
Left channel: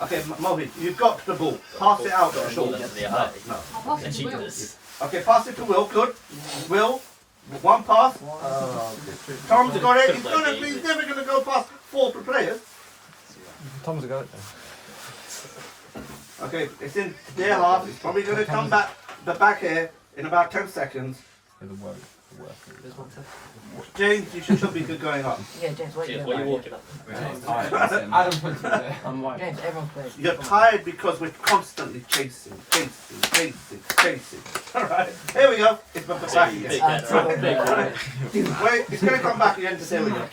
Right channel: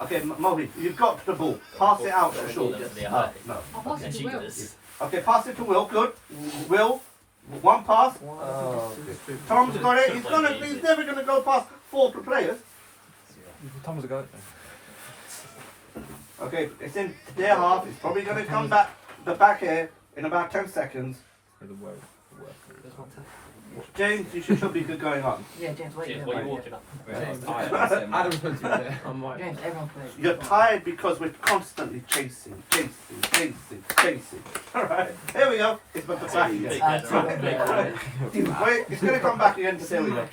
Okay, Mohit, you've got the ball. Pass it out to Sean. No. I'll pass it to Will. Okay, pass it to Will. Good. Will, one pass. Tom's got it. He's never gonna go past 4 players. Tom's a goat. Okay, it's in their half. It's probably gonna come back the back here in about 10 seconds. James, you should be good going on. Yeah, James, what are you What doing? are you walking at? Adam put it there. I'm white. James, everyone plays. You're tired because we're constantly chasing. Alright, here we go. It's back again. Wait, it's going to come back again to say we go.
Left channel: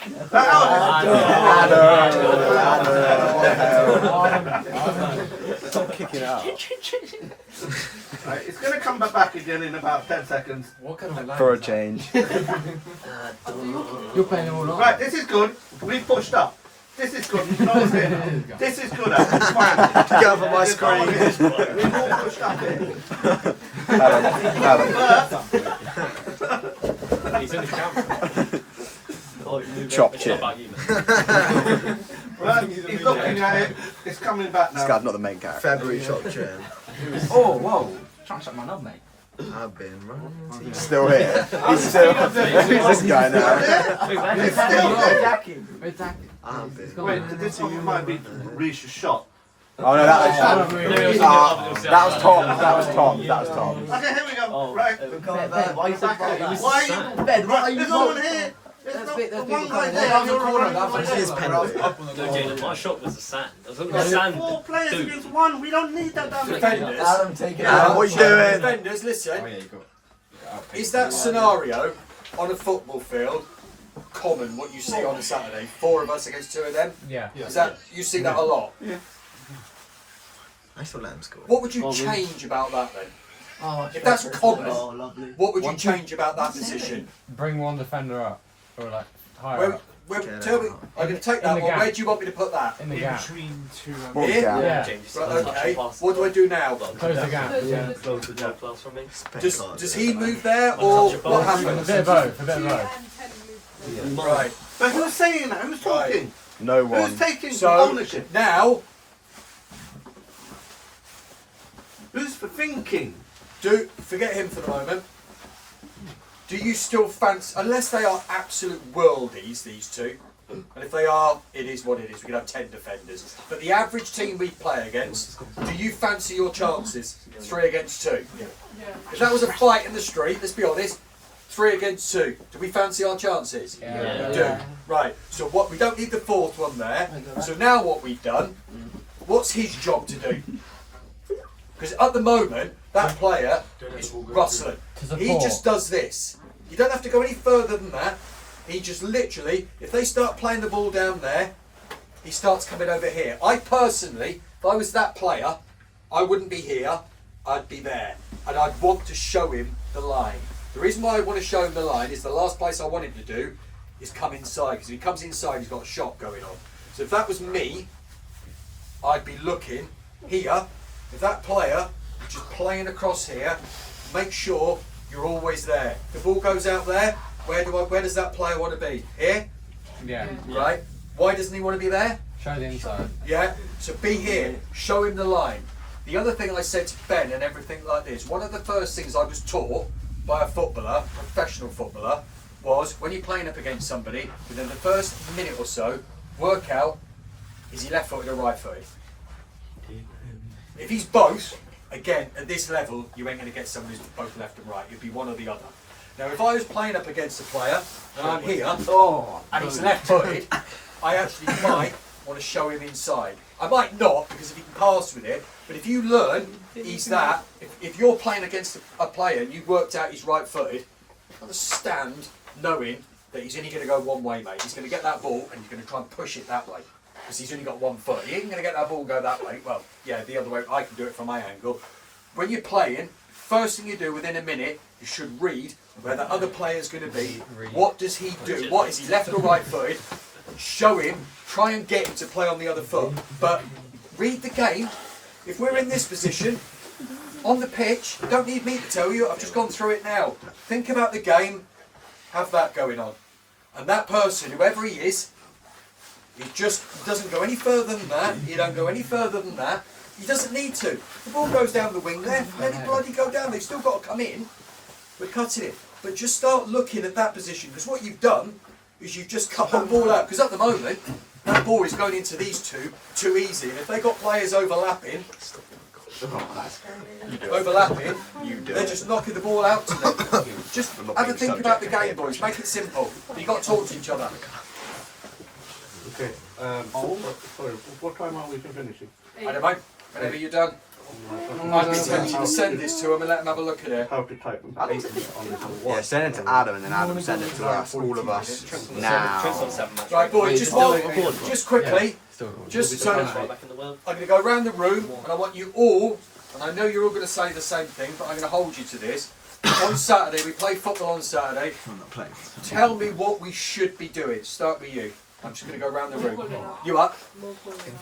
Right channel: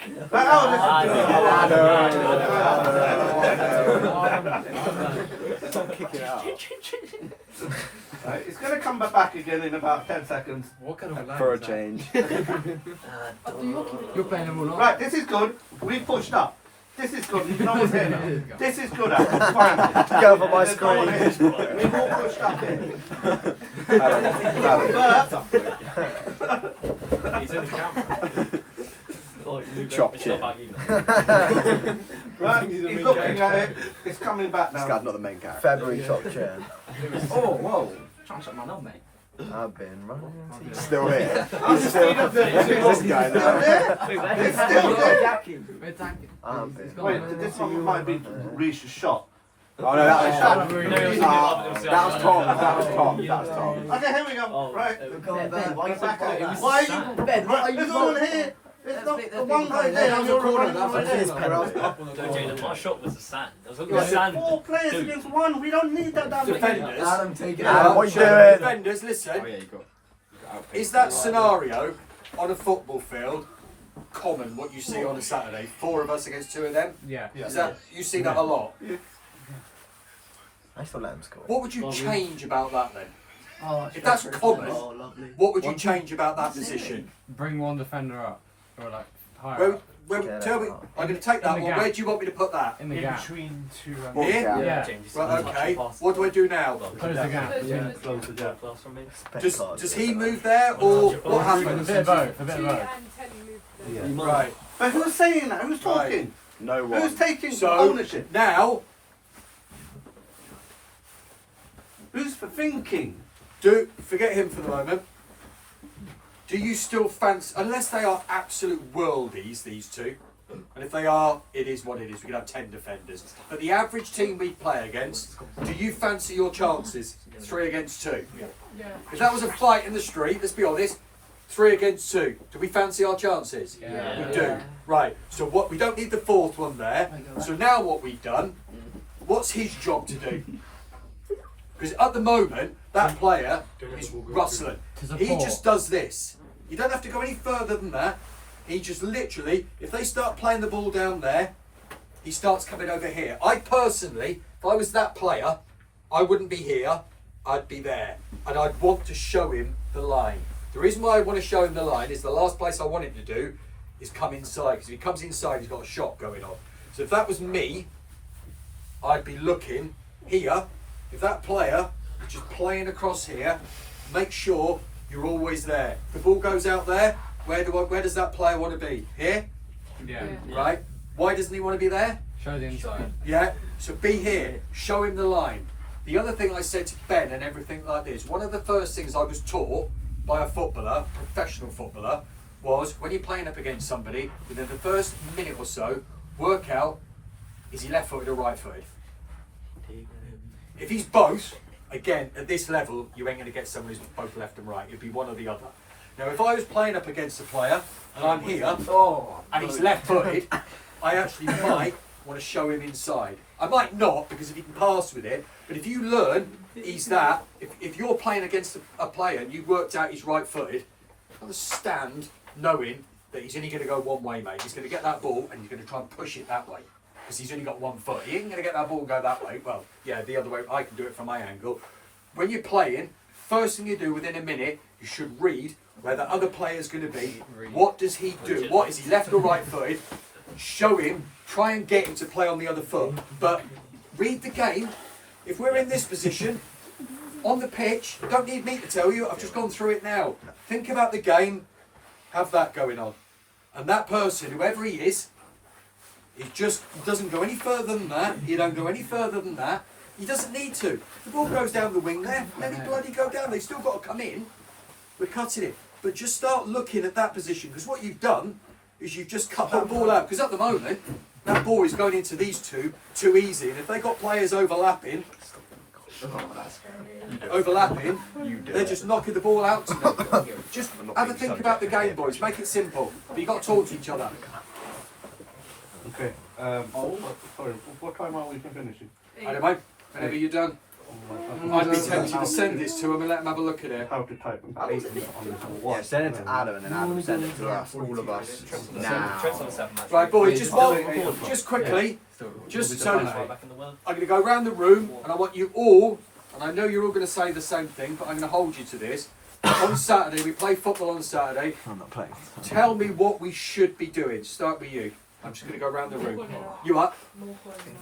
Stop kicking it out. Right, it's going to come back again in about 10 seconds. What kind of For a change. You're playing all night. Right, this is good. We pushed up. This is good. No one's there now. This is good. It's fine. Get over my screen. We've all pushed up here. He's in the count. Chop It's chin. not about you, man. Right, he's looking at it. It's coming back This now. guy's not the main character. February chop chair. Oh, whoa. Trying to shut my knob, mate. I've been running into you. He's still here. He's still Who's this guy now? It's still there. I've been Wait, running this into one you. might be Reish's shot. Oh no, that was Tom. That was Tom. That was Tom. That was Tom. Okay, here we go. Right. Ben, why are you so proud of Why are you? Ben, why are you There's no one here. There's no one guy there. That was a corner. That was This is penalty. No, James, my shot was the sand. There was going to be sand. 4 players against 1. We don't need that down Defenders. Adam, take it Adam, out. what you doing? Defenders, listen. Oh yeah, you got. Is that scenario on a football field common? What you see on a Saturday? 4 of us against 2 of them. Yeah. Is that you see that a lot? I still let him score. What would you change about that then? Oh, If that's common, oh, lovely. what would you change about that position? Bring one defender up. Or like, higher Where, up. tell me, I'm going to take that In the one. gap. Where do you want me to put that? In the In gap. between 2 Here? Yeah. Right, okay. What do I do now? Close the gap. Yeah. Close the gap class from me. Does he move there or what A happens? bit of both. A bit of both. And 10 move Right. But who's saying that? Who's talking? No one. Who's taking So ownership? now, Who's thinking? forget him for the moment. Do you still fancy, unless they are absolute worldies, these two, and if they are, it is what it is. We can have 10 defenders. But the average team we play against, do you fancy your chances? 3 against 2. Yeah. If that was a fight in the street, let's be honest, 3 against 2. Do we fancy our chances? Yeah. We do. Right. So what? We don't need the 4th one there. So now what we've done? What's his job to do? Because at the moment, that player is rustling. He just does this. You don't have to go any further than that. He just literally, if they start playing the ball down there, he starts coming over here. I personally, if I was that player, I wouldn't be here, I'd be there. And I'd want to show him the line. The reason why I want to show him the line is the last place I want him to do is come inside. Because if he comes inside, he's got a shot going on. So if that was me, I'd be looking here. If that player is just playing across here, make sure you're always there. If the ball goes out there, where does that player want to be? Here? Yeah. Right? Why doesn't he want to be there? Show the inside. Yeah? So be here. Show him the line. The other thing I said to Ben and everything like this, one of the first things I was taught by a footballer, professional footballer, was when you're playing up against somebody, within the first minute or so, work out, is he left footed or right footed? If he's both, again, at this level, you ain't going to get someone who's both left and right. It'd be one or the other. Now, if I was playing up against a player, and I'm here, and he's left-footed, I actually might want to show him inside. I might not, because if he can pass with it, but if you learn he's that, if you're playing against a player and you've worked out he's right-footed, understand knowing that he's only going to go one way, mate. He's going to get that ball, and he's going to try and push it that way. Because he's only got 1 foot. He ain't going to get that ball and go that way. Well, yeah, the other way. I can do it from my angle. When you're playing, first thing you do within a minute, you should read where the other player's going to be. What does he do? What is he, left or right footed? Show him. Try and get him to play on the other foot. But read the game. If we're in this position, on the pitch, you don't need me to tell you. I've just gone through it now. Think about the game. Have that going on. And that person, whoever he is, he just doesn't go any further than that. He don't go any further than that. He doesn't need to. The ball goes down the wing there. Let it bloody go down. They've still got to come in. We're cutting it. But just start looking at that position. Because what you've done is you've just cut the ball out. Because at the moment, that ball is going into these two too easy. And if they've got players overlapping, they're just knocking the ball out to them. Just have a think about the game, boys. Make it simple. But you've got to talk to each other. Okay. Sorry, what time are we finishing? I don't know. Whenever you're done. I'd be tempted to send this to him and let him have a look at it. How to type and paste on this Yeah, send it to Adam and then Adam send it to us, all of us. Now. Right, boys, just quickly, just so I'm going to go around the room and I want you all, and I know you're all going to say the same thing, but I'm going to hold you to this. On Saturday, we play football on Saturday. I'm not playing. Tell me what we should be doing. Start with you. I'm just going to go around the room. You up?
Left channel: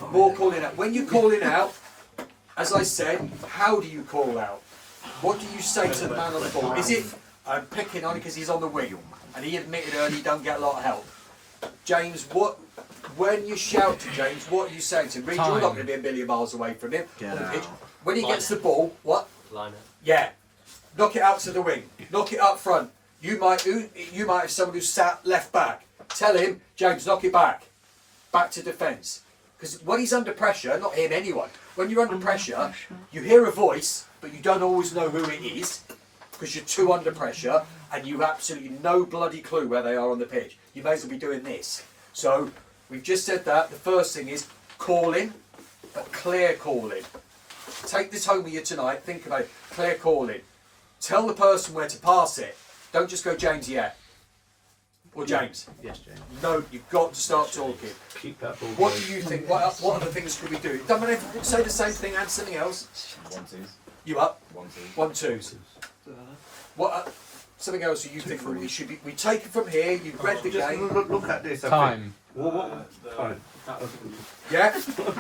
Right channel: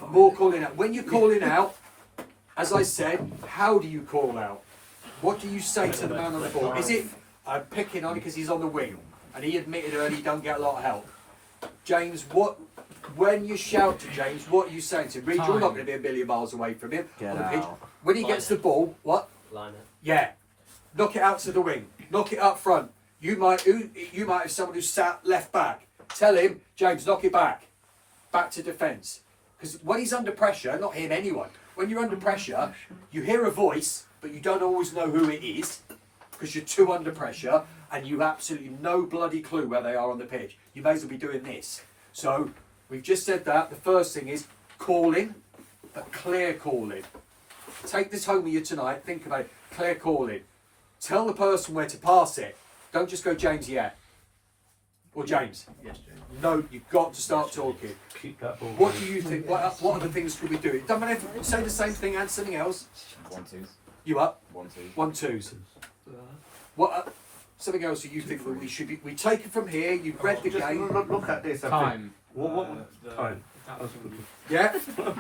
More calling out. When you're calling out, as I said, how do you call out? What do you say to the man on the ball? Is it, I'm picking on him because he's on the wing, and he admitted early he don't get a lot of help. James, when you shout to James, what are you saying to him? Reed, you're not going to be a million miles away from him on the pitch. When he gets the ball, what? Line it. Yeah. Knock it out to the wing. Knock it up front. You might have someone who's sat left back. Tell him, James, knock it back. Back to defence. Because when he's under pressure, not him, anyone, when you're under pressure, you hear a voice, but you don't always know who it is, because you're too under pressure, and you have absolutely no bloody clue where they are on the pitch. You may as well be doing this. So, we've just said that. The first thing is calling, but clear calling. Take this home with you tonight. Think about it. Clear calling. Tell the person where to pass it. Don't just go, James, yet. Or James. Yes, James. No, you've got to start talking. keep that ball. What do you think? What other things could we do? It doesn't matter if you say the same thing and something else. 1-2s. You up? 1-2. 1-2s. What? Something else that you think that we should be? We take it from here. You've read the Just game. look at this. Time. What time? Yeah.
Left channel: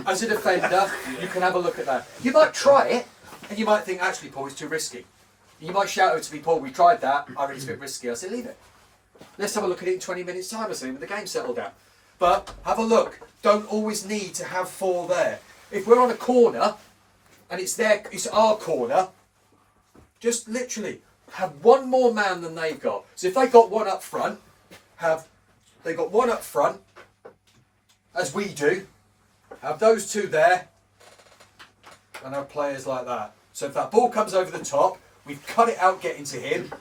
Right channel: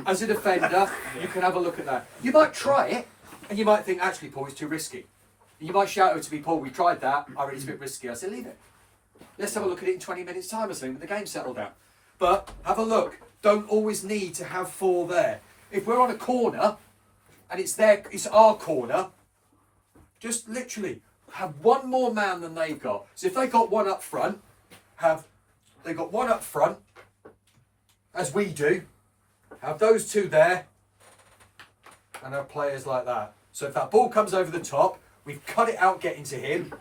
As a defender, you can have a look at that. You might try it, and you might think, actually, Paul, it's too risky. You might shout out to me, Paul, we tried that. I reckon it's a bit risky. I said, leave it. Let's have a look at it in 20 minutes' time or something when the game's settled down. But have a look. Don't always need to have 4 there. If we're on a corner and it's our corner, just literally have 1 more man than they've got. So if they got 1 up front, they got 1 up front, as we do, have those 2 there, and have players like that. So if that ball comes over the top, we've cut it out getting to him.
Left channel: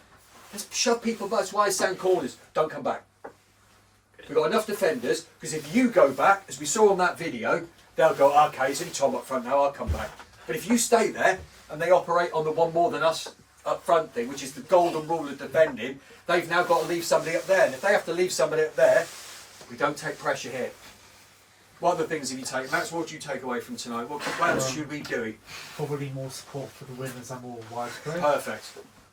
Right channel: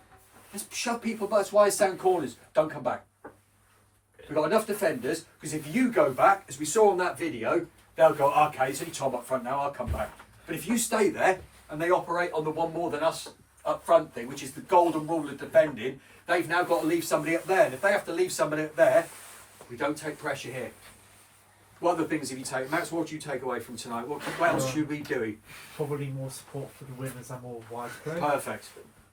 Just shove people back. That's why I stand corners. Don't come back. We've got enough defenders, because if you go back, as we saw on that video, they'll go, okay, it's only Tom up front now, I'll come back. But if you stay there, and they operate on the 1 more than us up front thing, which is the golden rule of defending, they've now got to leave somebody up there. And if they have to leave somebody up there, we don't take pressure here. What other things have you taken? Max, what do you take away from tonight? What else should we do? Probably more support for the winners and more widespread. Perfect.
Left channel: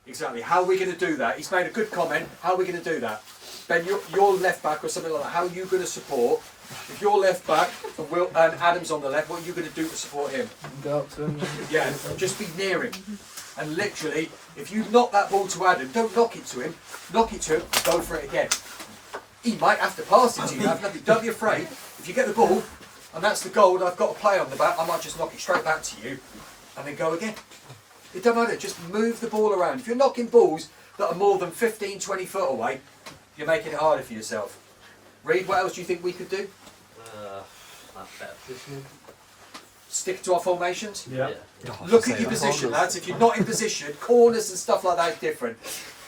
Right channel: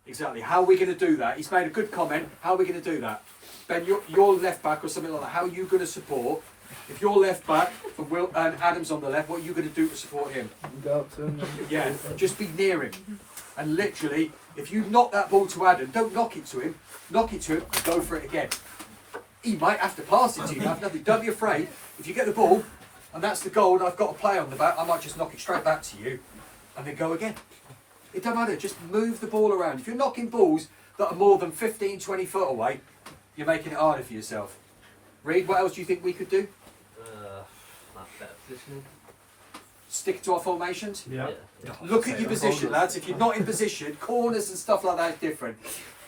Exactly. How are we going to do that? He's made a good comment. How are we going to do that? Ben, you're left back or something like that. How are you going to support? If you're left back and Adam's on the left, what are you going to do to support him? Go up to him. Yeah, just be near him. And literally, if you knock that ball to Adam, don't knock it to him. Knock it to him and go for it again. He might have to pass it to you. Don't be afraid. If you get the ball and that's the goal and I've got a play on the back, I might just knock it straight back to you and then go again. It doesn't matter. Just move the ball around. If you're knocking balls that are more than 15, 20 foot away, you're making it harder for yourself. Reed, what else do you think we could do? Better positioning. Stick to our formations? Yeah. Look at your position, lads. If you're not in position, corners and stuff like that is different.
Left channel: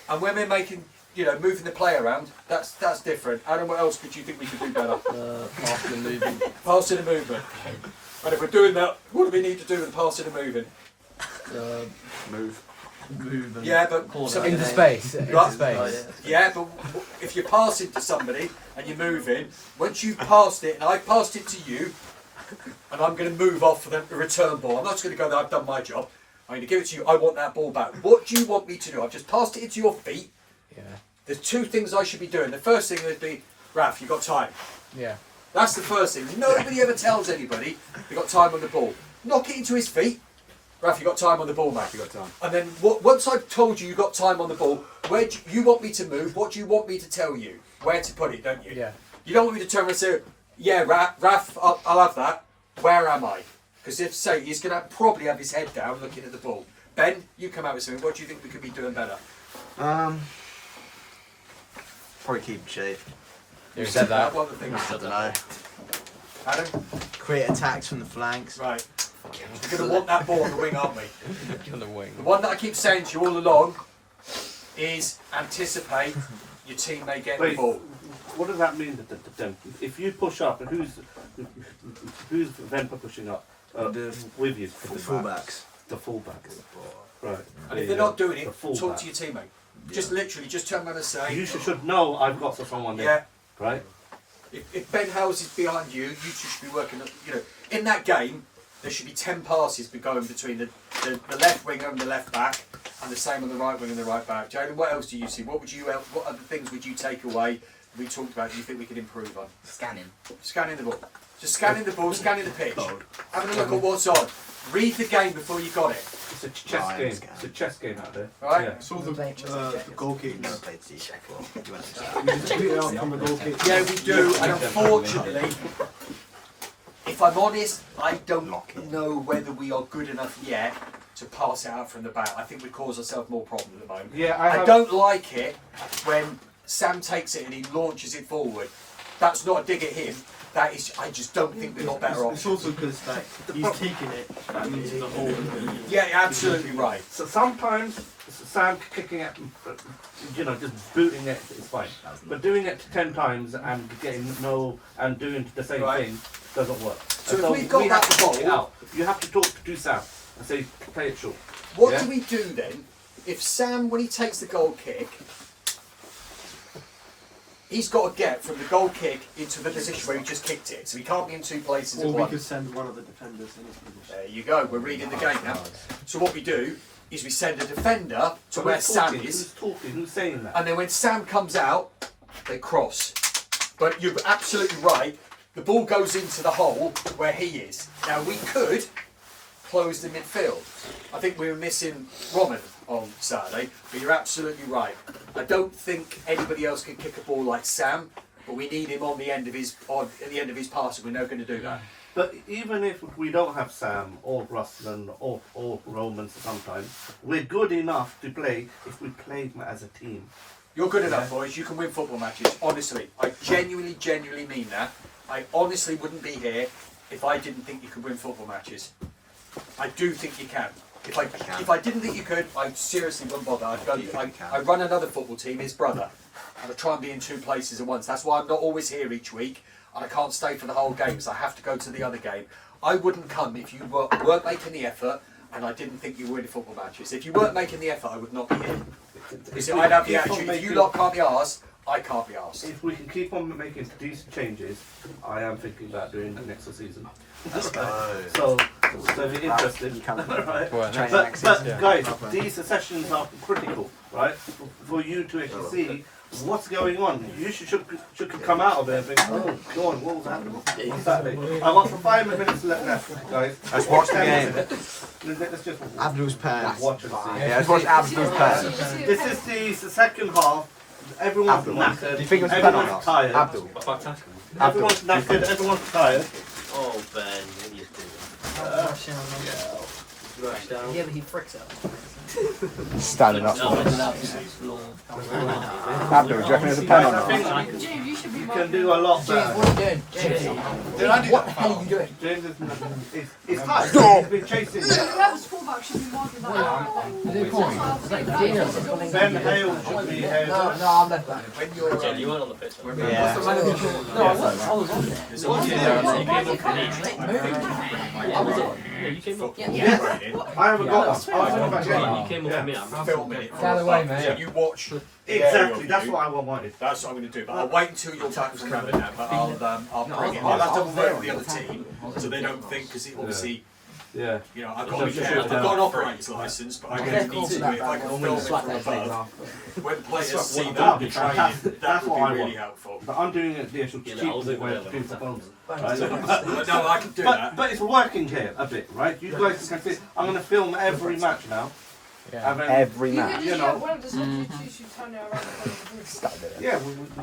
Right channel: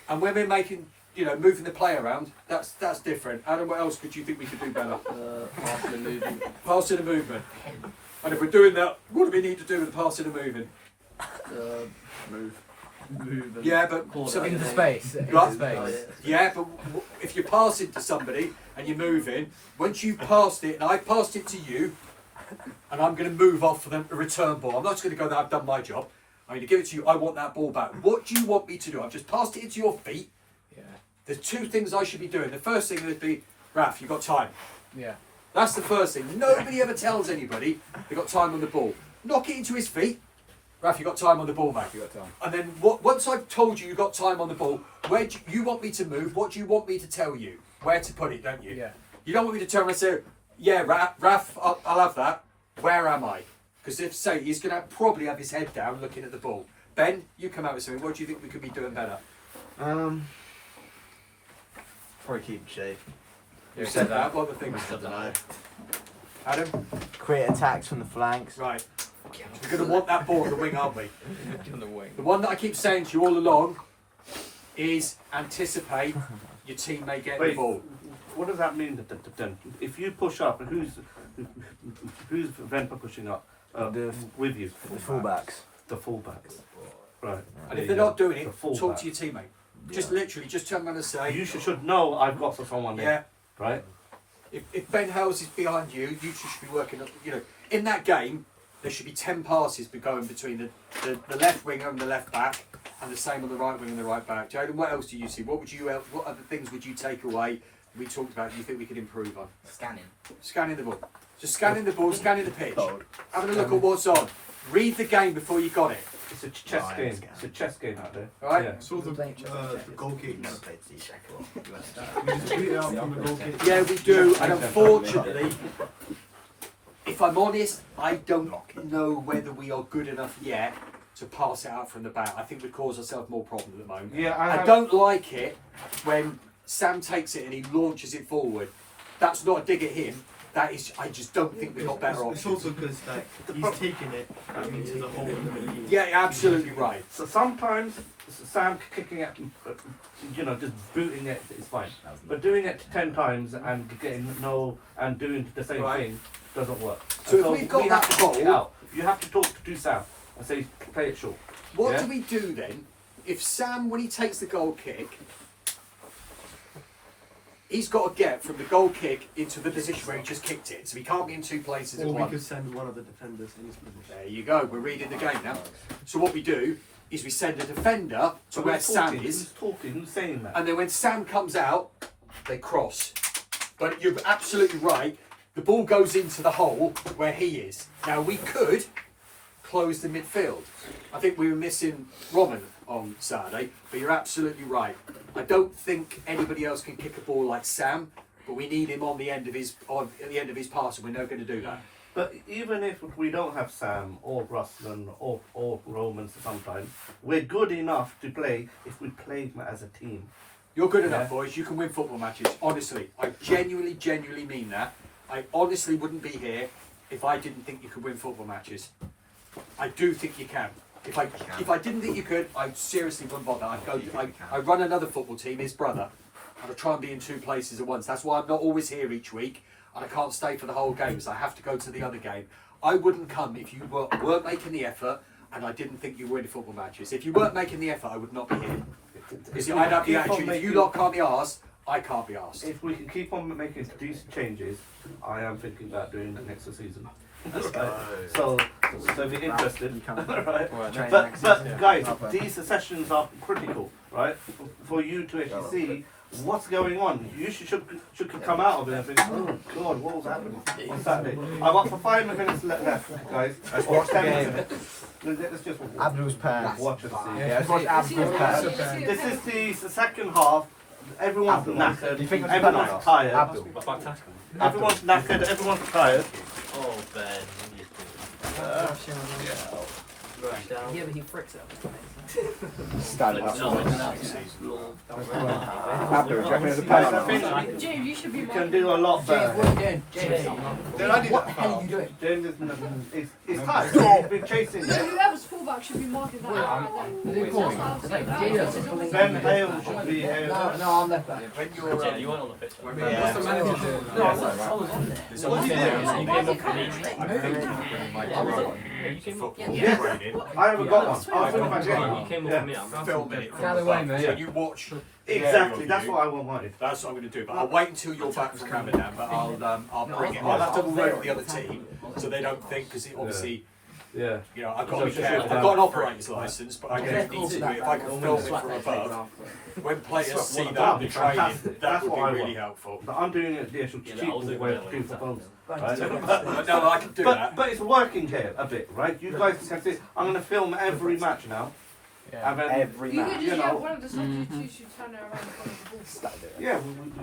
And when we're making, moving the play around, that's different. Adam, what else could you think we could do better? Passing and moving. Passing and movement. And if we're doing that, what do we need to do with the passing and moving? Move. Yeah, but Into space. Into Right. space. Yeah, but if you're passing to somebody and you're moving, once you've passed it and I've passed it to you, and I'm going to move off for the return ball, I'm not just going to go there, I've done my job. I'm going to give it to you, I want that ball back. What do you want me to do? I've just passed it into your feet. Yeah. There's 2 things I should be doing. The first thing would be, Raf, you've got time. Yeah. That's the first thing. Nobody ever tells anybody they've got time on the ball. Knock it into his feet. Raf, you got time on the ball, mate. You got time. And then once I've told you got time on the ball, where do you want me to move? What do you want me to tell you? Where to put it, don't you? Yeah. You don't want me to turn around and say, yeah, Raf, I'll have that. Where am I? Because if so, he's going to probably have his head down looking at the ball. Ben, you come out with something. What do you think we could be doing better? Probably keep shape. You said that. What are the things? I don't know. Adam? Create attacks from the flanks. Right. We're going to want that ball on the wing, aren't we? The one that I keep saying to you all along is anticipate your team may get the ball. What does that mean? If you push up, and who's Vempa pushing up with you? The fullbacks. The fullbacks. Right. And if they're not doing it, The full talk back. to your teammate. Just literally, just turn around and say, You should know I've got someone there. yeah. Right. If Ben Hales is behind you, you two should be working. In that game, there should be 10 passes going between the left winger and the left back, and the same on the right wing and the right back. Jaden, what else do you see? What other things would you take away? We talked about. You think we could improve on? Scanning the ball. Just scanning the ball, scanning the pitch, having a look at what's on. Read the game before you got it. It's a chess game. It's a chess game out there. Right? Yeah. Saw the goal kicks. Never played C Sheffield. We just beat it up from a goal kick. Yeah, we do. And unfortunately, if I'm honest, I don't know whether we are good enough yet to pass it out from the back. I think we cause ourselves more problems at the moment. Yeah, I don't like it when Sam takes it and he launches it forward. That's not a dig at him. That is, I just don't think we've got better It's options. also because he's taking it into the hole. Yeah, absolutely right. So sometimes Sam kicking it, just booting it is fine. But doing it 10 times and getting and doing the same Right. thing doesn't work. So And if we've got we have that to talk it ball- out. You have to talk to Sam and say, play it short. What Yeah? do we do then if Sam, when he takes the goal kick, he's got to get from the goal kick into the position where he just kicked it, so he can't be in 2 places Or at we once. could send one of the defenders in his position. There you go, we're reading the game now. So what we do is we send a defender to So where who's Sam talking? is, Who's talking? Who's saying that? and then when Sam comes out, they cross. But you're absolutely right, the ball goes into the hole where he is. Now we could closed in midfield. I think we were missing Roman on Saturday, but you're absolutely right. I don't think anybody else can kick a ball like Sam, but we need him on the end of his at the end of his pass, and we're never going to do that. But even if we don't have Sam or Ruslan or Roman sometimes, we're good enough to play if we play as a team. You're good enough, boys. You can win football matches. Honestly, I genuinely mean that. I honestly wouldn't be here if I didn't think you could win football matches. I do think you can. If I didn't think you could, I seriously wouldn't bother. I'd run another football team, his brother, and I'd try and be in 2 places at once. That's why I'm not always here each week, and I can't stay for the whole game, so I have to go to the other game. I wouldn't come if you weren't making the effort, and I didn't think you were winning football matches. If you weren't making the effort, I would not be here. You see, I'd have the attitude, if you lot can't be arsed, I can't be arsed. If we can keep on making decent changes, I am thinking about doing the next season. So if you're interested, right? But guys, these sessions are critical, right? For you to actually see what's going on. You should come out of it and think, oh God, what was happening? What's happening? I've got for 5 minutes left, guys. Let's watch the game. Let's just Abdul's pants. watch and see. Yeah, let's watch Abdul's pants. This is the second half. Everyone's knackered. Do you think it's Everyone's tired. Abdul. Everyone's knackered. Everyone's tired. Oh, Ben, what are you doing? Yeah, but he freaks out. Standing up. No, Abdul, do you reckon there's a penalty? I think James, you should be you more. can do a lot James, better. what are you doing? James, what the hell are you doing? James is tired. He's been chasing. Whoever's fullback should be more than that. Ben Hale should be here. No, I'm left back. When you're, Jen, you weren't on the pitch. What's the manager doing? No, I was on there. You came up. I haven't got one. You came up with me. I'm filming it. Out of the way, mate. So you watch. Exactly, that's what I wanted. That's what I'm going to do. But I'll wait until you're back from Ramadan. But I'll bring it. I'll have to work with the other team so they don't think, because obviously, Yeah. you know, I've got to be careful. I've got an operator's license, but I don't need to do it. If I can film it from above, when players see that the training, that would be really helpful. But I'm doing it the actual cheap way of doing the phones. But no, I can do that. But it's working here a bit, right? You guys can see. I'm going to film every match now. Every match. You know, one of the substitutes you turn it around. Yeah,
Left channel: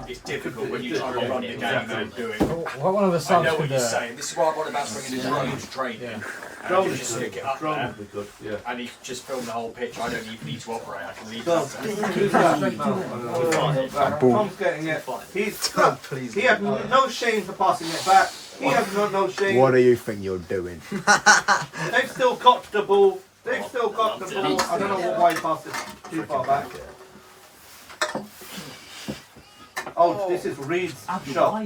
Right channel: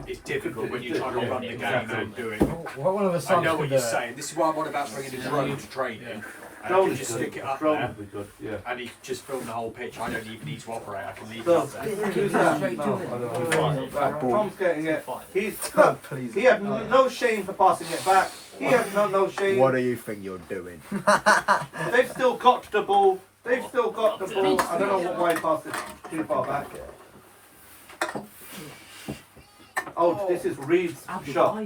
It's difficult when you try to run the game and do it. What one of the I songs know could what do you're it? saying. This is why I'm on about bringing the drone to training. And I can just stick it up Drone there, would be good. Yeah. and he can just film the whole pitch. I don't even need to operate. I can leave So, that there. who's that? Tom's getting it. He had no shame for passing it back. He has no shame. What do you think you're doing? They've still got the ball. They've still got the ball. I don't know why he passed it too far back. Oh, this is Reed's shot.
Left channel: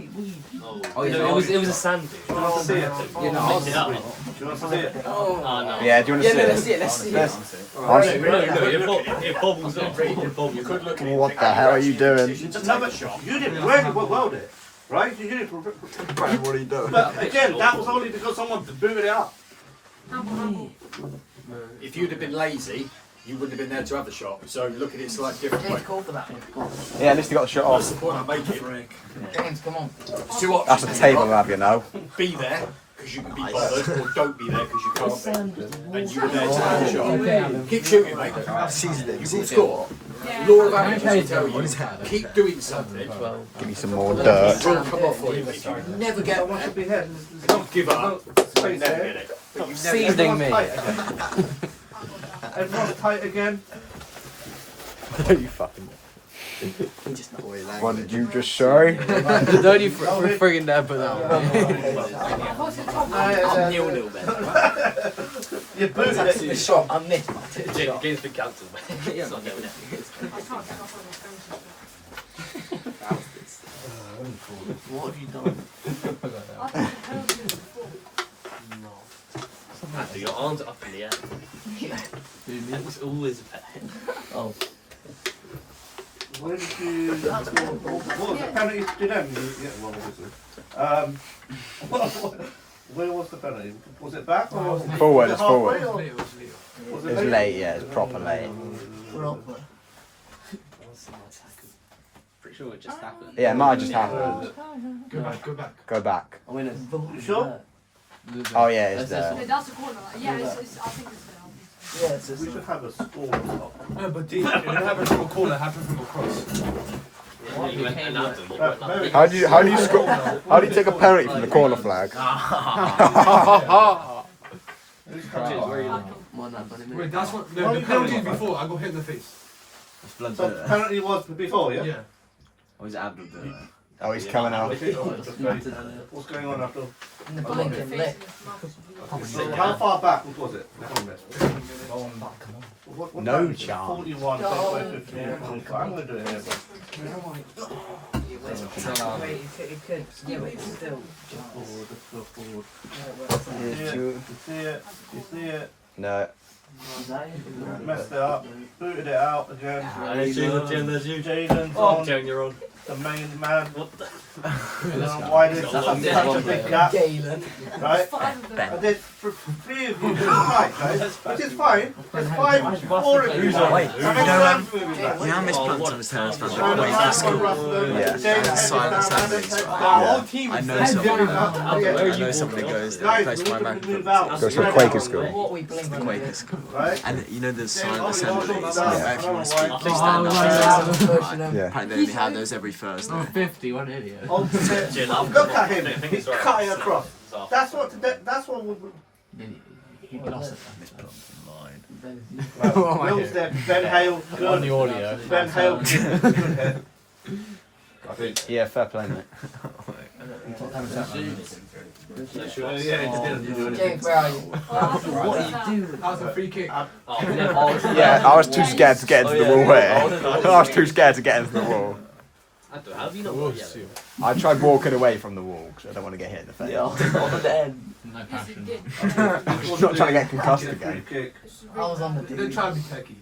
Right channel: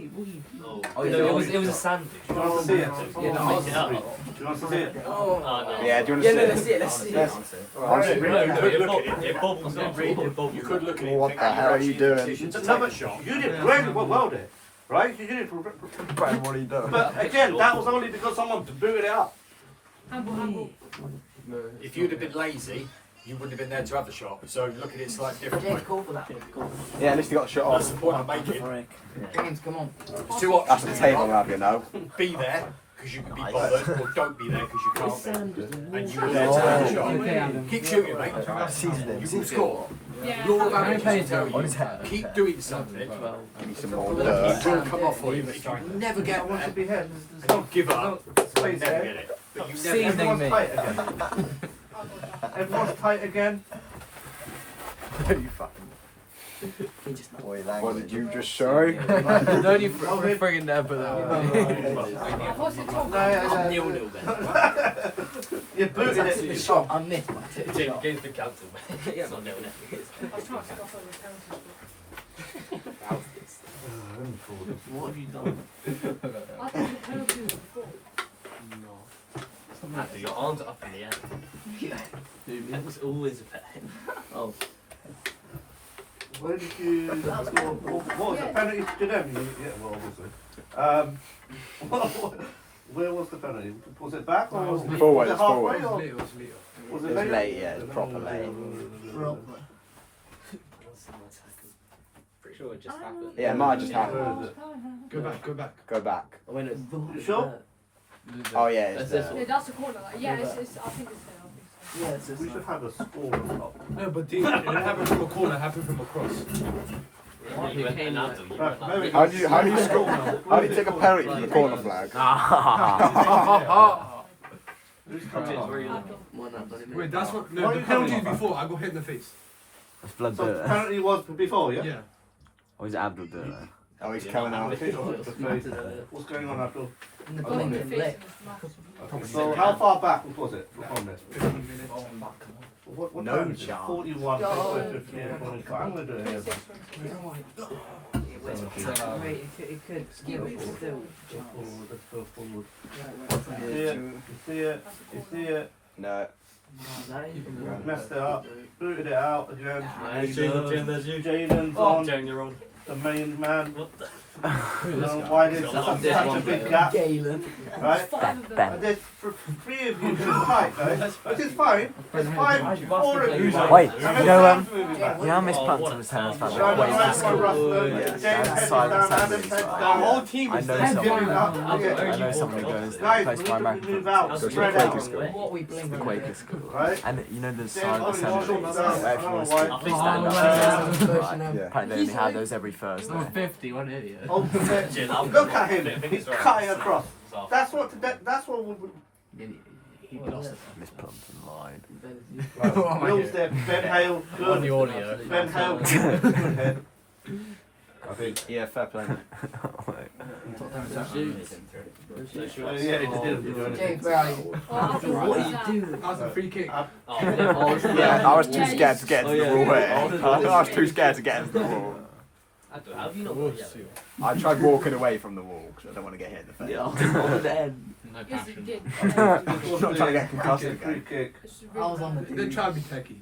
Oh, yeah, it was a sand. Do you want to see it? You mixed it up. Do you want to see it? Oh, no. Yeah, do you want to see it? Let's see it. It bubbles up. It bubbles. You could look at it. What the hell are you doing? No, but you did really well there, right? You did it. Brad, what are you doing? But again, that was only because someone booted it up. Humble. If you'd have been lazy, you wouldn't have been there to have the shot. So look at it slightly different way. James, call for that one. Yeah, at least you got the shot That's off. the point I'm making. James, come on. Two options. That's the table, have you now? Be there because you can be bothered, or don't be there because you can't be. And you were there to have the shot. Keep shooting, mate. You will score. Yeah. Law of averages will tell you, keep doing something. Give me some more It dirt. will come off for you. If you never get Someone should be here. don't give up. You Space never there. get it. But you never Seasoning me. Everyone's tight again. You fucking. What did you just show? Don't you friggin' dare put that What's it called? You booted it. on. Shot. I missed. Against the counter. I can't get off on the What have you done? I think the penalty was before. Matthew, your arms are up in the air. It was always a pet. Oh. Where did you? What was the penalty to them? Yeah, well, was it? Where was the penalty? Was it back or was it Forward, was it it's halfway forward. or- Was It was late, yeah, it was proper late. Pretty sure it just happened. Yeah, mine just happened. Go back. Go back. You sure? Oh yeah, it's That's there. Yeah, that's the corner. Like, yeah, it's, I think it's there. Yeah, it's We should have a score on top. No, but if it happens from a corner, happen from across. You went Ronaldo, you Right, went there we go. How do you score? How do you take a penalty from the corner flag? Who's coming on? Wait, that's what. No, Why the you penalty doing is that? before. I got hit in the face. It's blood So dirt. penalty was before, yeah? Yeah. Or is it Abdul dirt? Oh, he's coming out. What's going on after? In the Like the blinking face lit. in his mouth. So how far back was it? What No time is it? chance. 41, 15, 25. I'm going to do it here. Wait, it could still. Let's go forward. You see it? You see it? No. Messed it up. Booted it out again. Jaden's Oh, on. Jane, you're on. The main man. I don't know why there's such a big gap. Galen. Right? Five of them. And there's three of you in the fight, guys. Which is fine. It's fine. 4 of you. Wait, And you know, Sam's moving back. you know how Miss Planton was telling us about the So wait for Sam, school? Russell, Yeah. James, There's silent Adam, assemblies, Adam, right? Adam, I know Adam, someone. Adam, I know someone who goes there. Guys, Plays we for my need to microphone. move out. Goes to Spread Quaker out. school. What we The blinking. Quaker school. Right? And you know the silent James, assemblies James, where if you want to James, speak, they stand up Oh, and wow. listen. Right? Yeah. Apparently they only have those every Thursday. 50, what an idiot. Ultimate. Look at him. He's cutting across. That's what we. He lost it. Miss Planton lied. Will's there. Ben Hale. On Good. the audio. Ben Hale. Good head. I think. Yeah, fair play, mate. Yeah, he did. James, where are you? Oh, I thought, what are you doing? That was a free kick. Yeah, I was too scared to get into the wall here. I was too scared to get into the wall. How have you not got yellow? I tried walking away from the wall because I don't want to get hit in the face. No Yes, it passion. did. Not trying to get concussed Free again. kick. I was on the Then try and be techie.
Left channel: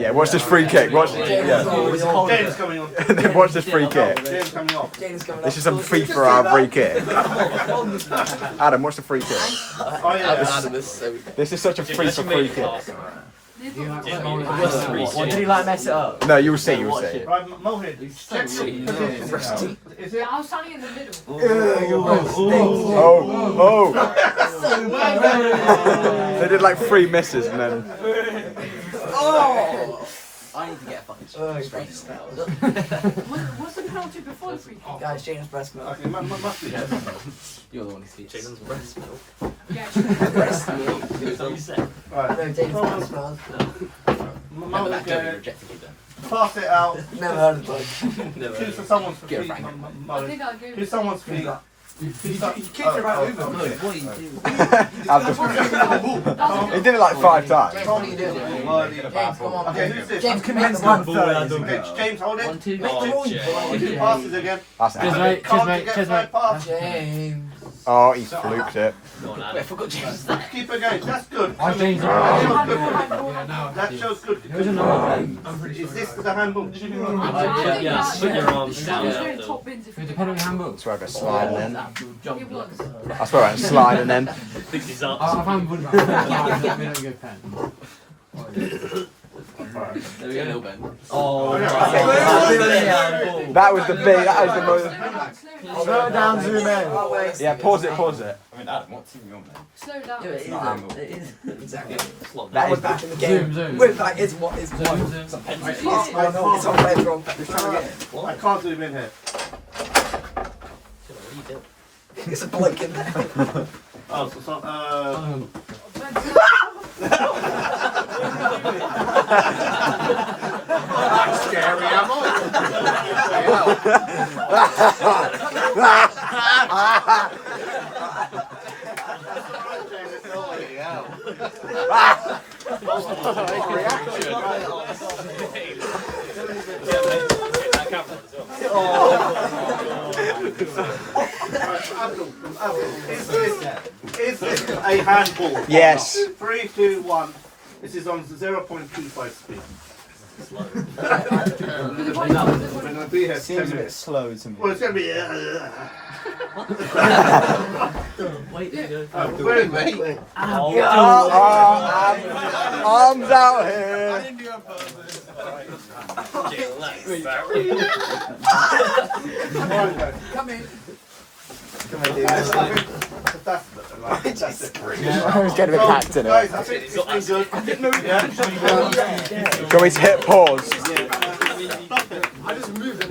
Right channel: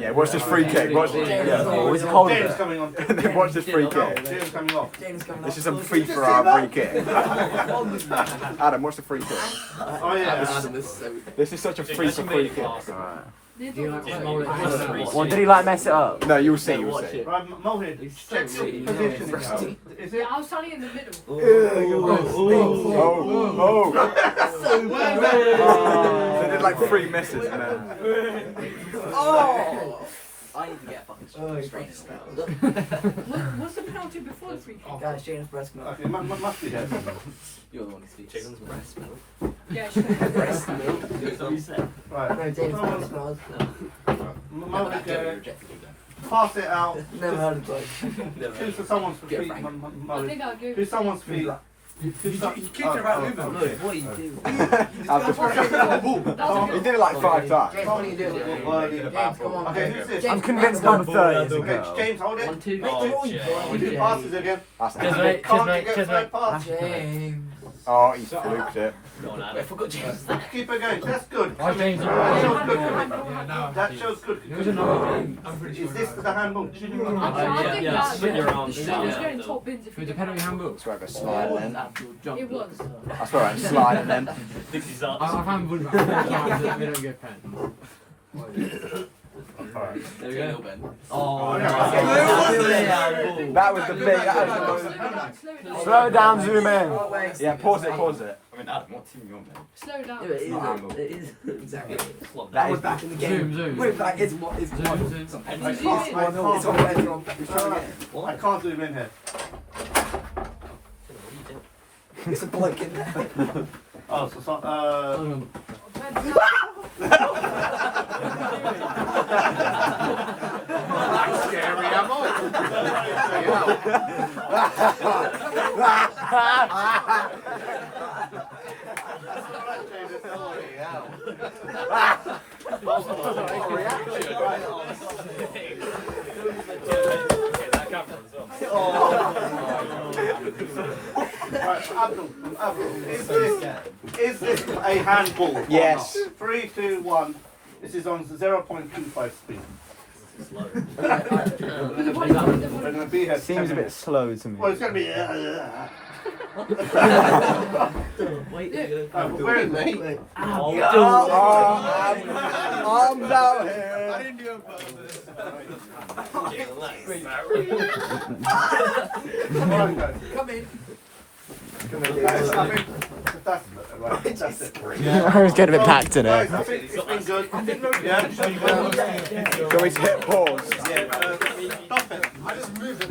Yeah, watch this free kick. Watch, James coming on. watch this free kick. James coming off. James coming This is some FIFA free kick. Adam, watch the free kick. Oh yeah. This is such a FIFA free kick. They What, thought- did he like mess it up? No, you will see. You will see. Right, Mohit. Check position now. Is it? Yeah, I was standing in the middle. Oh. They did like 3 misses and then. I need to get a fucking straight spell. What's the penalty before the free kick? Guys, James breast milk. Okay, must be there. You're the one who speaks. Jaden's breast milk. Yeah, Breast milk. That's what you said. Right. No, James breast milk. Mohit, pass it out. Never heard of it. Choose for someone's feet. I think I'll go. Choose someone's feet. He kicked it right over. What are you doing? He did it like 5 times. James, what are you doing? James, come on. Okay, who's this? James, Convinced come on. 1/3. Okay, James, hold it. 1, 2, He passes again. That's Cheers, it. mate. Cheers, Can't mate. get Cheers, third mate. pass. James. Oh, he fluked it. I forgot James. Keep it going. That's good. Why James? Yeah, now. That shows good. There's another one. I'm pretty Is sure. this the handbook? I think Yeah, that- put your arms I was down. doing top bins if With the you penalty handbook. That's where I got sliding in. It was. That's where I slide and then. Thinks he's up. I find one about it. We don't get pen. There we go, little Ben. Oh, That was the big. That was the most. Slow down, zoom in. Oh, wait. Yeah, pause it. Pause it. I mean, Adam, what team are you on, mate? Slow down. Yeah, it is. Exactly. That We're is back in the zoom, game. zoom. We're back. It's what is Zoom, one. zoom. It's on retro. We're trying to get I can't zoom in here. It's a bloke in there. Oh, so Scary, am Is this a handball? Yes. 3, 2, 1. This is on 0.25 speed. We're going to be here 10 Seems a bit minutes. slow to me. Well, it's going to be. Wait, Where is mate? Arms out here. come in. That's Who's getting attacked in it? Guys, I think it's been good. Do you want me to hit pause?